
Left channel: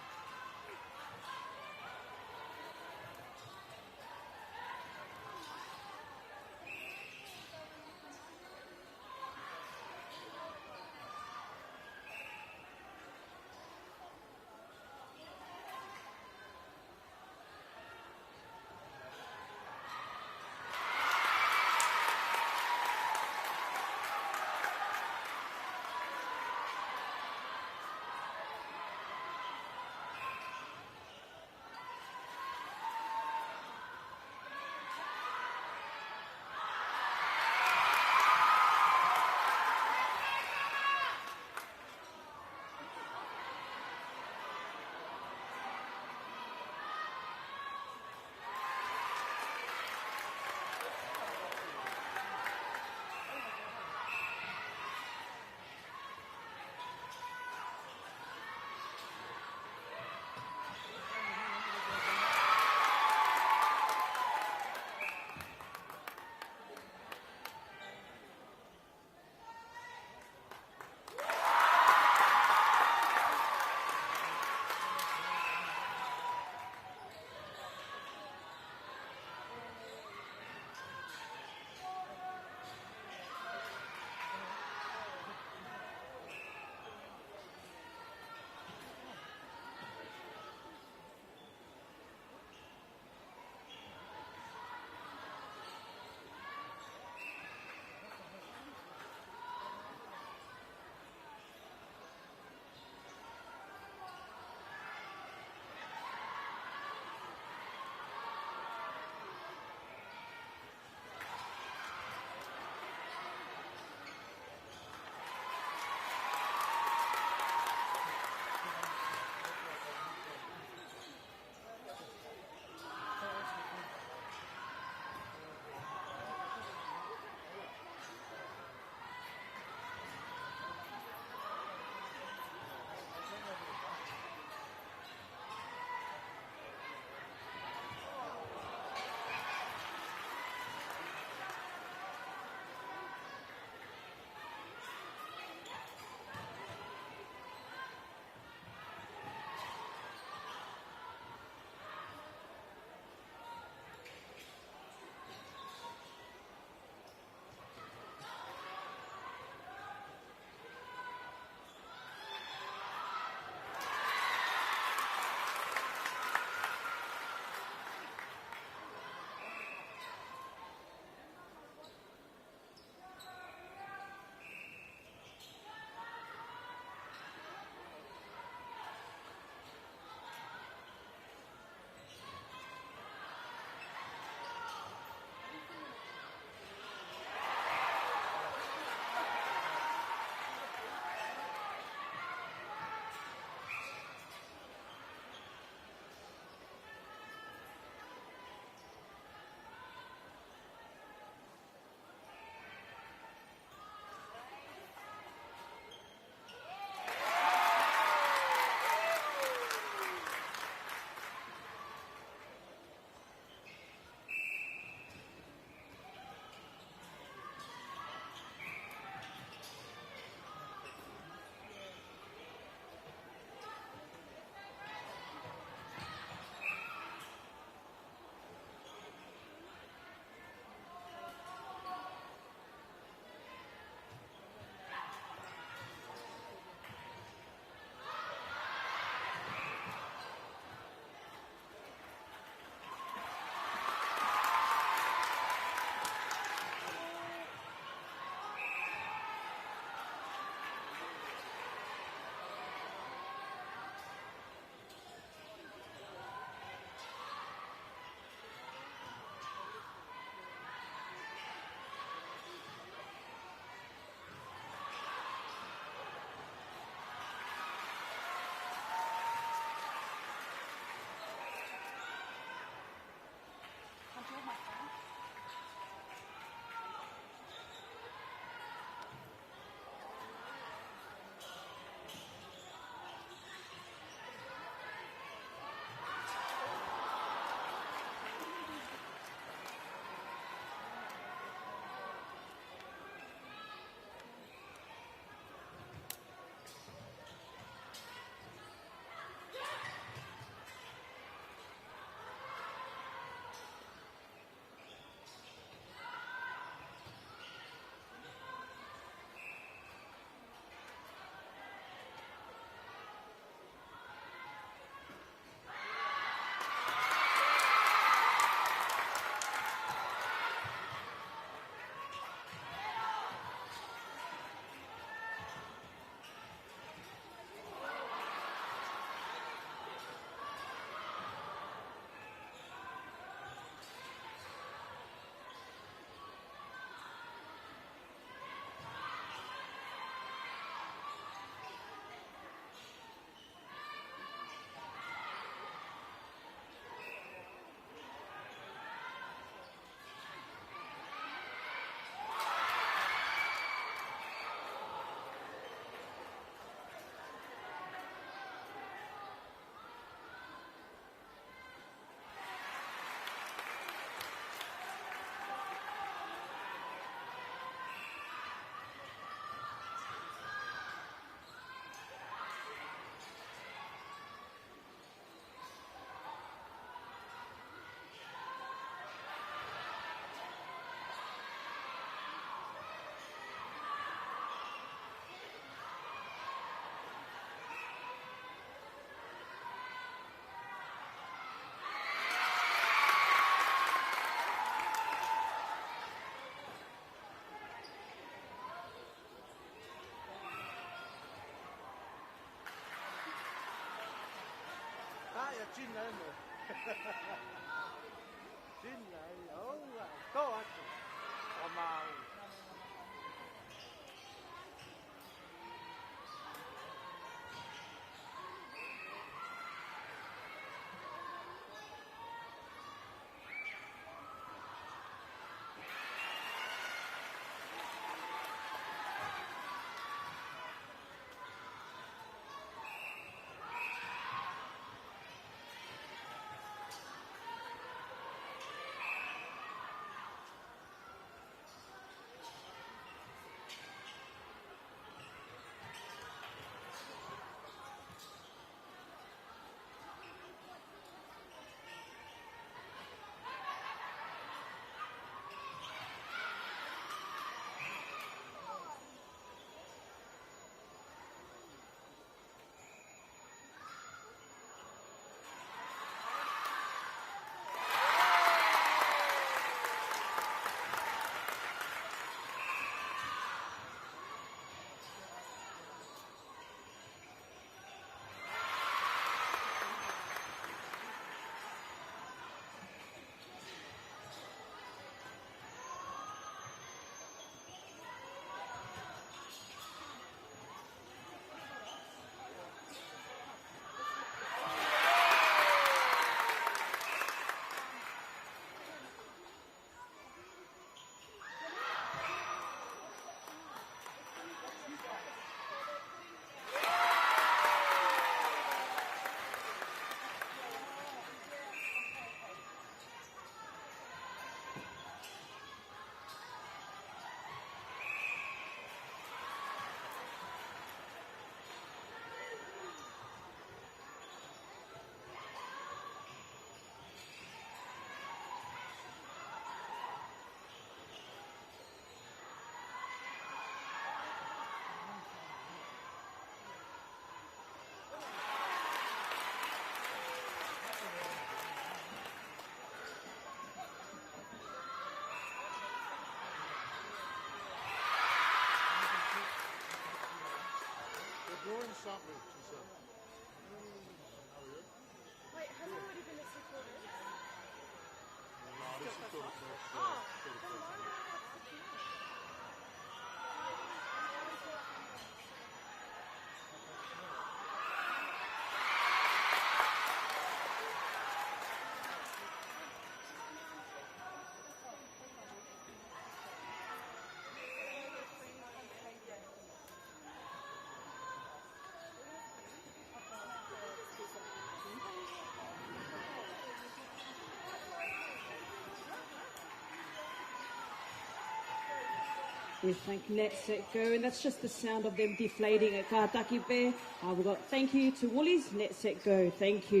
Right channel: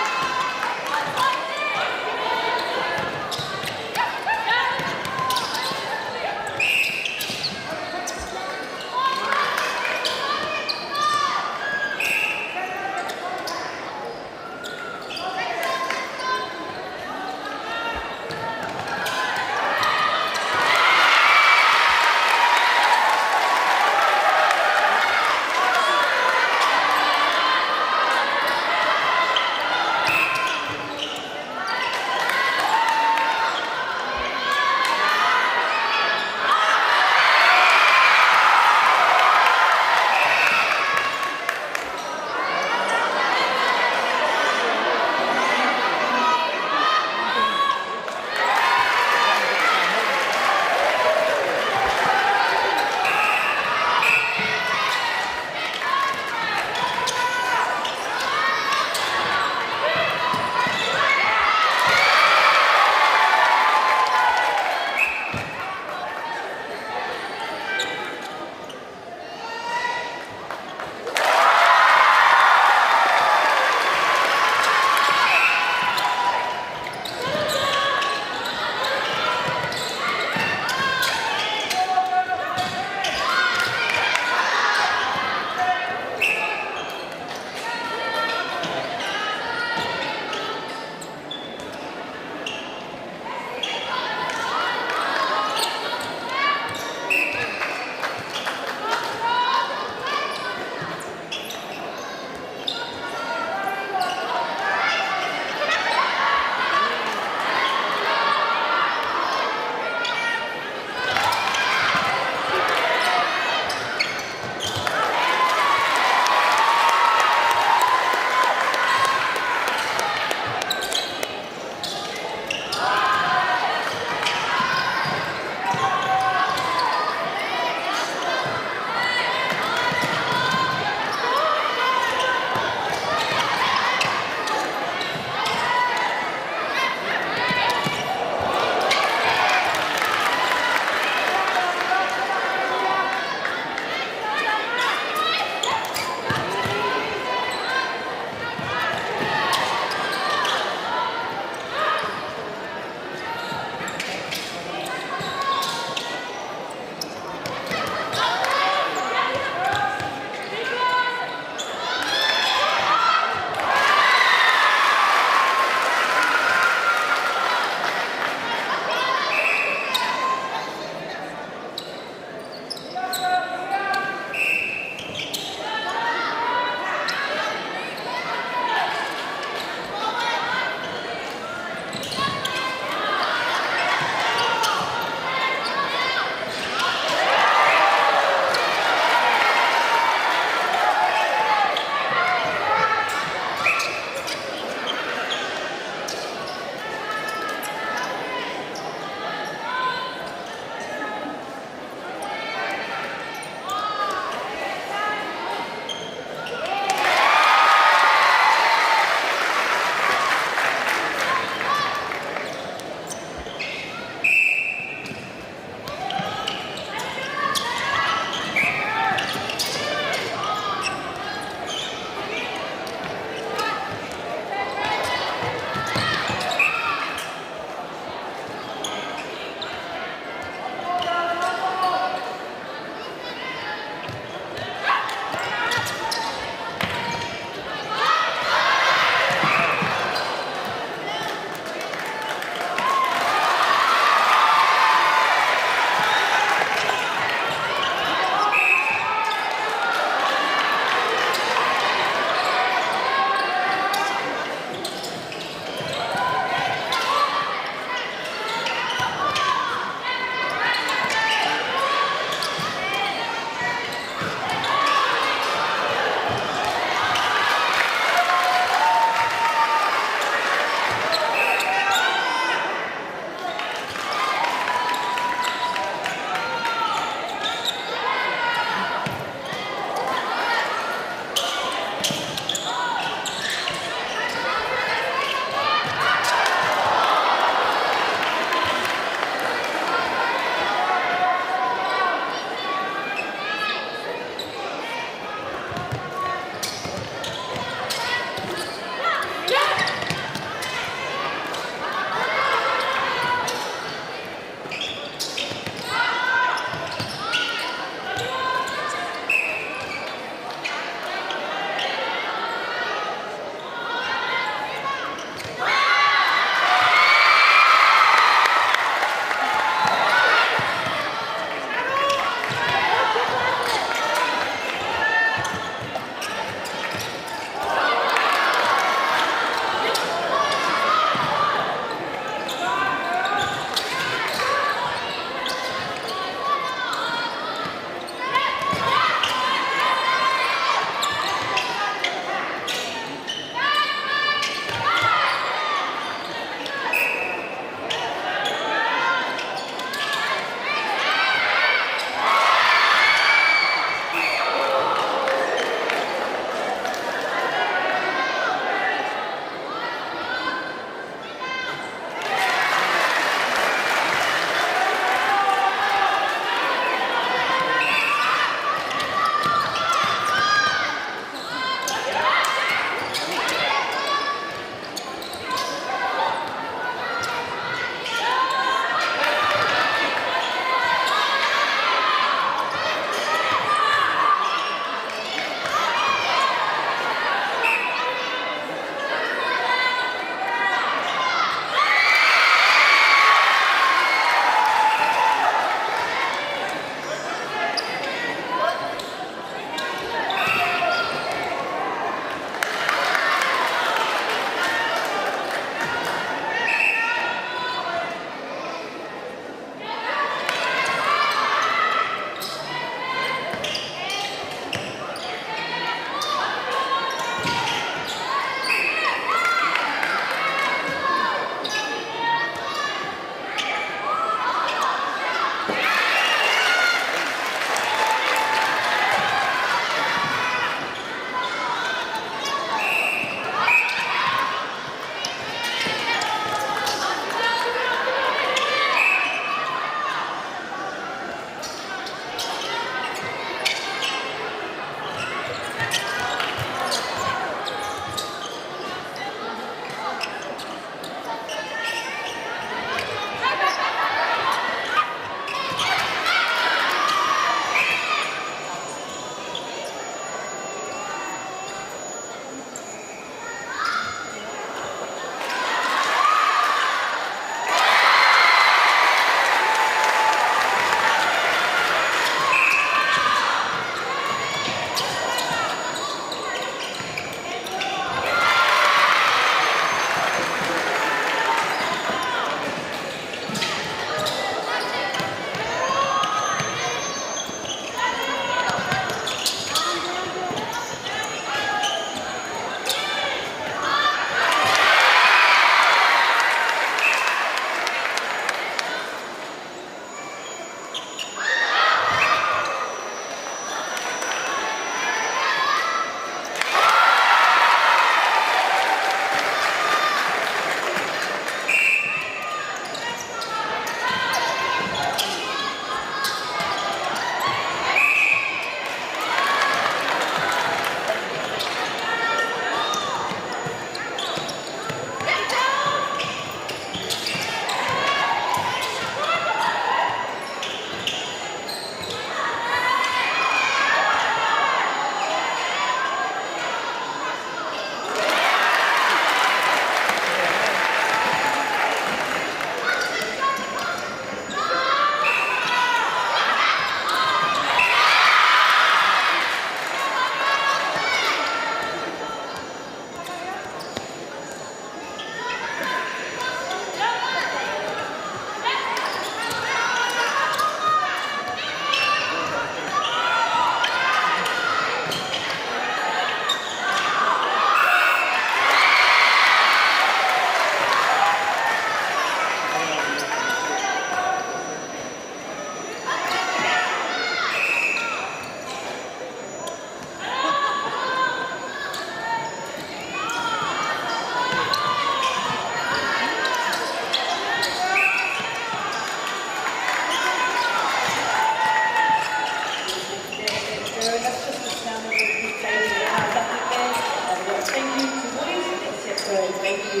Thank you.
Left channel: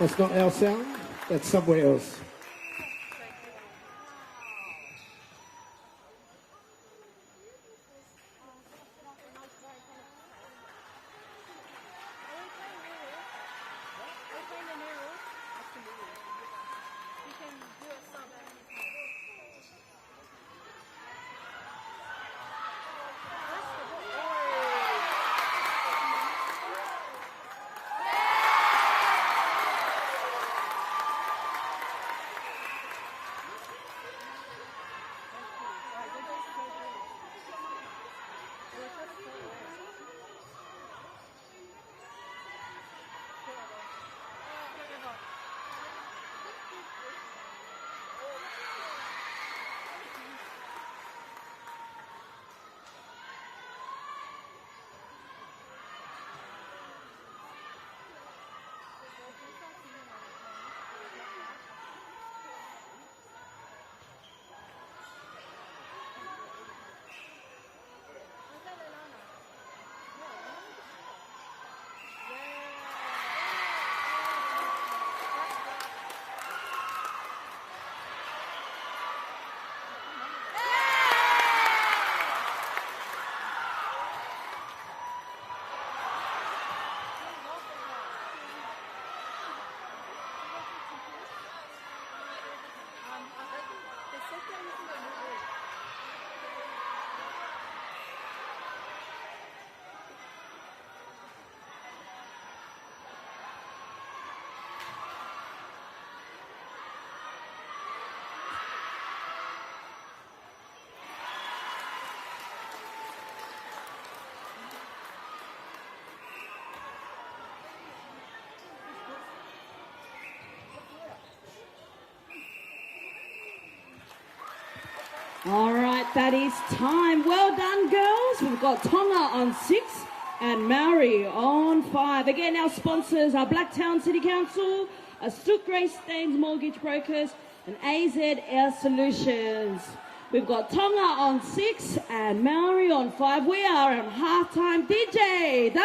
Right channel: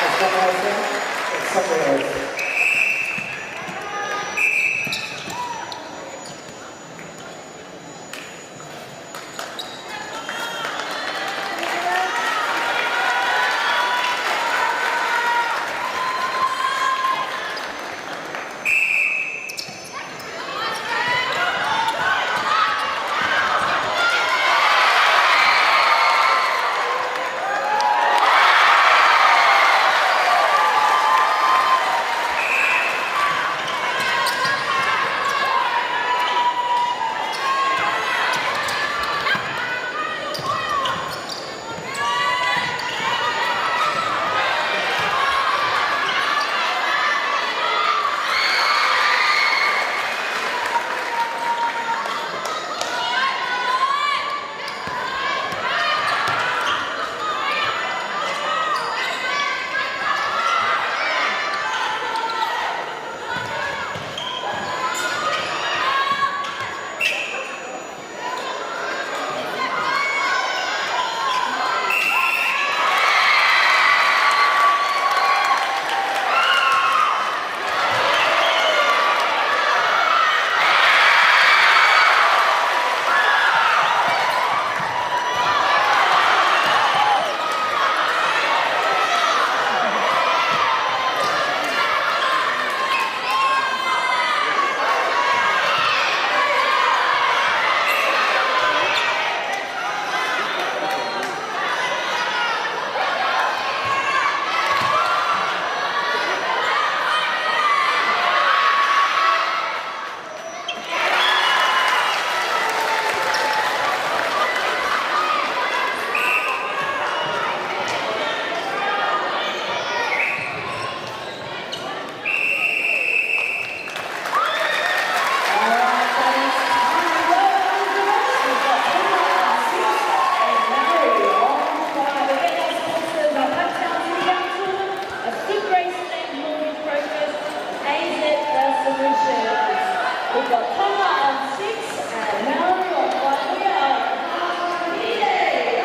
That's not what I said. It's somewhere else. That is time. Well done, girls. We've got Paula on 6 and Mary on 5. Again, our sponsors are Blacktown City Council, a Super Race Named Mortgage Brokers, and AZ Air Solutions. We've got Tonga on 6 and Mary on 5. We are in halftime DJ.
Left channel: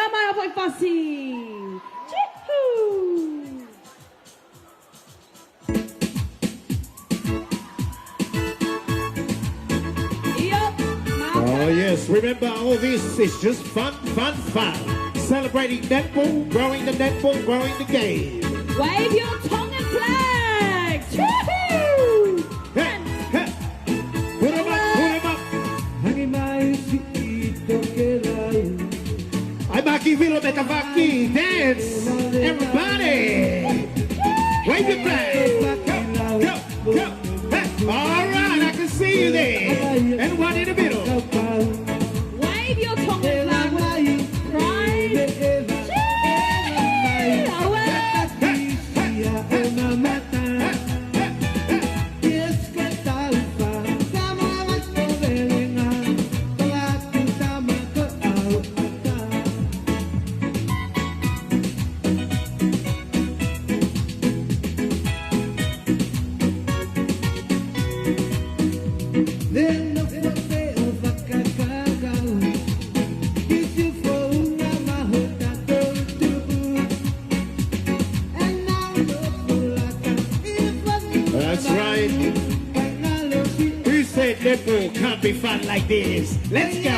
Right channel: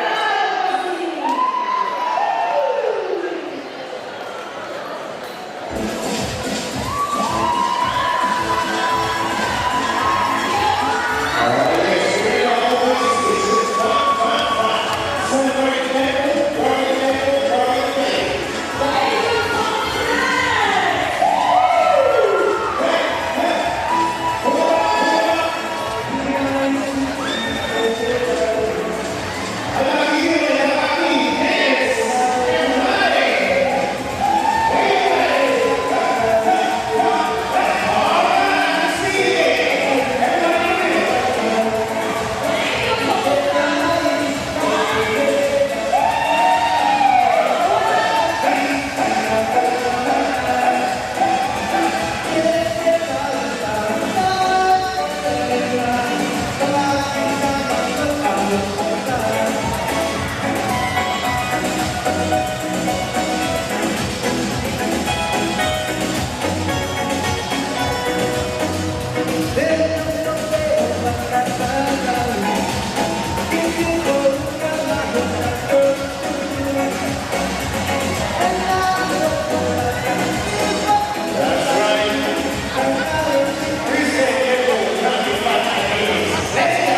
Celebrating netball, growing the netball, growing the game. How about you give it a happy dance and play? Wake it back. Go. All right, I can see you there. Everybody together. Let's go!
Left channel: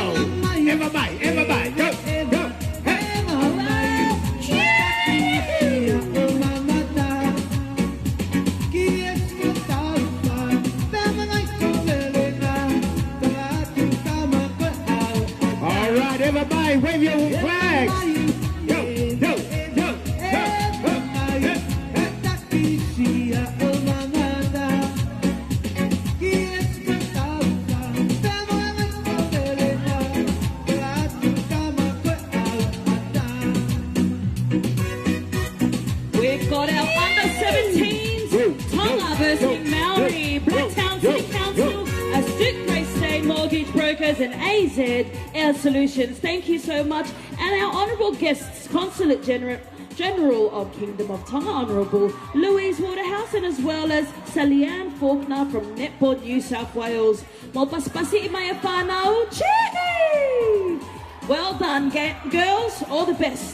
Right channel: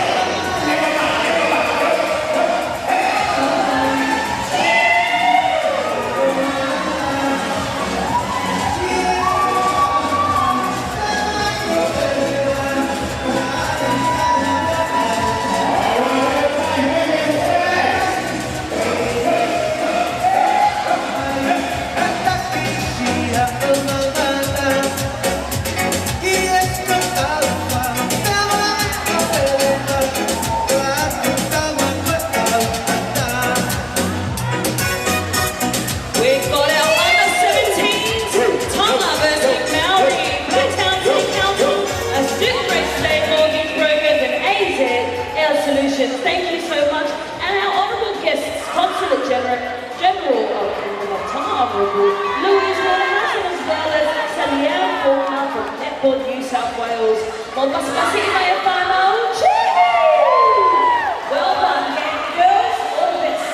Mokas kasi mai whanau. Well done, girls. All the best.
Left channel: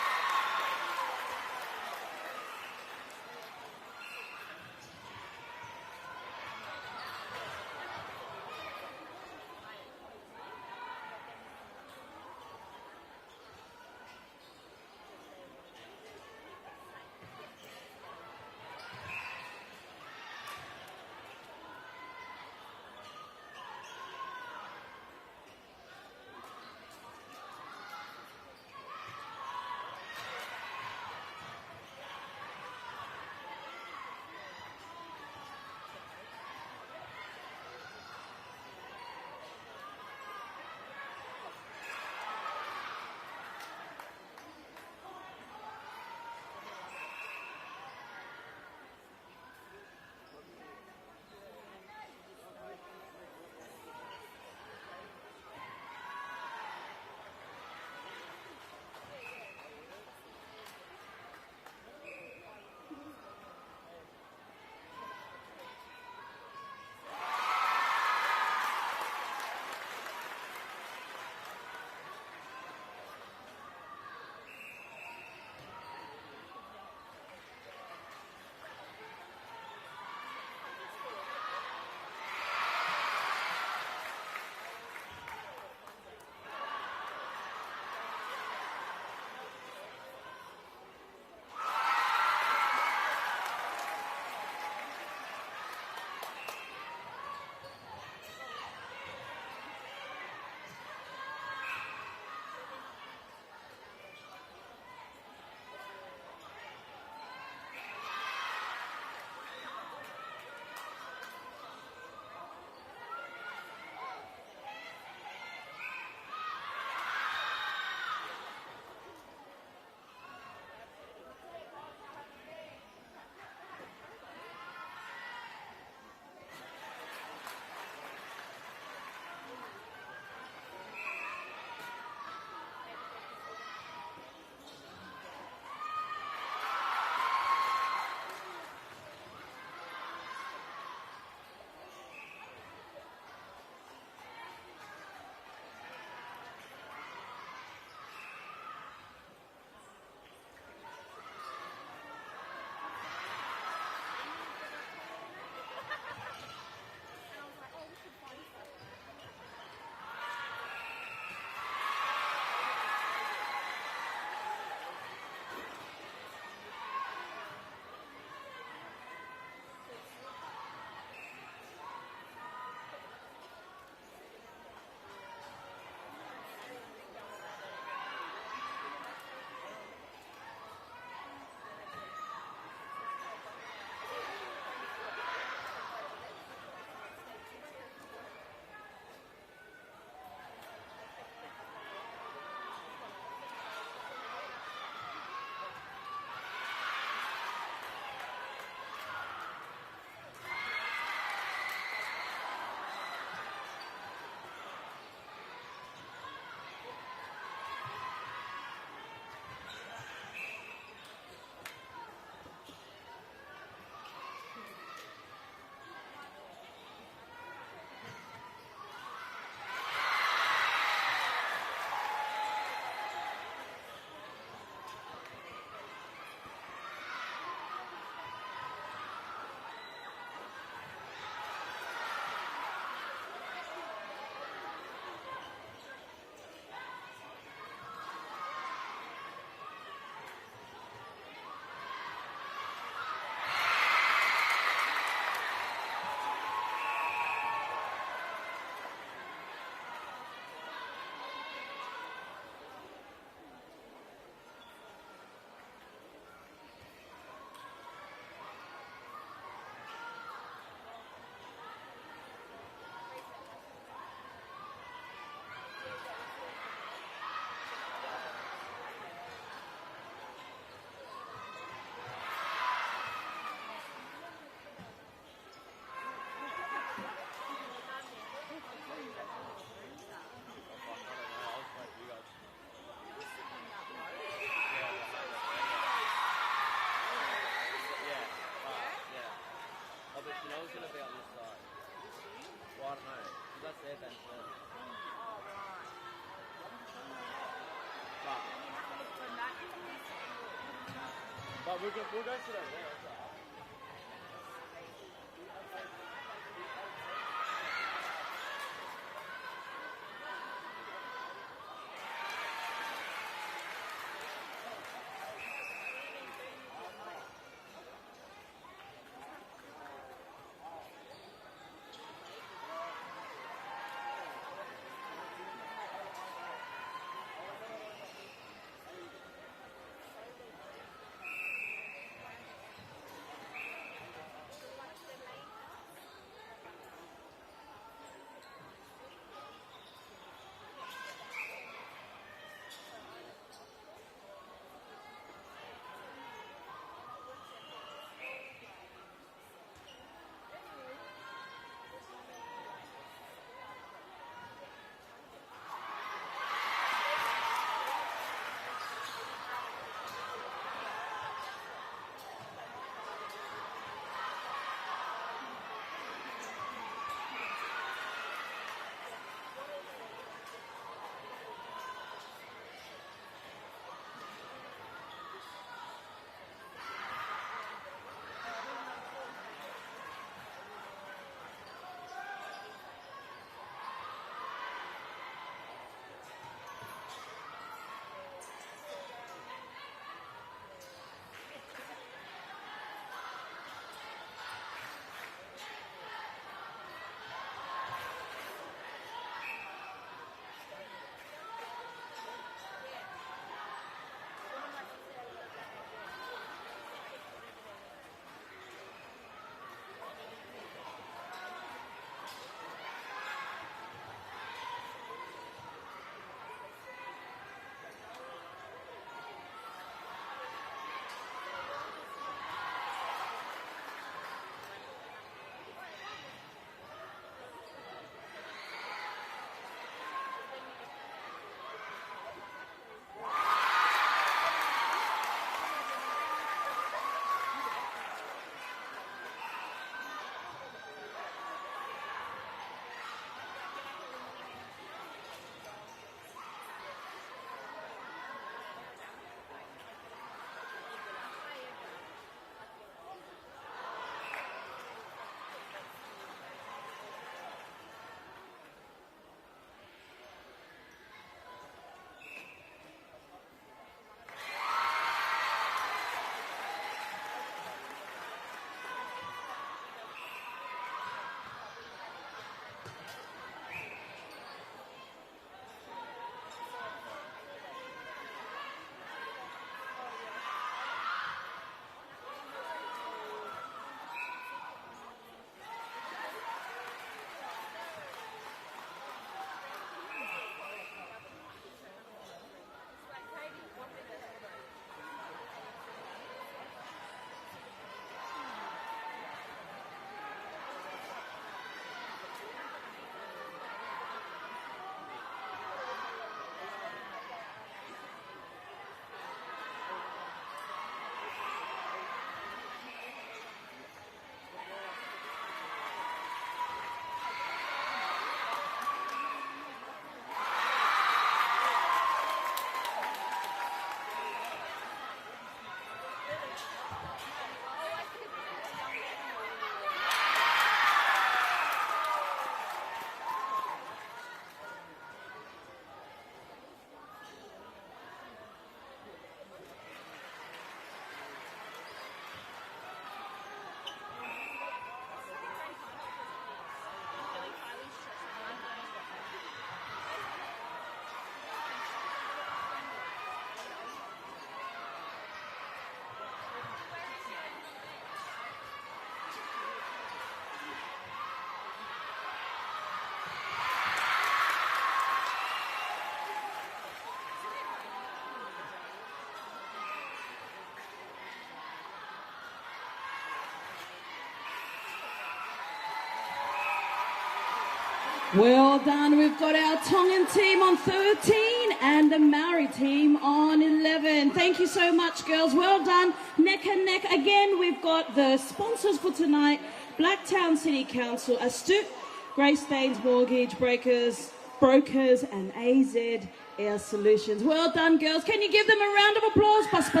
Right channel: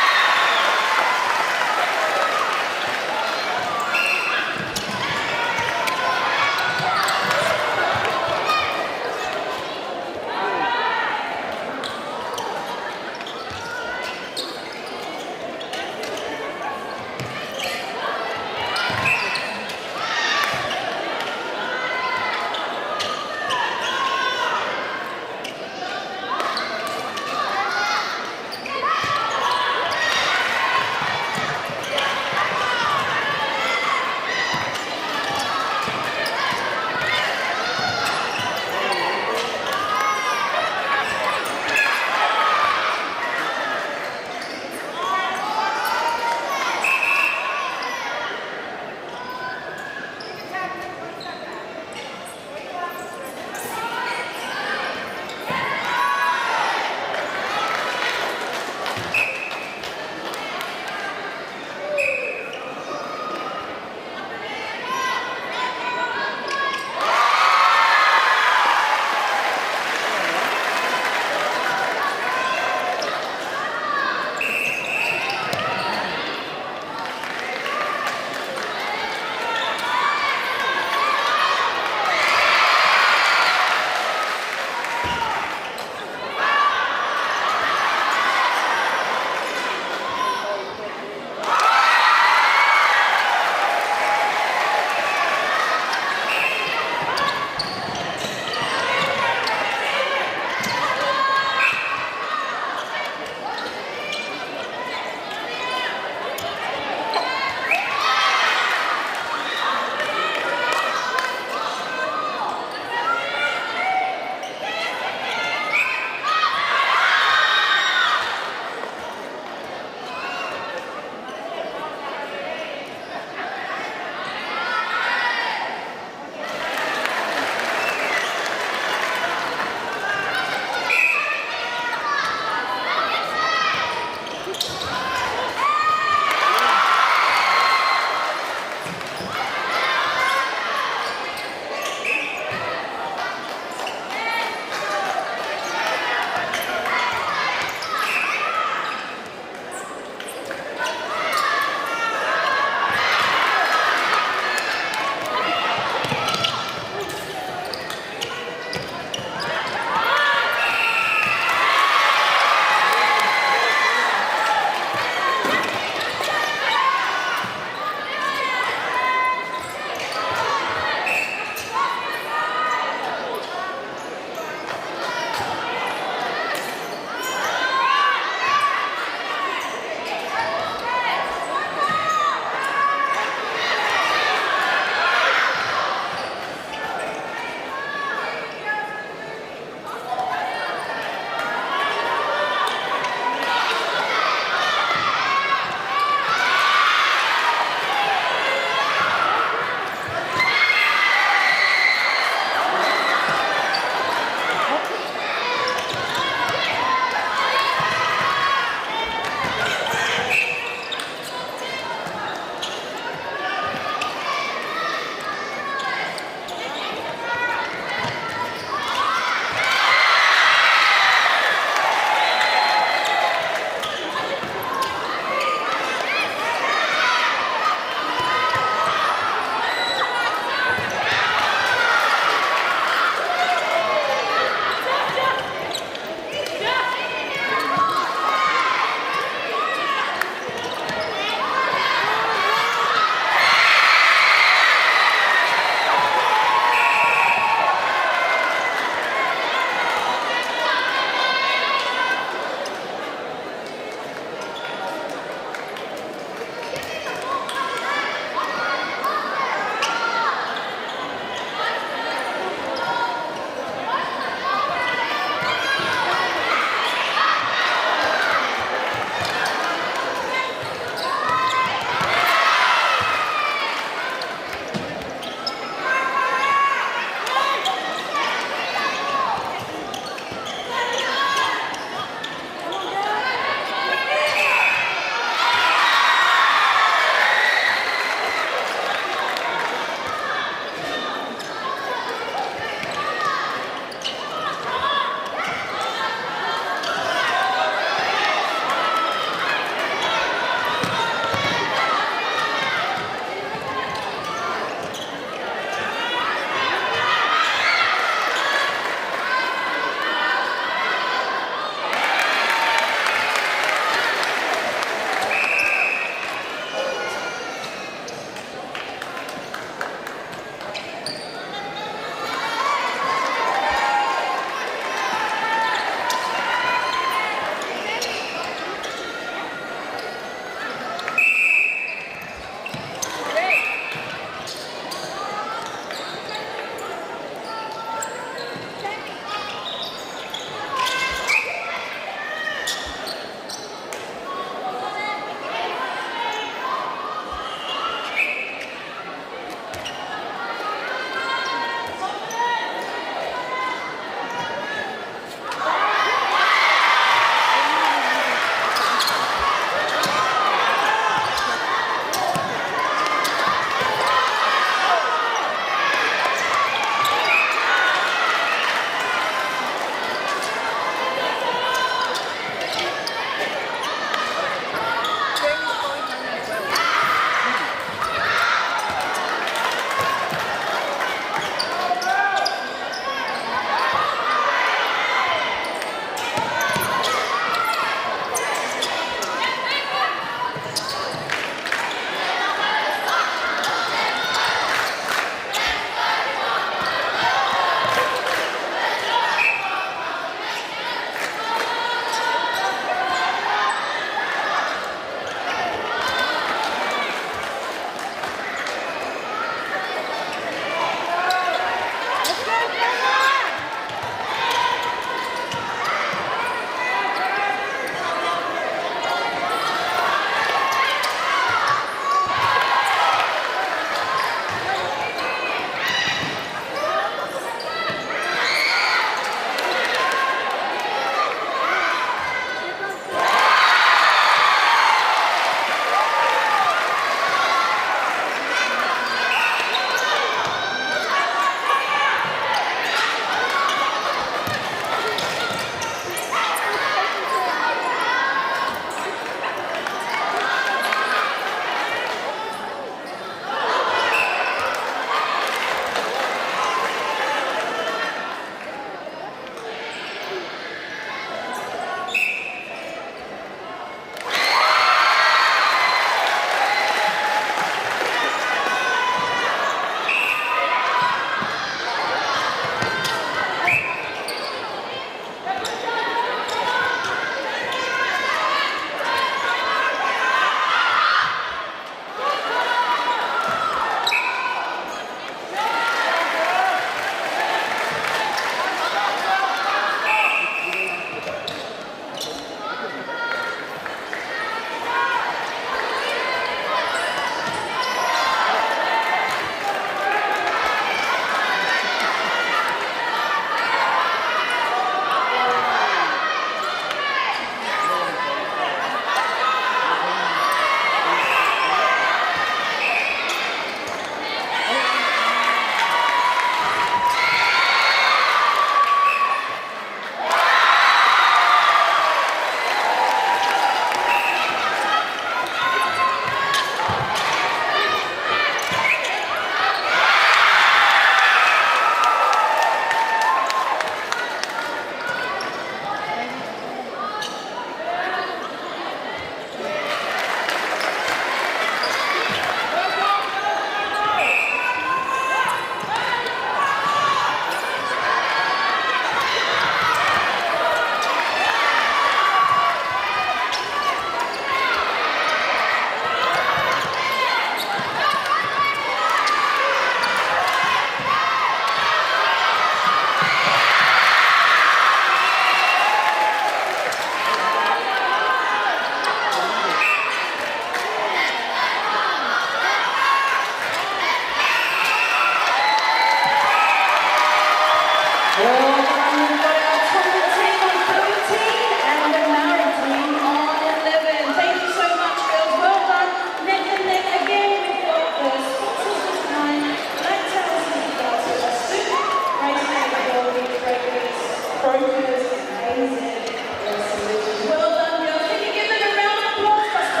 Well done, we've got our Tonga team on 13 and the Maori team on 11. Thank you so much, girls. Well done. Neck and neck again, we've got the sponsors for tonight, Blacktown City Council, Astute, Grace Day, Mortgage Brokers, and AZ Air Solutions. Well done, girls. Can you give them a round of applause? Under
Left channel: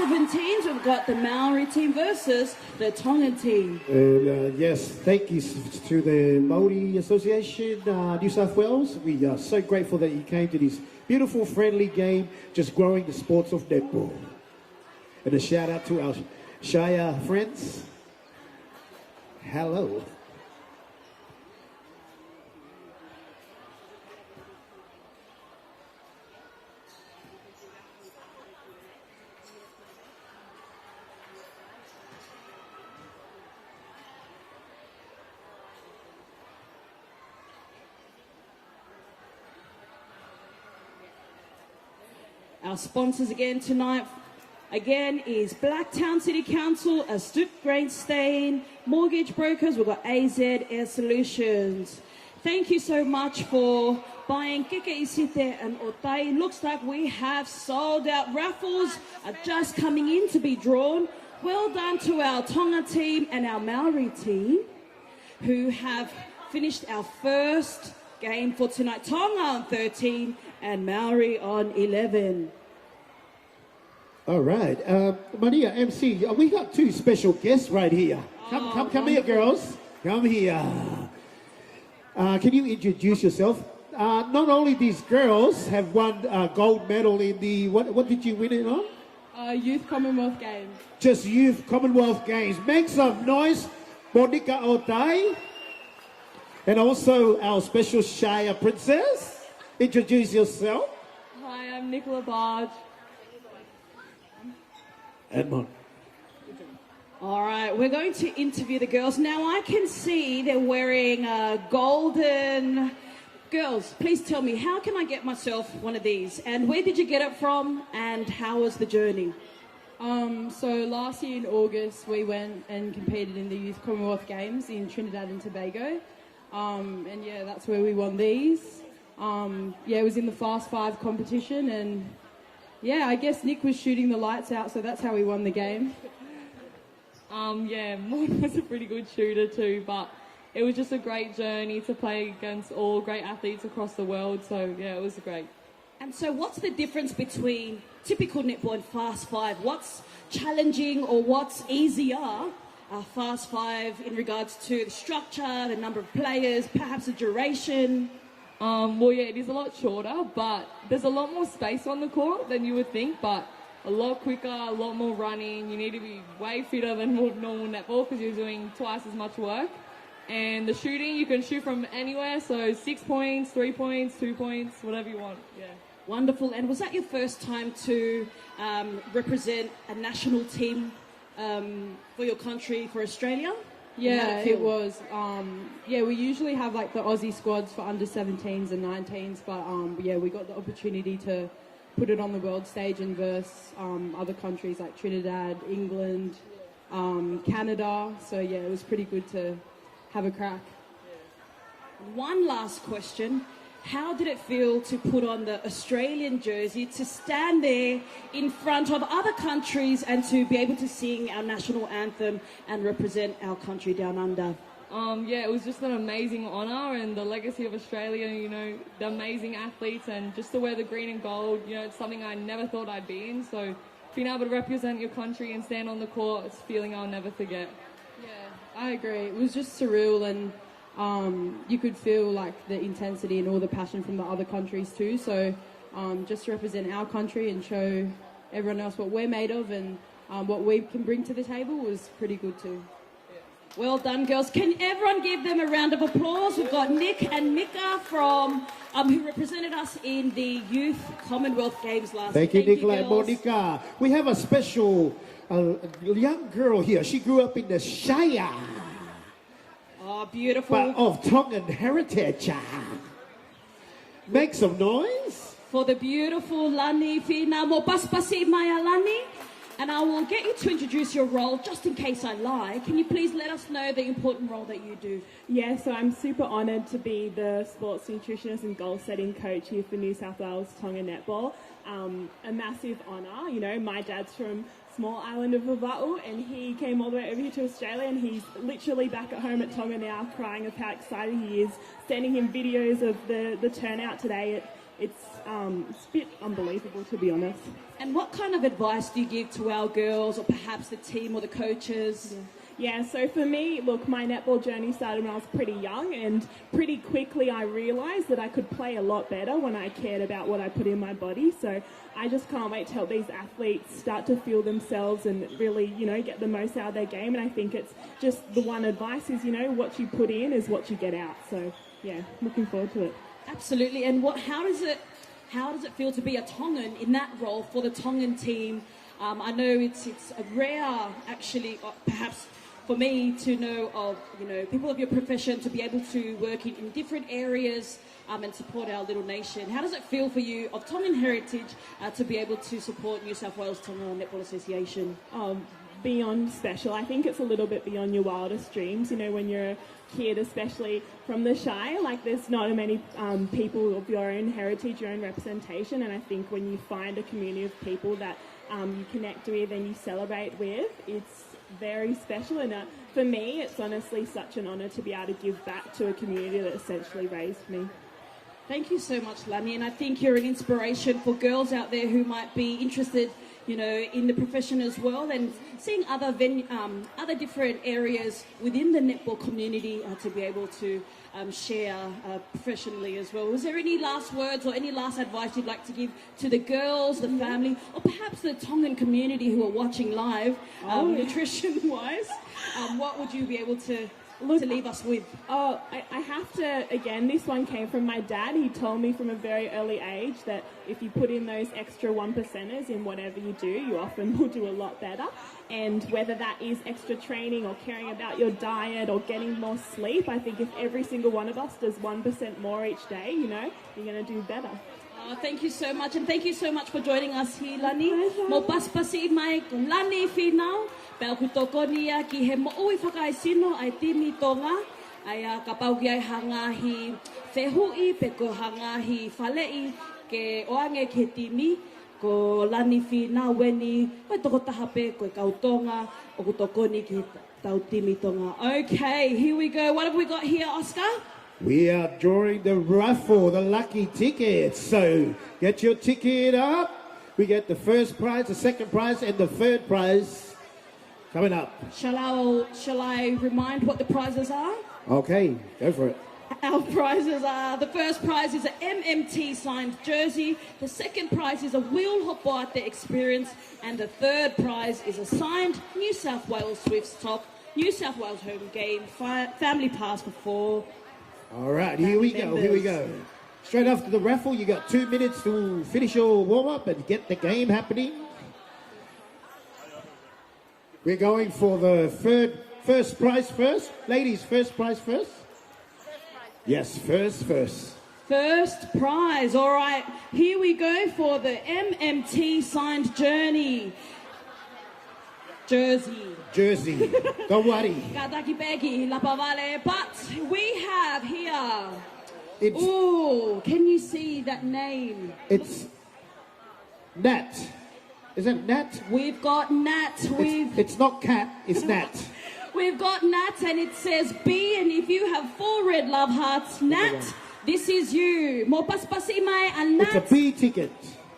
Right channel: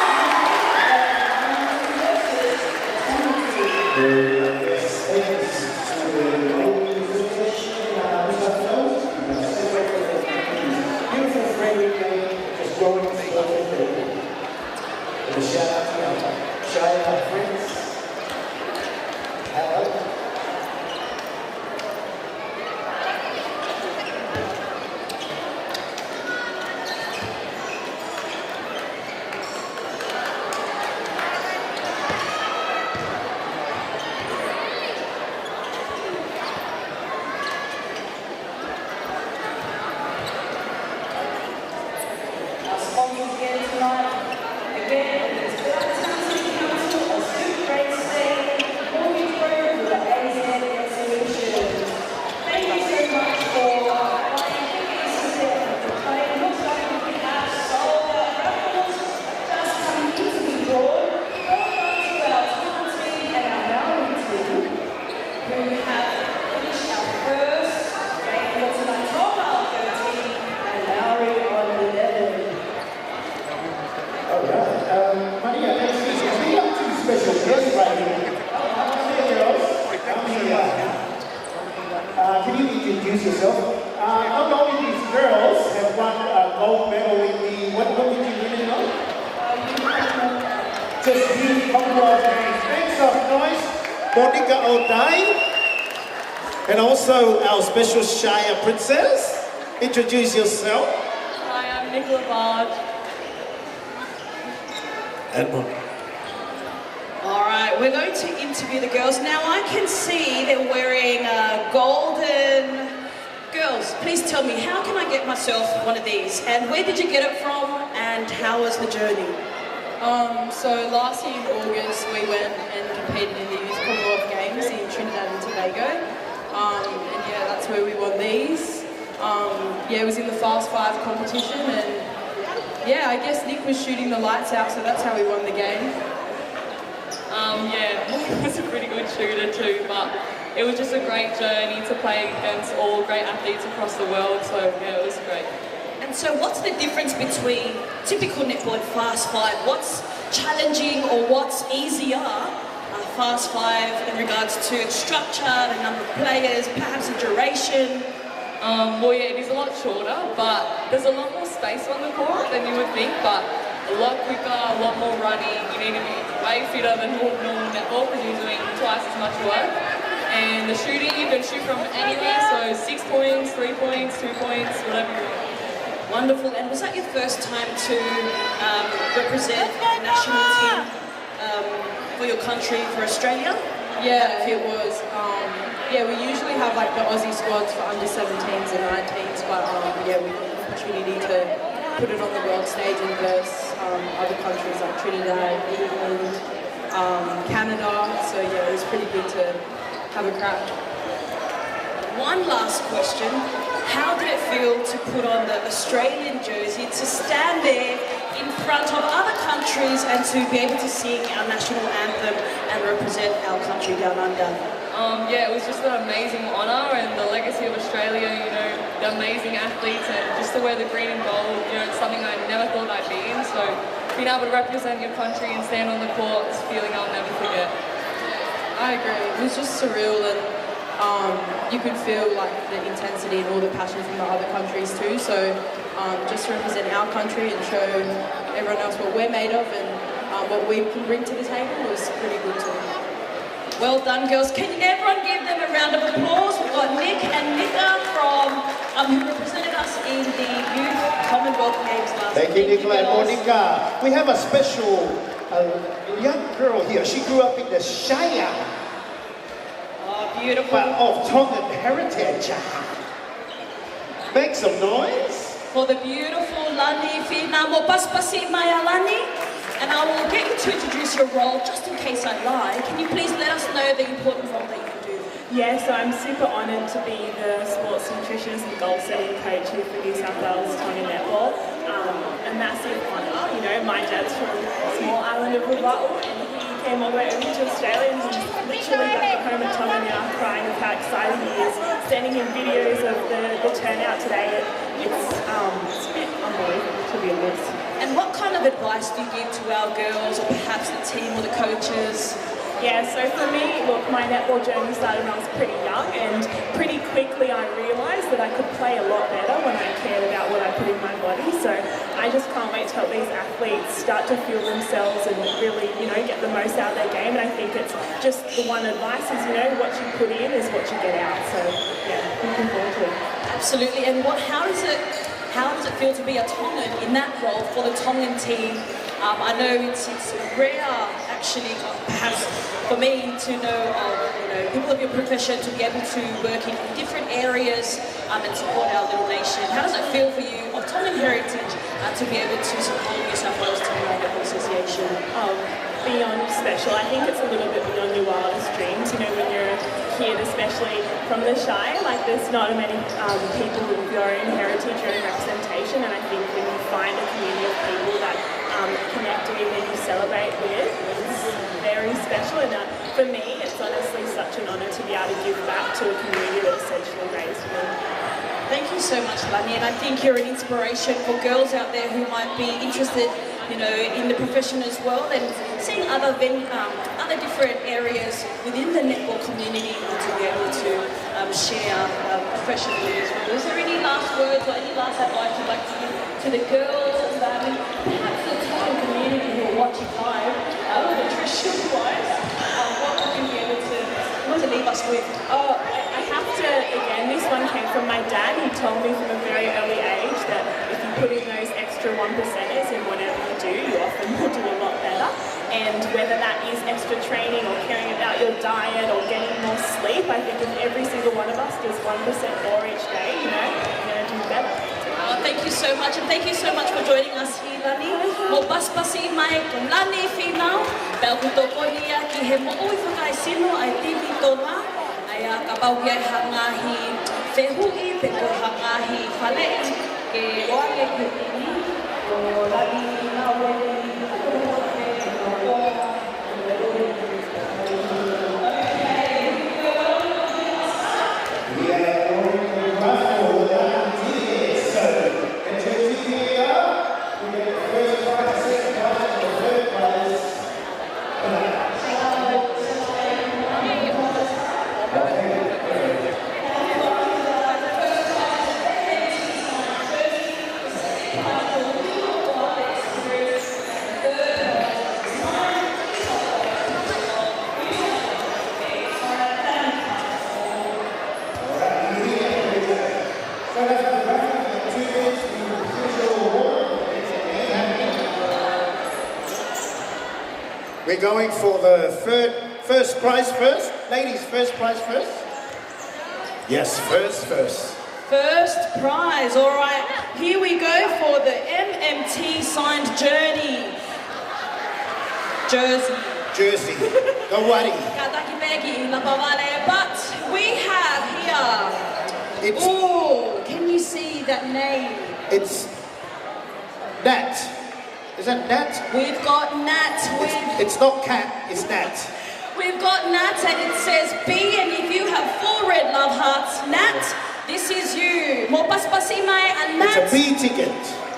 17, we've got the Maori team versus the Tonga team. Yes, thank you to the Moimoi Association in New South Wales. We are so grateful that they came to this beautiful, friendly game, just growing the sports of football. And a shout out to our Shire friends. Hello. Our sponsors again tonight, it is Blacktown City Council, Astute Great Stain, Mortgage Brokers with the AZ Air Solutions. Thank you so much for buying tickets there at the play. It looks like we have sold out. Raffles are just coming in to be drawn. Well done to our Tonga team and our Maori team who have finished our first game for tonight. Tonga on 13 and Maori on 11. All right, Maria, MC, we got two special guests right here. Come here, girls. Come here. Can you introduce yourself? Not only these girls have won a gold medal in the, what did you win it on? Youth Commonwealth Games. Just Youth Commonwealth Games. Make some noise, Monica O'Day. And also our special Shire princess. Introduce yourself. Hi, I'm Nicola Barge. Edmund. All right, we're going to interview the girls. Now I can see they're wearing golden... Girls, please tell me, how can I get myself one of these? And where did you get it from? And how was the journey? So last year in August we went and competed in the Youth Commonwealth Games in Trinidad and Tobago. And yeah, that's where we won these. Yeah, it was in the Fast 5 competition, and yeah, I guess Nick was shooting the lights out, so that's how we won the game. Yeah, Moimoi was a pretty good shooter too, but it was just a great journey to play against all great athletes across the world, so yeah, it was great. And so what's the difference between typical netball and Fast 5? What's challenging or what's easier, Fast 5, in regards to its structure, the number of players, perhaps the duration? Well, yeah, it is a lot shorter, but there's a lot more space on the court than you would think, but a lot quicker, a lot more running. You need to be way fitter than normal netball because you're doing twice as much work. And the shooting, you can shoot from anywhere, so 6 points, 3 points, 2 points, whatever you want. Wonderful. And was that your first time to represent the national team for your country, for Australia? Yeah, it was. Yeah, we usually have like the Aussie squads for under 17s and 19s, but yeah, we got the opportunity to put it on the world stage and verse other countries like Trinidad, England, Canada. So yeah, it was pretty good to have a crack. One last question. How did it feel to put on the Australian jersey, to stand there in front of other countries and to be able to sing our national anthem and represent our country down under? Yeah, it was just an amazing honour, and the legacy of Australia, you know, the amazing athletes, and just to wear the green and gold, you know, it's something I never thought I'd be in, so being able to represent your country and stand on the court, it's a feeling I'll never forget. I agree. It was just surreal, and you could feel like the intensity and all the passion from the other countries too. So just to represent our country and show everyone else what we're made of and what we can bring to the table was pretty good too. Well done, girls. Can everyone give them a round of applause? We've got Nick and Nika from who represented us in the Youth Commonwealth Games last Thank you, week. Nicola and Monica. We have a special young girl here. She grew up in the Shire. Oh, beautiful. But of Tongan heritage. Make some noise. For the beautiful Lani Fina Mopaspasi Maya Lani. And I will get you to introduce your role, just in case I lie. Can you please let us know the important role that you do Yeah, so I'm super honoured to be the sports nutritionist and goal setting coach here for New South Wales Tonga Netball. A massive honour, you know, my dad's from a small island of Latu and he came all the way over to Australia and he's literally back at home at Tonga now crying of how excited he is, sending him videos of the turnout today. It's a bit unbelievable, to be honest. And what kind of advice do you give to our girls or perhaps the team or the coaches? Yeah, so for me, look, my netball journey started when I was pretty young and pretty quickly I realised that I could play a lot better when I cared about what I put in my body. So I just can't wait to help these athletes start to feel themselves and really, you know, get the most out of their game. And I think it's just the one advice is, you know, what you put in is what you get out. So yeah, looking forward to it. Absolutely. And how does it feel to be a Tongan in that role for the Tongan team? I know it's rare, actually, perhaps for me to know of people of your profession to be able to work in different areas and support our little nation. How does it feel for you of Tongan heritage to be able to support New South Wales Tongan Netball Association? Oh, beyond special. I think it's a little bit beyond your wildest dreams. You know, when you're a kid, especially from the Shire, like there's not many people with your own heritage, your own representation, and I think when you find a community of people that connect with and you celebrate with, it's very special. And for me, it's honestly such an honour to be able to give back to a community that essentially raised me. Thank you so much, Lani, and I think you're an inspiration for girls out there who might be interested, you know, in the profession as well, and seeing other different areas within the netball community to be able to share professionally as well. Is there any last words or any last advice you'd like to give to the girls and family, perhaps the Tongan community who are watching live, nutrition-wise? What would you be able to leave us with? Oh, I have to, again, this one came from my dad. He told me from a very early age that if you put in those extra 1%ers in whatever you do, you often will do a lot better. And whether that is extra training or caring about your diet or getting more sleep, I think if every single one of us does 1% more each day, you know, we're going to do better. Thank you so much, and thank you so much for joining us here, Lani. Mo paspasi mai kong Lani whinau, pēl kutokoria ki he mo oi whakaisino ai timi Tonga, ai ka pauki ai hangahi whehui pe ko hangahi whalei ke oare ke tini, ko Lani whinau wele, ka toko pe ko Tonga, ka kutokoria ki Okay, here we go. What have we got here, Oscar? We are drawing the raffle, the lucky tickets. So get your ticket up. We get the first prize, the second prize, and the third prize coming up. Shall I remind you what the prizes are? Okay, perfect. Our prizes are, the first prize is an MMT signed jersey, the second prize is a Wheel of Life experience, and the third prize is a signed New South Wales Football, New South Wales game for our family pass before. Alright, here we go. Straight after the raffle, you've got 2 minutes to finish your warm-up and get the game happening. We're going for the first prize first. Ladies, first prize first? Yes, first. First prize, all right. Here we go for the MMT signed jersey. Don't worry. But we have here. Oh, can you see that name? It's Nat. Is that Nat? We've got Nat. It's not cat, it's Nat. We've got Nat and it says B, and if you have 4 red love hearts, Nat, this is you. Mo paspasi mai and Nat. It's a B ticket.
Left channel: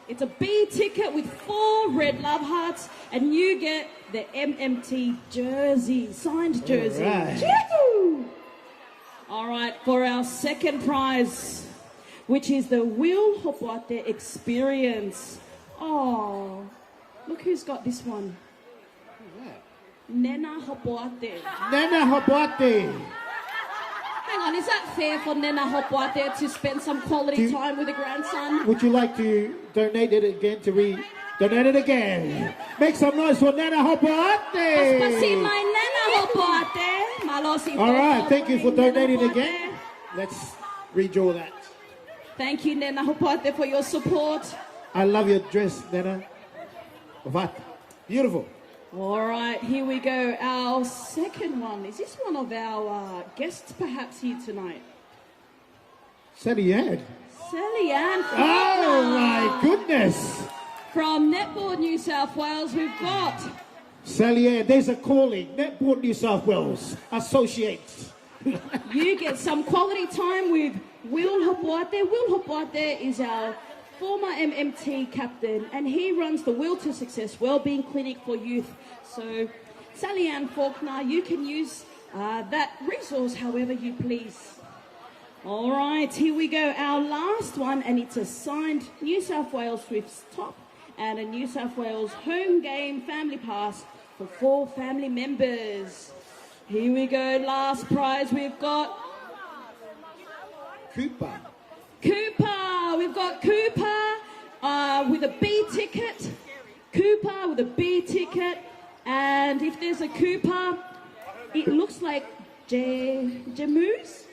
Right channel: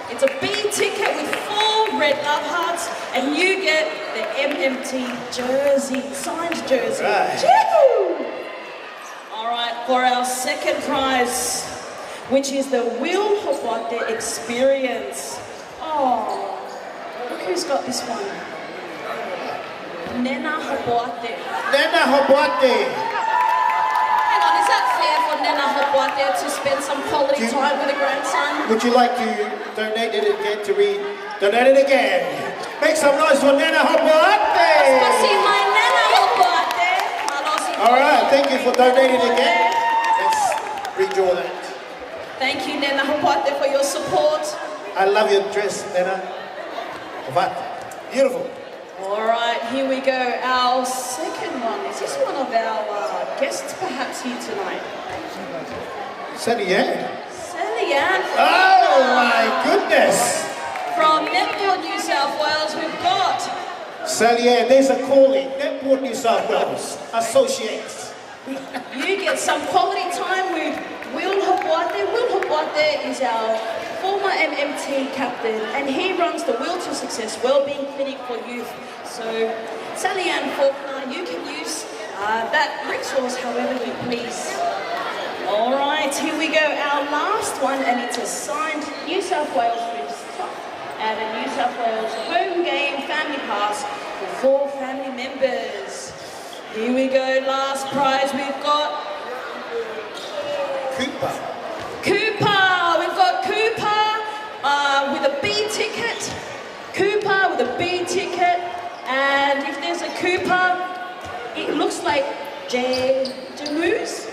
It's a B ticket with 4 red love hearts, and you get the MMT jersey, signed jersey. All right, for our second prize, which is the Will Hobate experience. Oh, look who's got this one. Nena Hobate. Hang on, is that fair for Nena Hobate to spend some quality time with a grandson? Would you like to donate it again donate it again? Make some noise for Nena Hobate! All right, thank you for donating again. Let's redraw that. Thank you, Nena Hobate, for your support. I love your dress, Nena. What? Beautiful. All right, here we go. Our second one. Is this one of our guests perhaps here tonight? Sally Ann. Sally Ann. Oh my goodness. From Netball New South Wales, we've got Sally Ann, there's a calling. Netball New South Wales Associates. You get some quality time with Will Hapwate. Will Hapwate is our former MMT captain, and he runs the Will to Success Wellbeing Clinic for Youth. So, Sally Ann Faulkner, you can use that resource however you please. All right, here we go. Our last one, and it's a signed New South Wales Swifts top and a New South Wales home game family pass for 4 family members. Here we go, last prize we've got Cooper. Cooper, we've got Cooper with a B ticket. Cooper with a B ticket. And if there's a Cooper, it looks like Jamoose.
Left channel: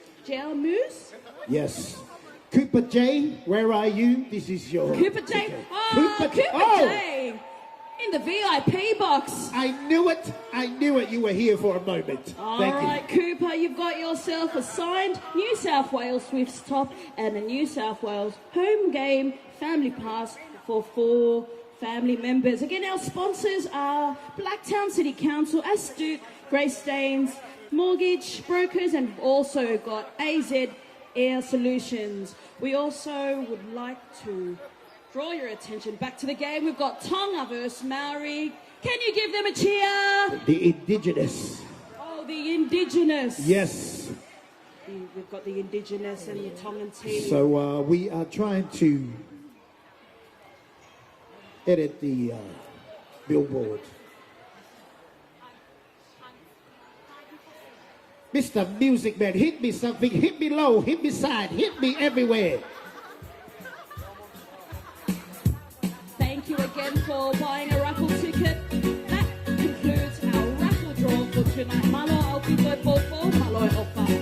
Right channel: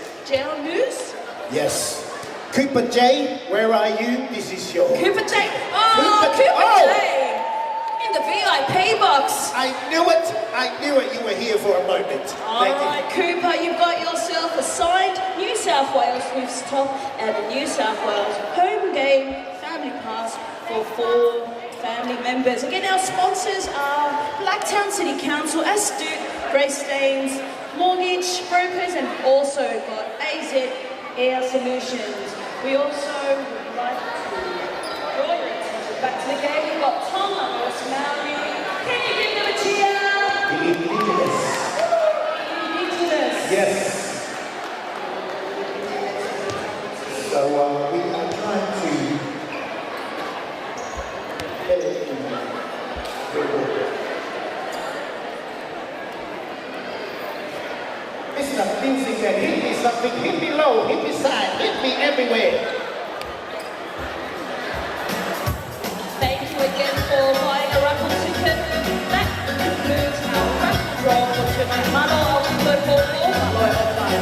Yes. Cooper J, where are you? This is your... Cooper J. Oh, Cooper J. In the VIP box. I knew it. I knew it. You were here for a moment. All Thank right, Cooper, you've got yourself a signed New South Wales Swifts top and a New South Wales home game family pass for 4 family members. Again, our sponsors are Blacktown City Council, Astute, Greystanes, Mortgage Brokers, and also got AZ Air Solutions. We also would like to draw your attention back to the game. We've got Tonga versus Maori. Can you give them a cheer? The Indigenous. The Indigenous. Yes. The Indigenous will come and see. So we are trying to edit the billboard. Mr. Music Man, hit me something, hit me low, hit me side, hit me everywhere. Thank you again for buying a raffle ticket. That concludes our raffle draw for tonight. Malo au kito koko, malo au pai.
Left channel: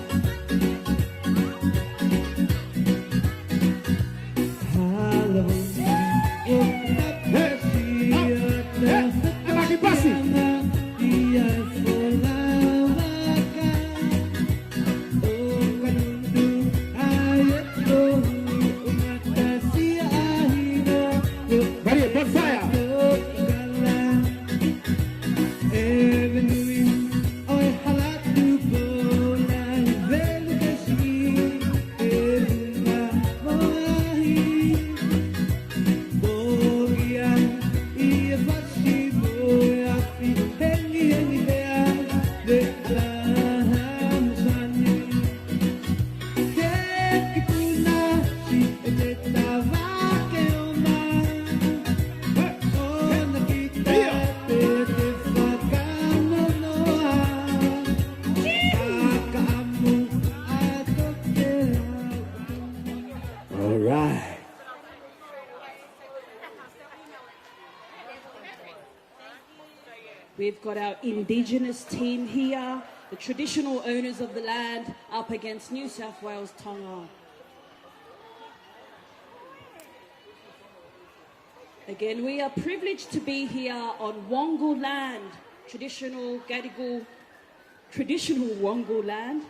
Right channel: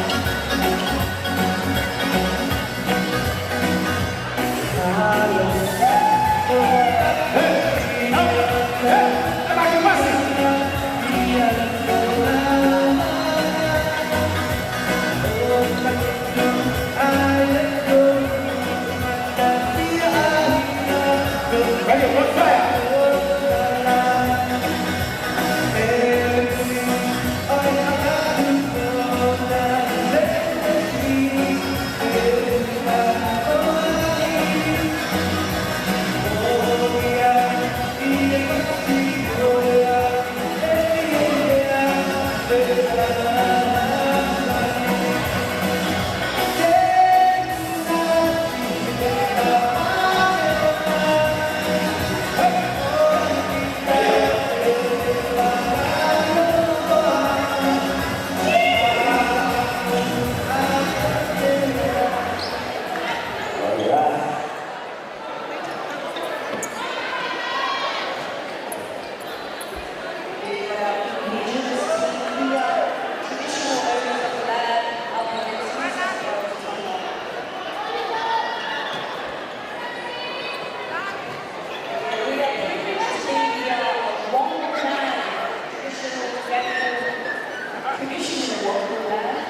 We've got our Indigenous team here, traditional owners of the land, up against New South Wales Tonga. Again, we are privileged to be here on Wongal land, traditional Wongal land.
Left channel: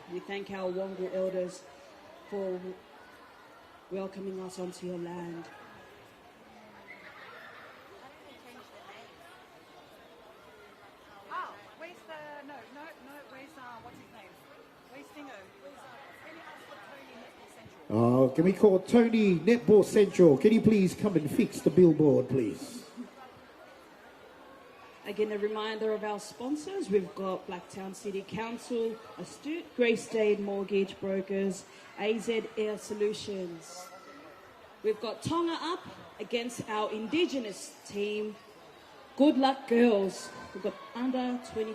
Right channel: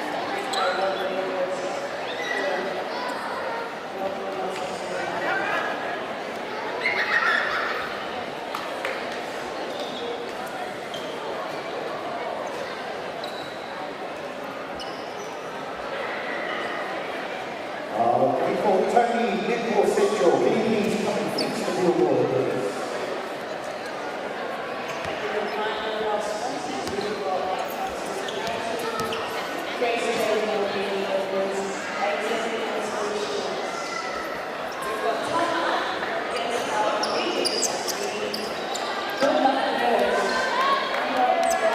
Can we call Tony Netball Central? Can you please come and fix the billboard, please? Again, a reminder of our sponsors. We've got Council Council, Grace Stadium, Media Workers, AZL Solutions. We've got Tonga up against our Indigenous team. Good luck, girls. Under 12.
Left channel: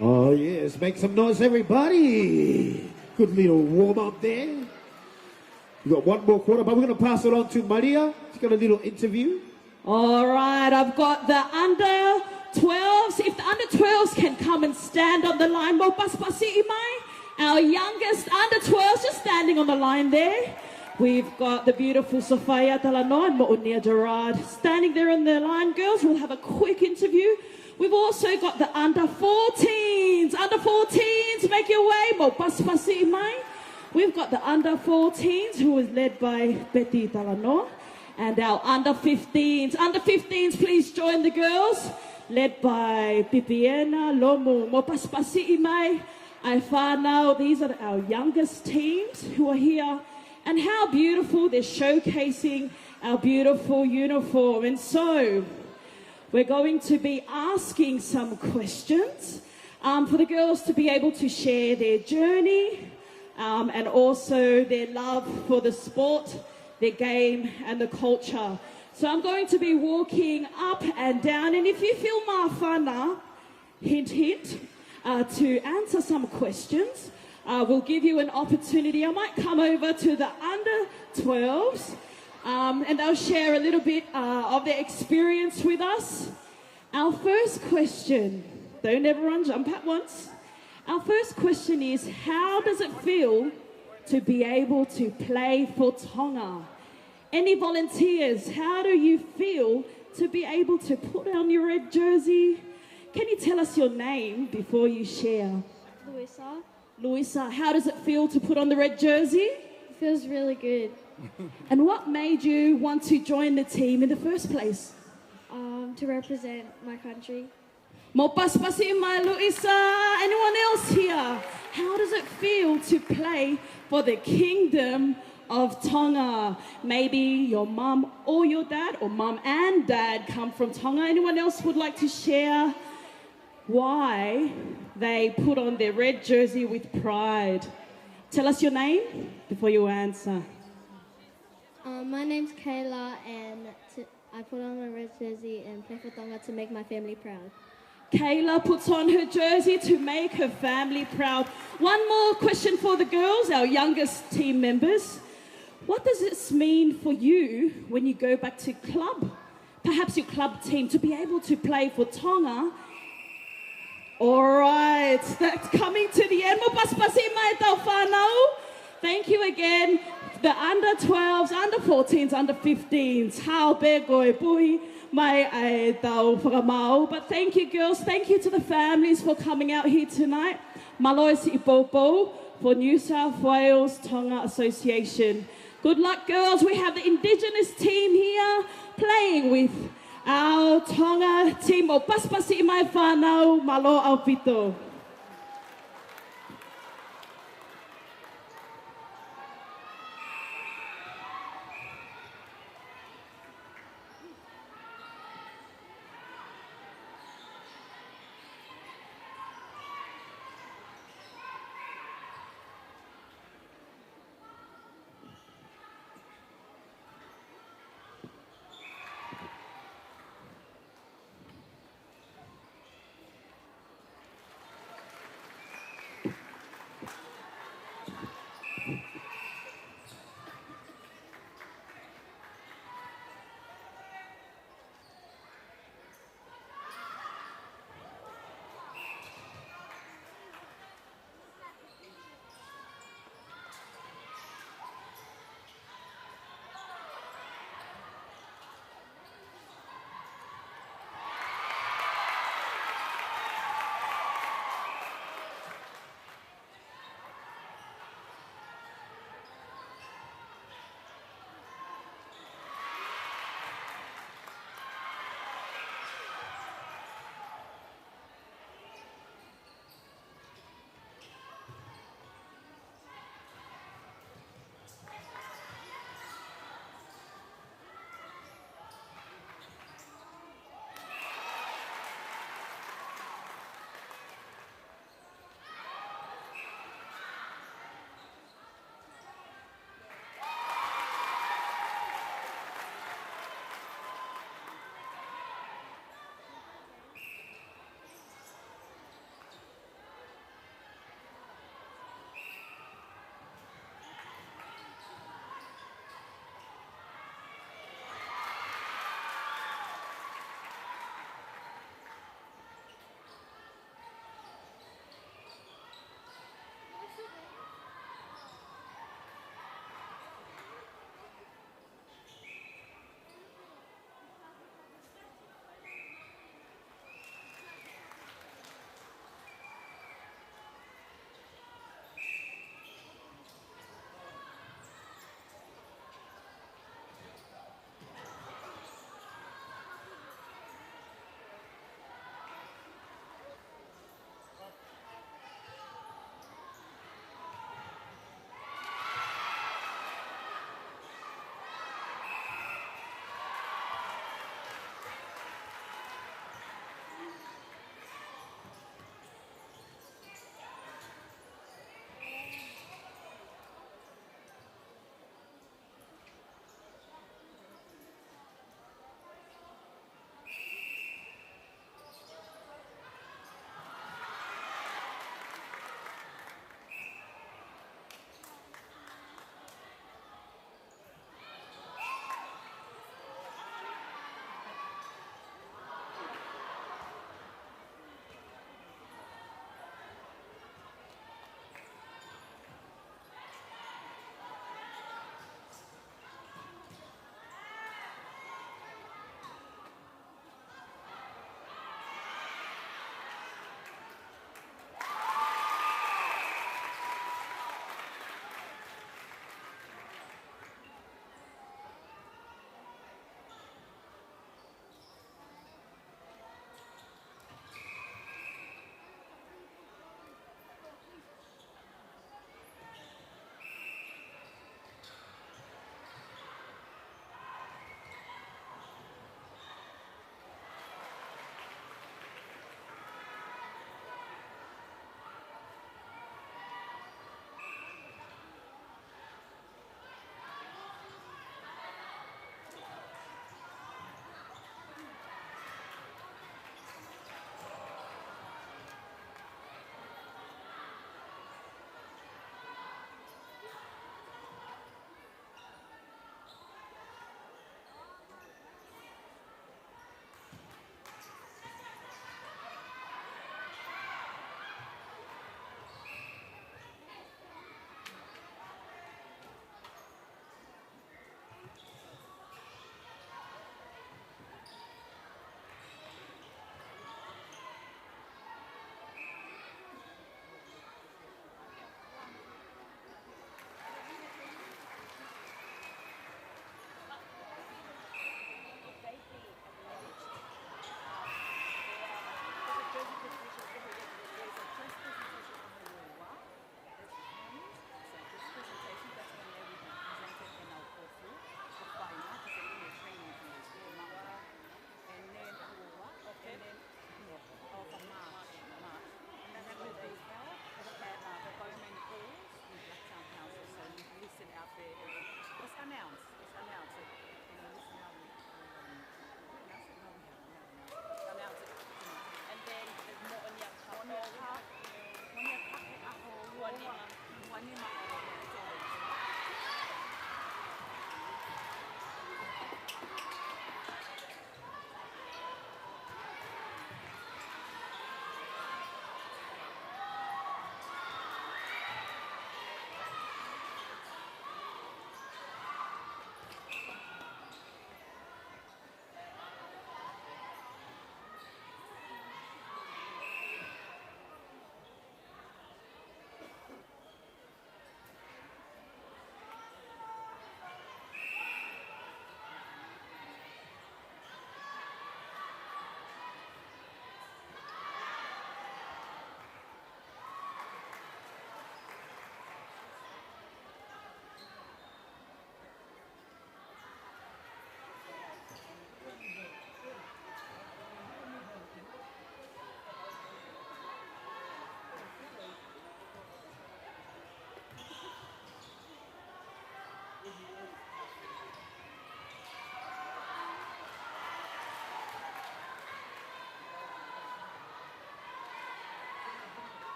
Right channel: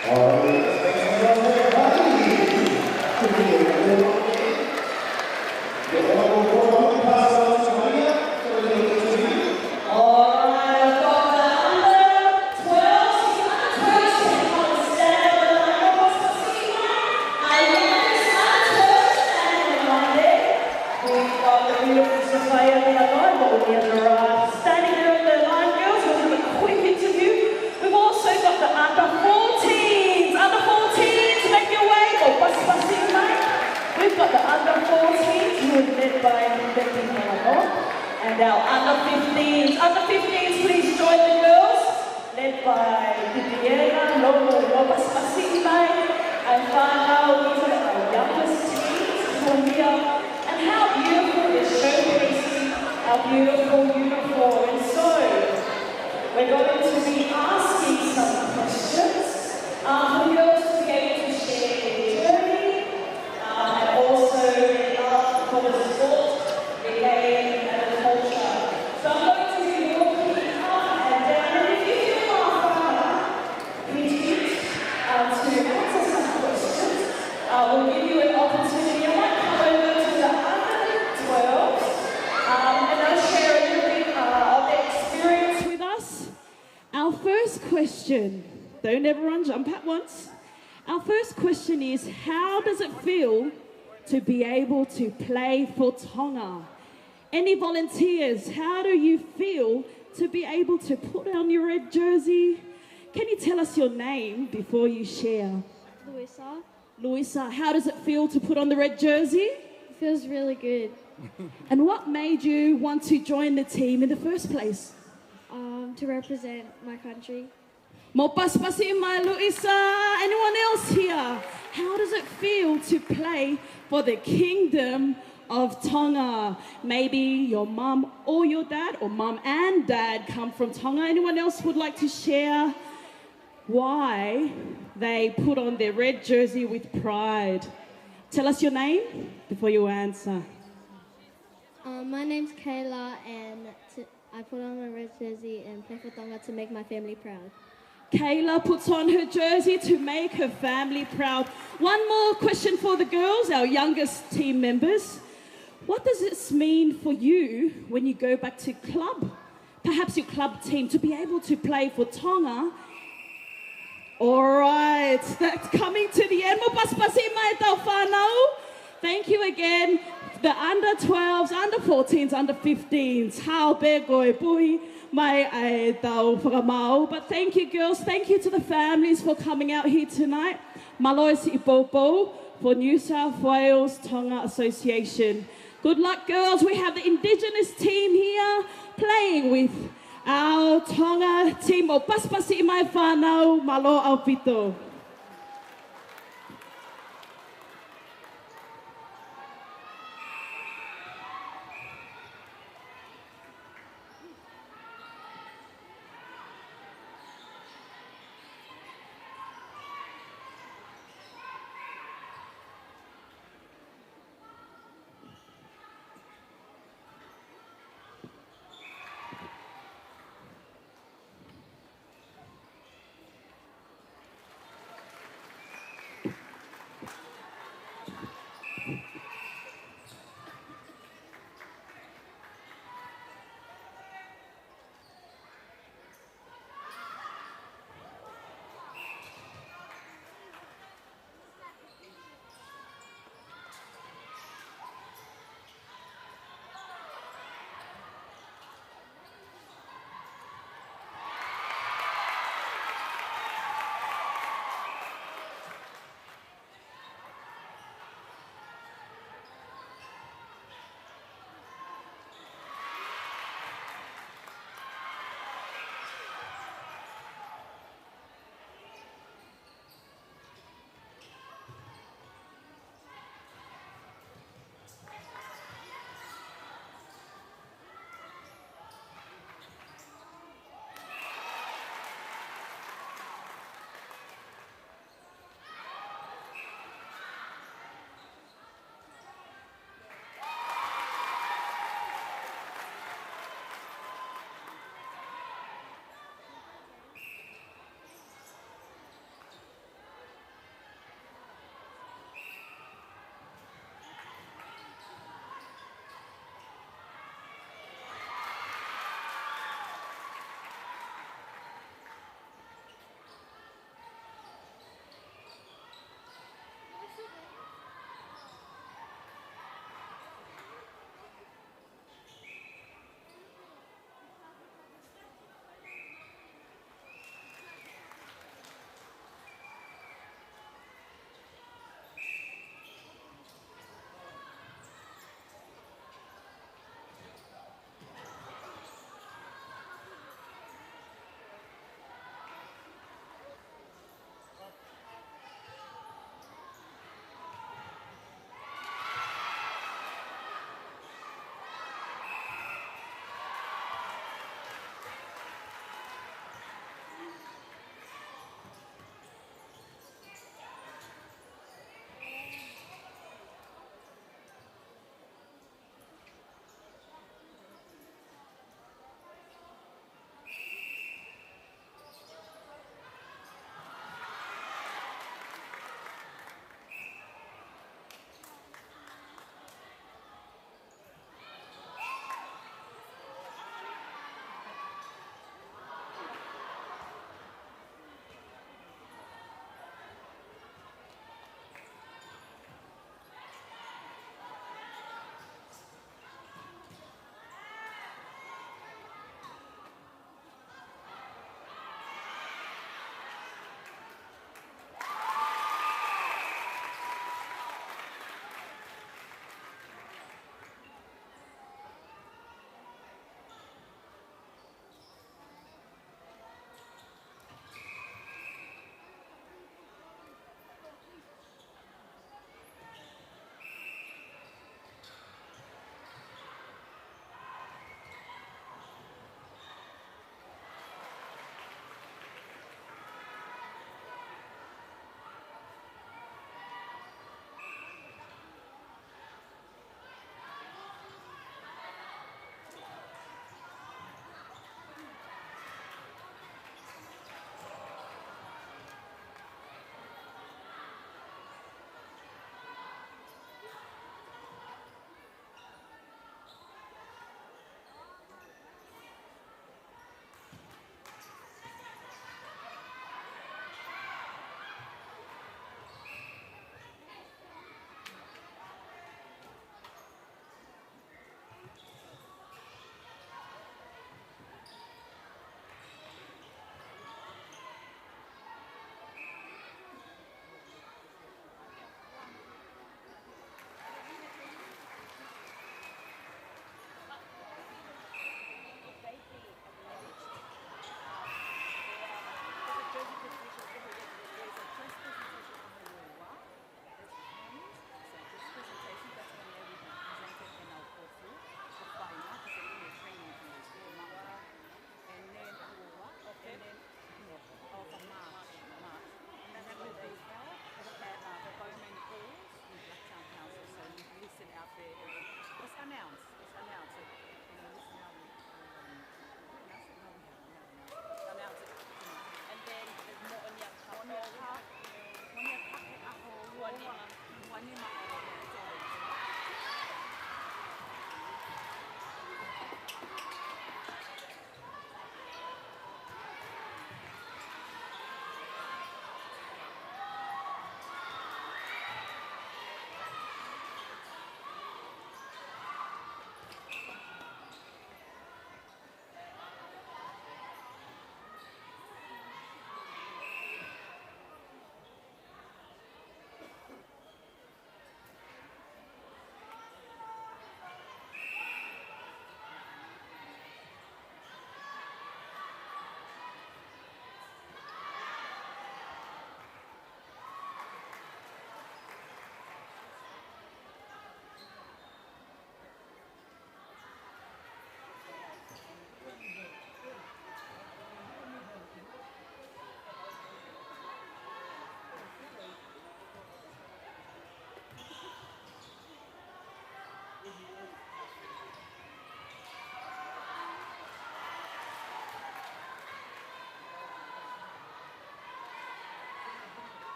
All right, let's make some noise, everybody. Good evening. Yeah, one more I'm going to pass it on to Maria for a little interview. All right, I've got the under 12s. If the under 12s can come and stand up the line, our youngest under 12s are standing on the line there. We've got the beautiful Sophia on the line, but we're standing there on the line, girls. We'll have a quick interview. We've also got the under 14s. Under 14s, make your way. We've got the under 14s who are led by Betty Ballamore. And our under 15s. Under 15s, please join the girls. Led by Titiela, Lomo, Wapaspasi Imai, and Whanau. These are our youngest teams who are here. And how beautiful is showcasing our beautiful uniform. And so, we're going to be asking some questions for the girls to be able to share their journey and also their love for the sport, the game and the culture. So I'm going to be walking up and down, and if you feel hint, to answer some questions, we'll give you an opportunity. I might come over to the under 12s and they'll share a little bit of their experience with us. Our first question, don't everyone jump at once. Our first question is, how does it feel to be able to play for Tonga? Any volunteers, how do you feel to be able to put on your red jersey? Can you tell us your name before you share? Louisa. Louisa, how does it feel to put on the red jersey? It feels really good. And what made you want to join the team in the first place? To represent my country. Mopaspasi mai Louisa. Anyone else here? How does it feel to play for the Kingdom of Tonga? Maybe your mum or your dad, or mum and dad come from Tonga. Anyone else would like to share why they put on their red jersey with pride? Tell us your name before you answer. My name's Kayla, and I put on my red jersey and play for Tonga to make my family proud. Kayla puts on her jersey to make her family proud. One more question for the girls, our youngest team members. What does this mean for you when you go back to club? Perhaps your club team, to be able to play for Tonga. All right, that's coming to the end. Thank you again. The under 12s, under 14s, under 15s. How begoi pui mai ai tau whakamau. But thank you, girls. Thank you to the families for coming out here tonight. Malois Ipopo for New South Wales Tonga Association. Good luck, girls. We have the Indigenous team here playing with our Tonga team o Paspasi mai whanau malo au pito.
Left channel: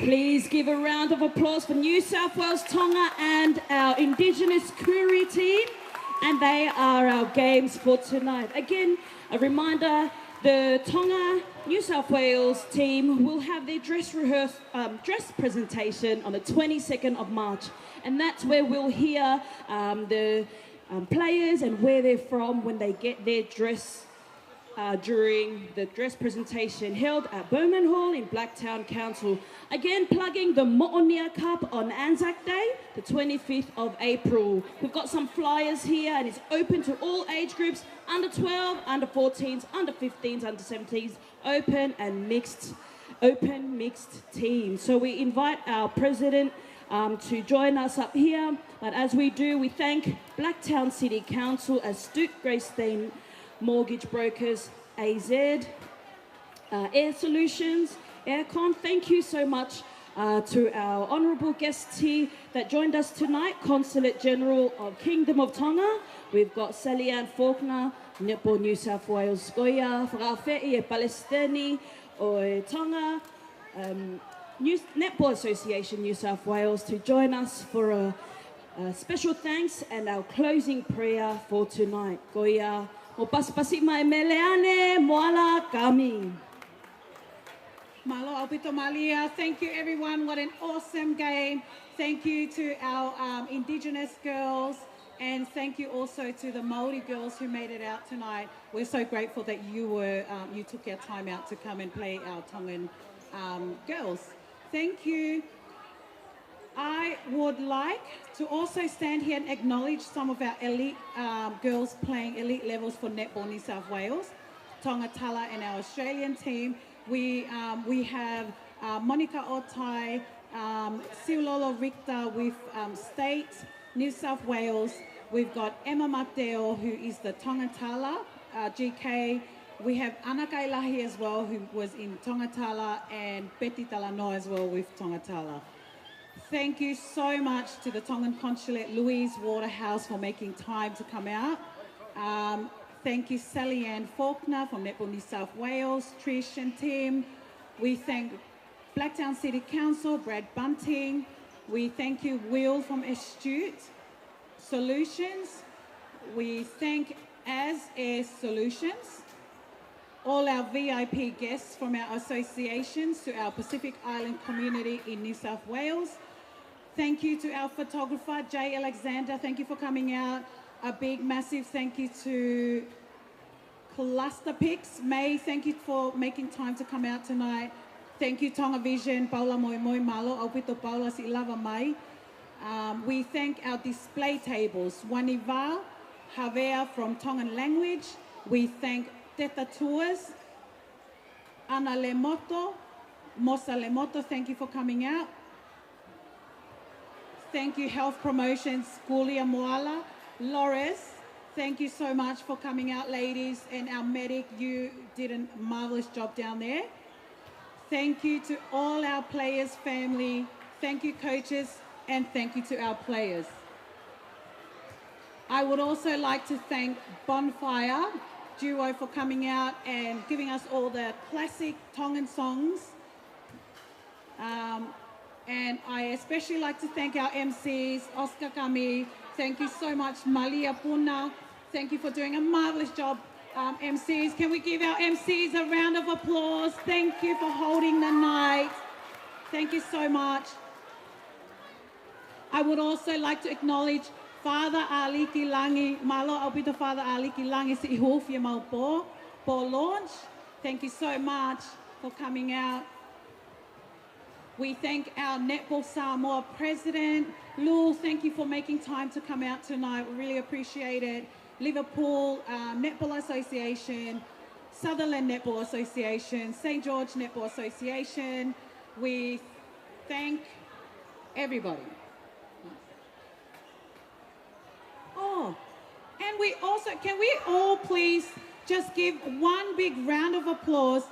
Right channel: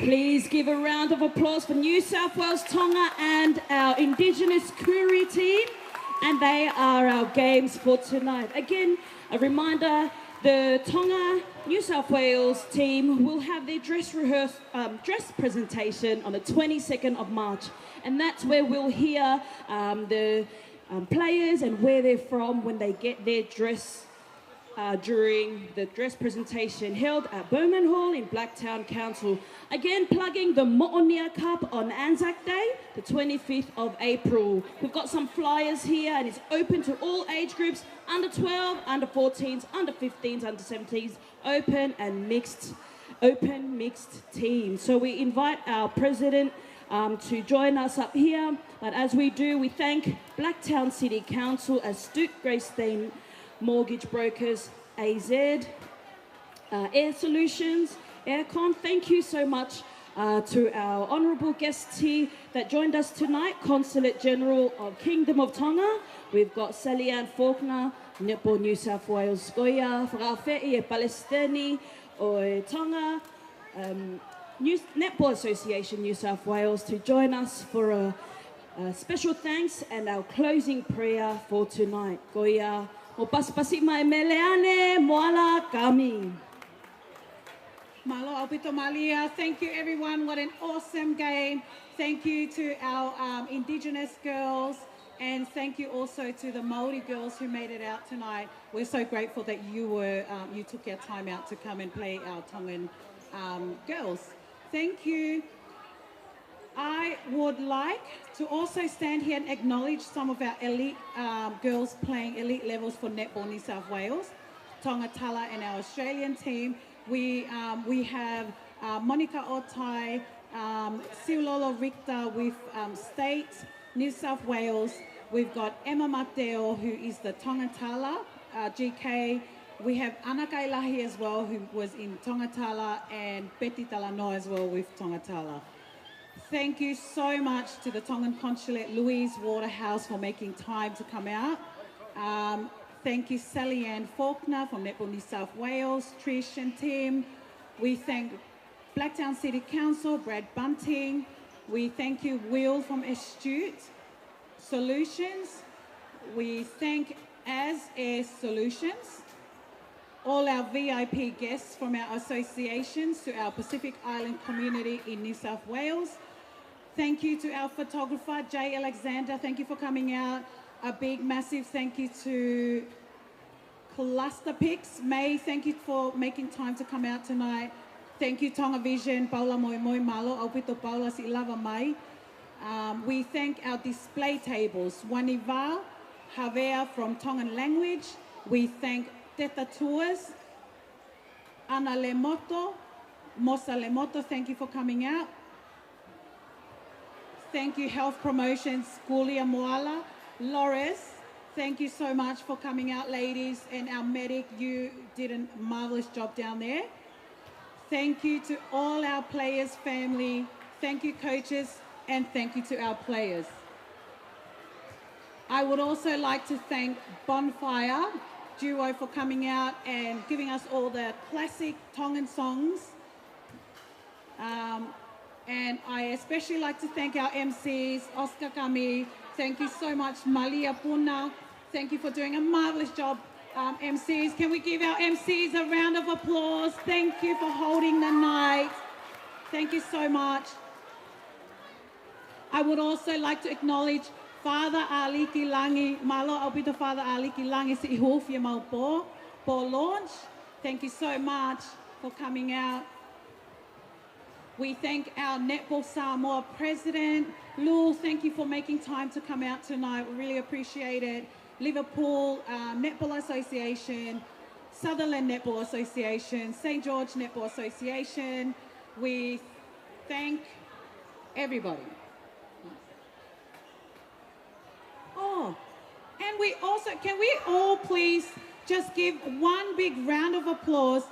Please give a round of applause for New South Wales Tonga and our Indigenous Koori team. And they are our games for tonight. Again, a reminder, the Tonga New South Wales team will have their dress presentation on the 22nd of March. And that's where we'll hear the players and where they're from when they get their dress during the dress presentation held at Bowman Hall in Blacktown Council. Again, plugging the Mo'onia Cup on Anzac Day, the 25th of April. We've got some flyers here and it's open to all age groups, under 12, under 14s, under 15s, under 17s, open mixed teams. So we invite our president to join us up here. But as we do, we thank Blacktown City Council, Astute Greystein Mortgage Brokers, AZ, Air Solutions, Aircon. Thank you so much to our honourable guests here that joined us tonight, Consulate General of Kingdom of Tonga. We've got Sally-Ann Faulkner, Netball New South Wales Goya, Whakawhiti e Palestini o Tonga, Netball Association New South Wales to join us for a special thanks and our closing prayer for tonight. Goya. O pasipasi mai meleane moala kami. Malo Alpito Malia, thank you everyone, what an awesome game. Thank you to our Indigenous girls and thank you also to the Māori girls who made it out tonight. We're so grateful that you took your time out to come and play our Tongan girls. Thank you. I would like to also stand here and acknowledge some of our elite girls playing elite levels for Netball New South Wales, Tonga Tala and our Australian team. We have Monica Otai, Siulolo Richter with State, New South Wales. We've got Emma Mateo, who is the Tonga Tala, GK. We have Ana Kailahi as well, who was in Tonga Tala, and Betty Talanoa as well with Tonga Tala. Thank you so much to the Tongan Consulate, Louise Waterhouse, for making time to come out. Thank you, Sally-Ann Faulkner from Netball New South Wales, Trish and Tim. We thank Blacktown City Council, Brad Bunting. We thank you, Will from Astute Solutions. We thank Air Solutions. All our VIP guests from our associations to our Pacific Island community in New South Wales. Thank you to our photographer, Jay Alexander. Thank you for coming out. A big, massive thank you to Cluster Pics. May, thank you for making time to come out tonight. Thank you, Tonga Vision, Paula Moimoi, Malo, Aupito Paula, si lava mai. We thank our display tables, Waniva, Havea from Tongan language. We thank Teta Tours, Ana Lemoto, Mosa Lemoto, thank you for coming out. Thank you, Health Promotions, Gulia Moala. Loris, thank you so much for coming out, ladies. And our medic, you did a marvelous job down there. Thank you to all our players' family. Thank you, coaches, and thank you to our players. I would also like to thank Bonfire Duo for coming out and giving us all the classic Tongan songs. And I especially like to thank our MCs, Oscar Kami. Thank you so much, Malia Puna. Thank you for doing a marvelous job, MCs. Can we give our MCs a round of applause? Thank you for holding the night. Thank you so much. I would also like to acknowledge Father Aliki Langi, Malo Albito Father Aliki Langi si ihufia maupo for launch. Thank you so much for coming out. We thank our Netball Samoa President, Lul, thank you for making time to come out tonight. We really appreciate it. Liverpool Netball Association, Sutherland Netball Association, St. George Netball Association. We thank everybody. Oh, and we also, can we all please just give one big round of applause.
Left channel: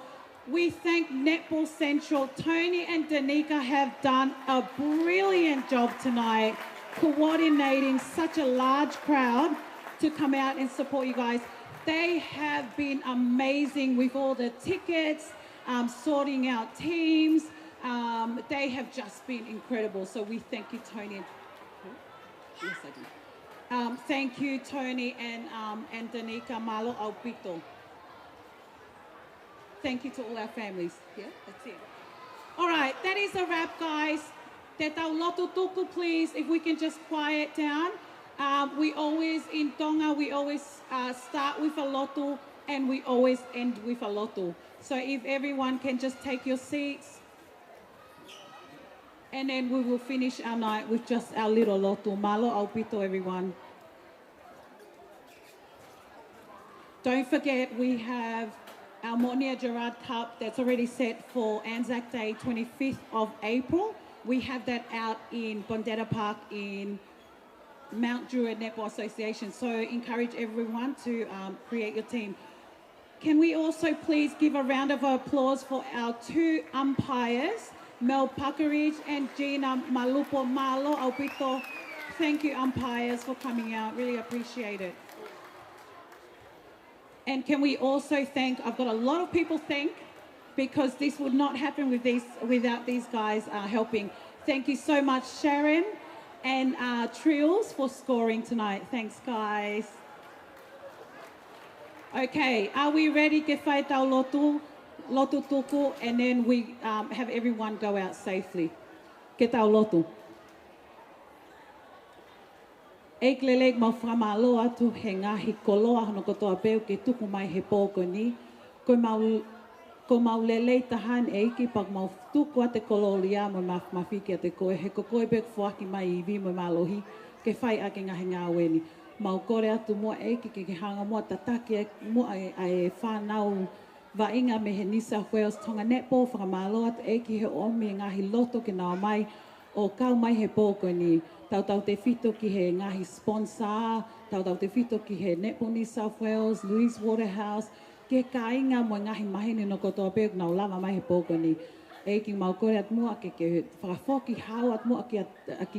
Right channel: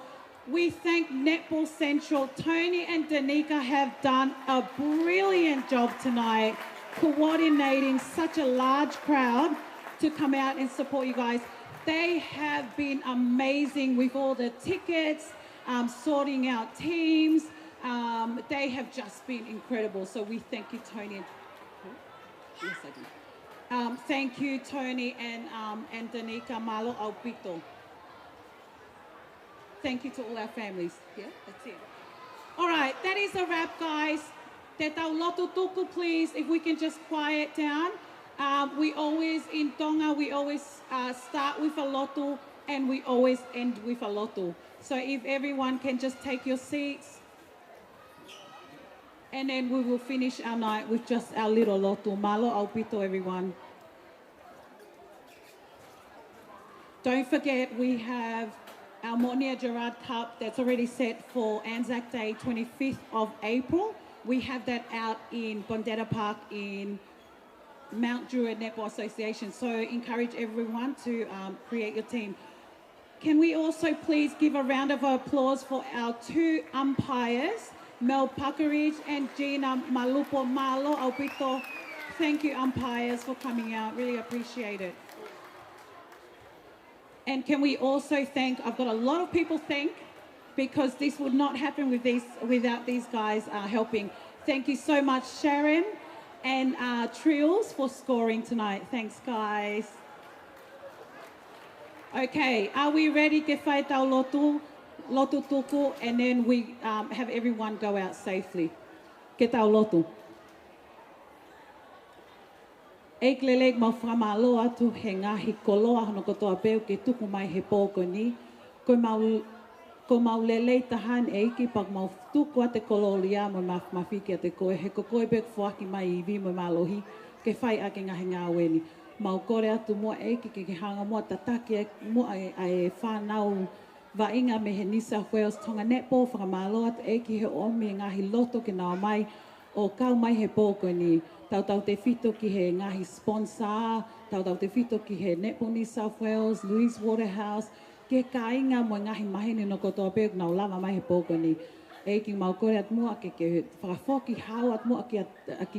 We thank Netball Central. Tony and Danica have done a brilliant job tonight, coordinating such a large crowd to come out and support you guys. They have been amazing with all the tickets, sorting out teams, They have just been incredible. So we thank you, Tony. Yes, I do. Thank you, Tony and Danica Malo Albito. Thank you to all our families. Yeah, that's it. All right, that is a wrap, guys. Te tau lotu tuku, please, if we can just quiet down. We always, in Tonga, we always start with a lotu and we always end with a lotu. So if everyone can just take your seats. And then we will finish our night with just our little lotu. Malo aupito, everyone. Don't forget, we have our Monia Gerard Cup that's already set for Anzac Day, 25th of April. We have that out in Bondetta Park in Mount Druitt Netball Association. So encourage everyone to create your team. Can we also please give a round of applause for our two umpires, Mel Puckeridge and Gina Malupo Malo Albito. Thank you, umpires, for coming out. Really appreciate it. And can we also thank, I've got a lot of people thank, because this would not happen without these guys helping. Thank you so much, Sharon and Trills, for scoring tonight. Thanks, guys. Okay, are we ready? Ke whai tau lotu tuku, and then we have everyone go out safely. Ke tau lotu. Eik lelek mau whamalo atu he ngahi koloa hono kotoa peo ke tuku mai he pōko ni. Ko mau lelei tahan e iki pak mau tuku a te kololia mo mawhiki a te koe. He ko koe pek whaki mai I vi mo malohi ke whai ake ngahi ngā weni. Mau kore atu mua e iki ke hanga mua tataki mua e whanau wa inga me he New South Wales Tonga Netball whakamalo atu e iki he omi ngahi loto ke nao mai o kau mai he pōko ni. Tau te whito ki he ngahi sponsor, tau te whito ki he Netball New South Wales, Louise Waterhouse, ke ka inga mo ngahi mahine no kotoa pēk nau lava mai he pōko ni. E ki mau kore at mua ke whakawhoki hau at mua ki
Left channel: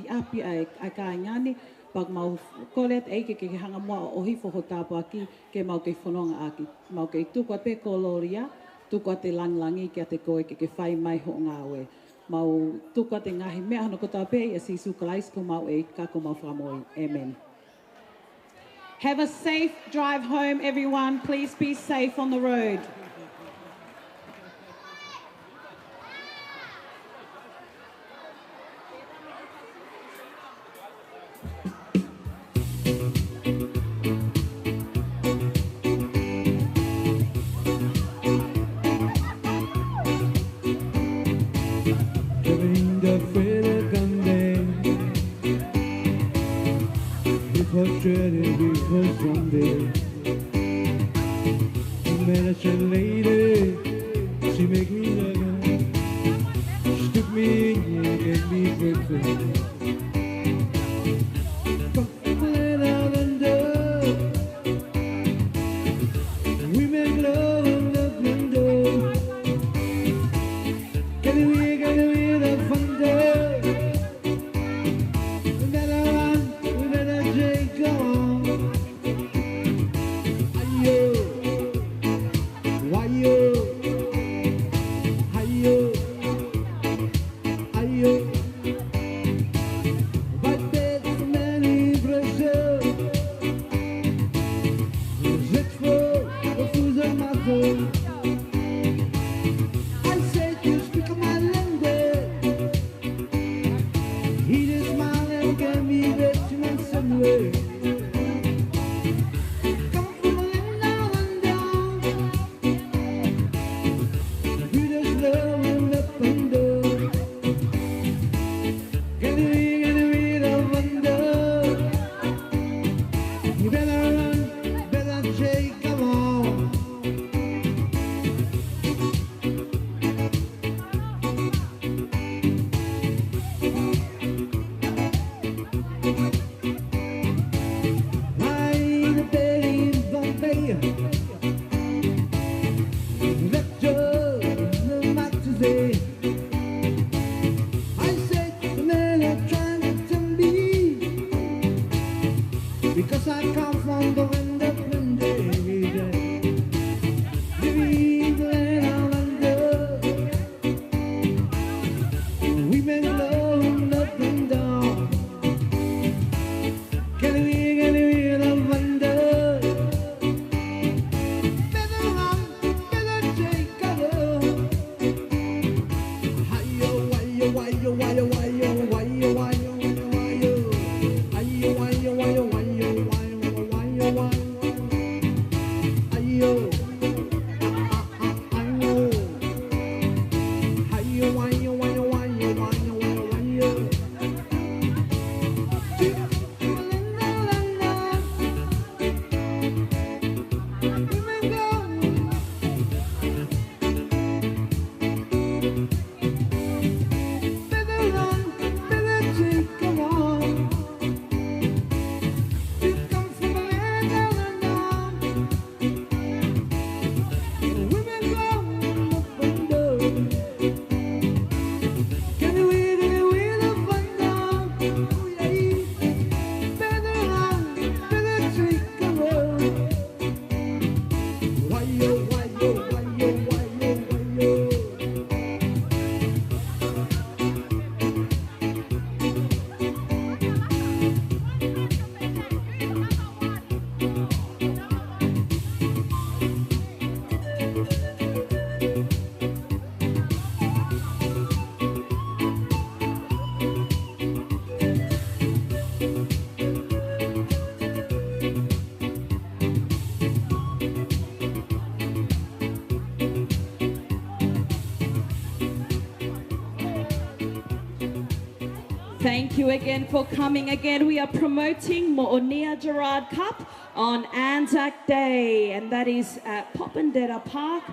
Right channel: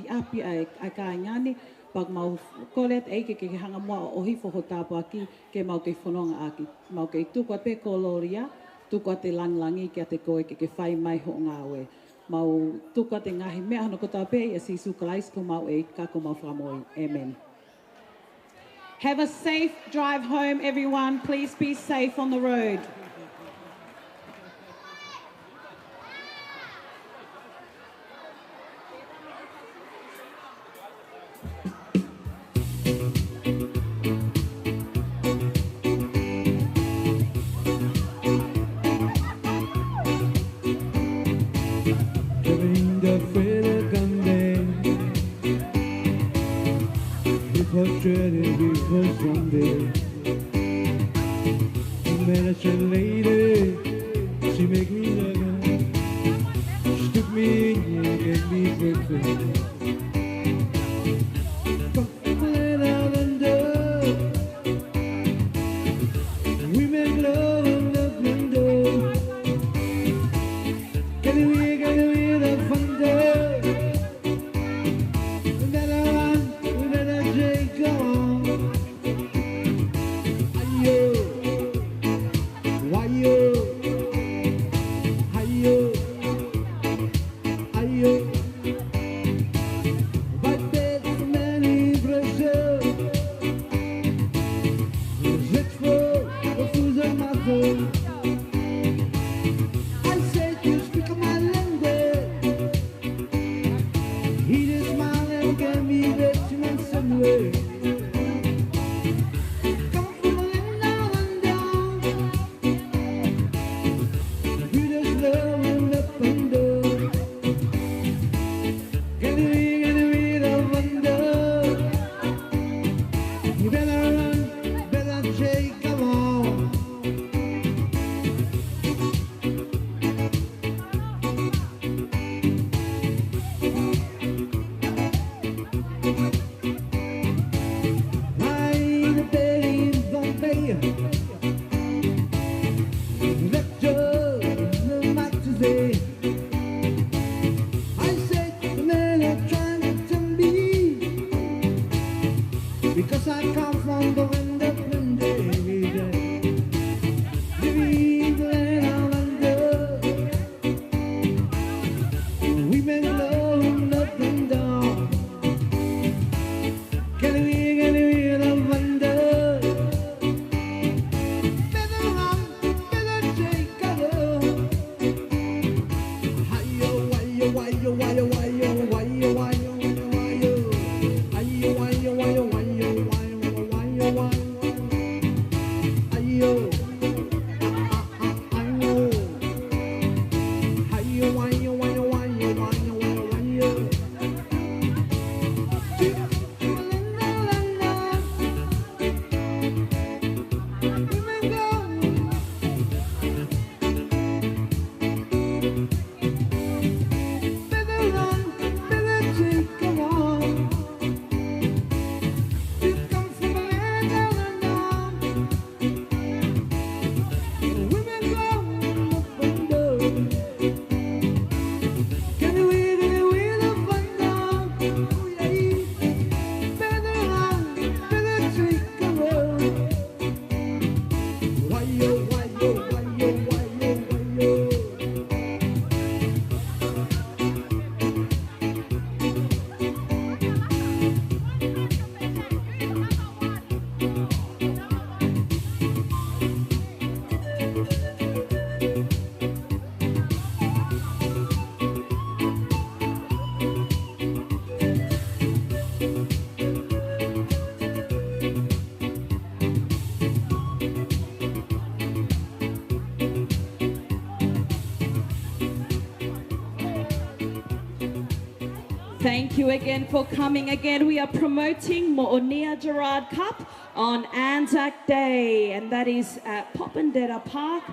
api ai ka ingani, pak mau kore at eike ke hanga mua o hifo ho tāpu aki ke mau ke whanonga aki. Mau ke tuku at pēko loria, tuku at te langlangi ki a te koe ke whai mai ho ngā we. Mau tuka te ngahi mea hano kota pe ia si sukalais ko mau e kako mau whamoi. Amen. Have a safe drive home, everyone. Please be safe on the road. Frustrated because someday I met a lady, she make me love her. She took me in and gave me breakfast. Falling out under, we make love on the window. Get away the thunder. Thank you again for coming again. We are promoting Mo'onea Gerard Cup on Anzac Day, and that is at Popondetta Park.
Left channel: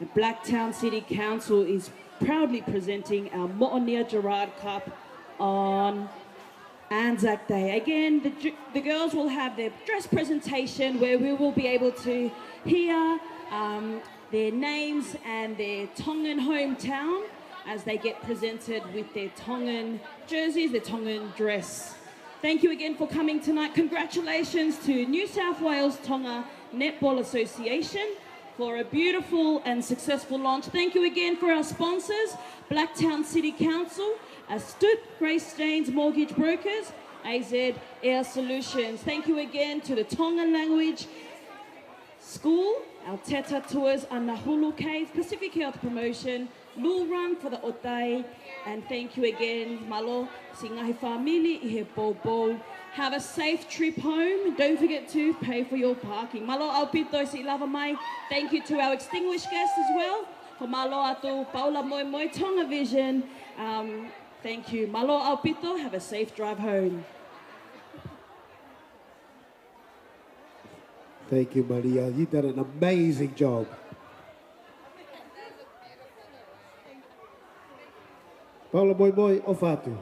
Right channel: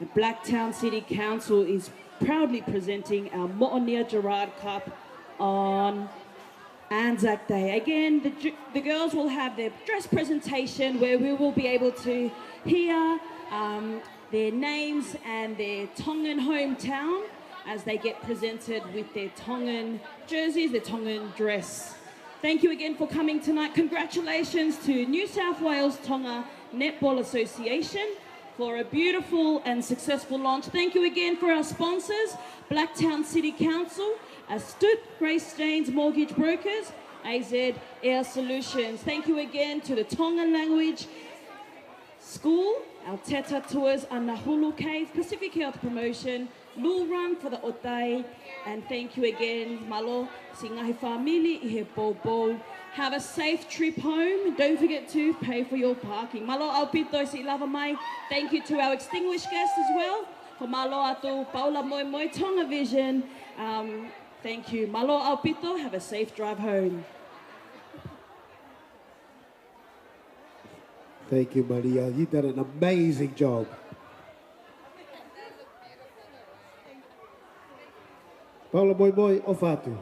The Blacktown City Council is proudly presenting our Mo'onea Gerard Cup on Anzac Day. Again, the girls will have their dress presentation where we will be able to hear their names and their Tongan hometown as they get presented with their Tongan jerseys, their Tongan dress. Thank you again for coming tonight. Congratulations to New South Wales Tonga Netball Association for a beautiful and successful launch. Thank you again for our sponsors, Blacktown City Council, Astute Grace Staines Mortgage Brokers, AZ Air Solutions. Thank you again to the Tongan Language School, our Teta Tours, Anahulu Cave, Pacific Health Promotion, Lul Run for the Otai, and thank you again, Malo, Singahi Family, Ihe Bobo. Have a safe trip home. Don't forget to pay for your parking. Malo Alpito si lava mai. Thank you to our extinguished guests as well. For Malo Atu, Paula Moimoi, Tonga Vision. Thank you. Malo Alpito, have a safe drive home. Thank you, Maria. You did an amazing job. Paula Moimoi, o Fatu.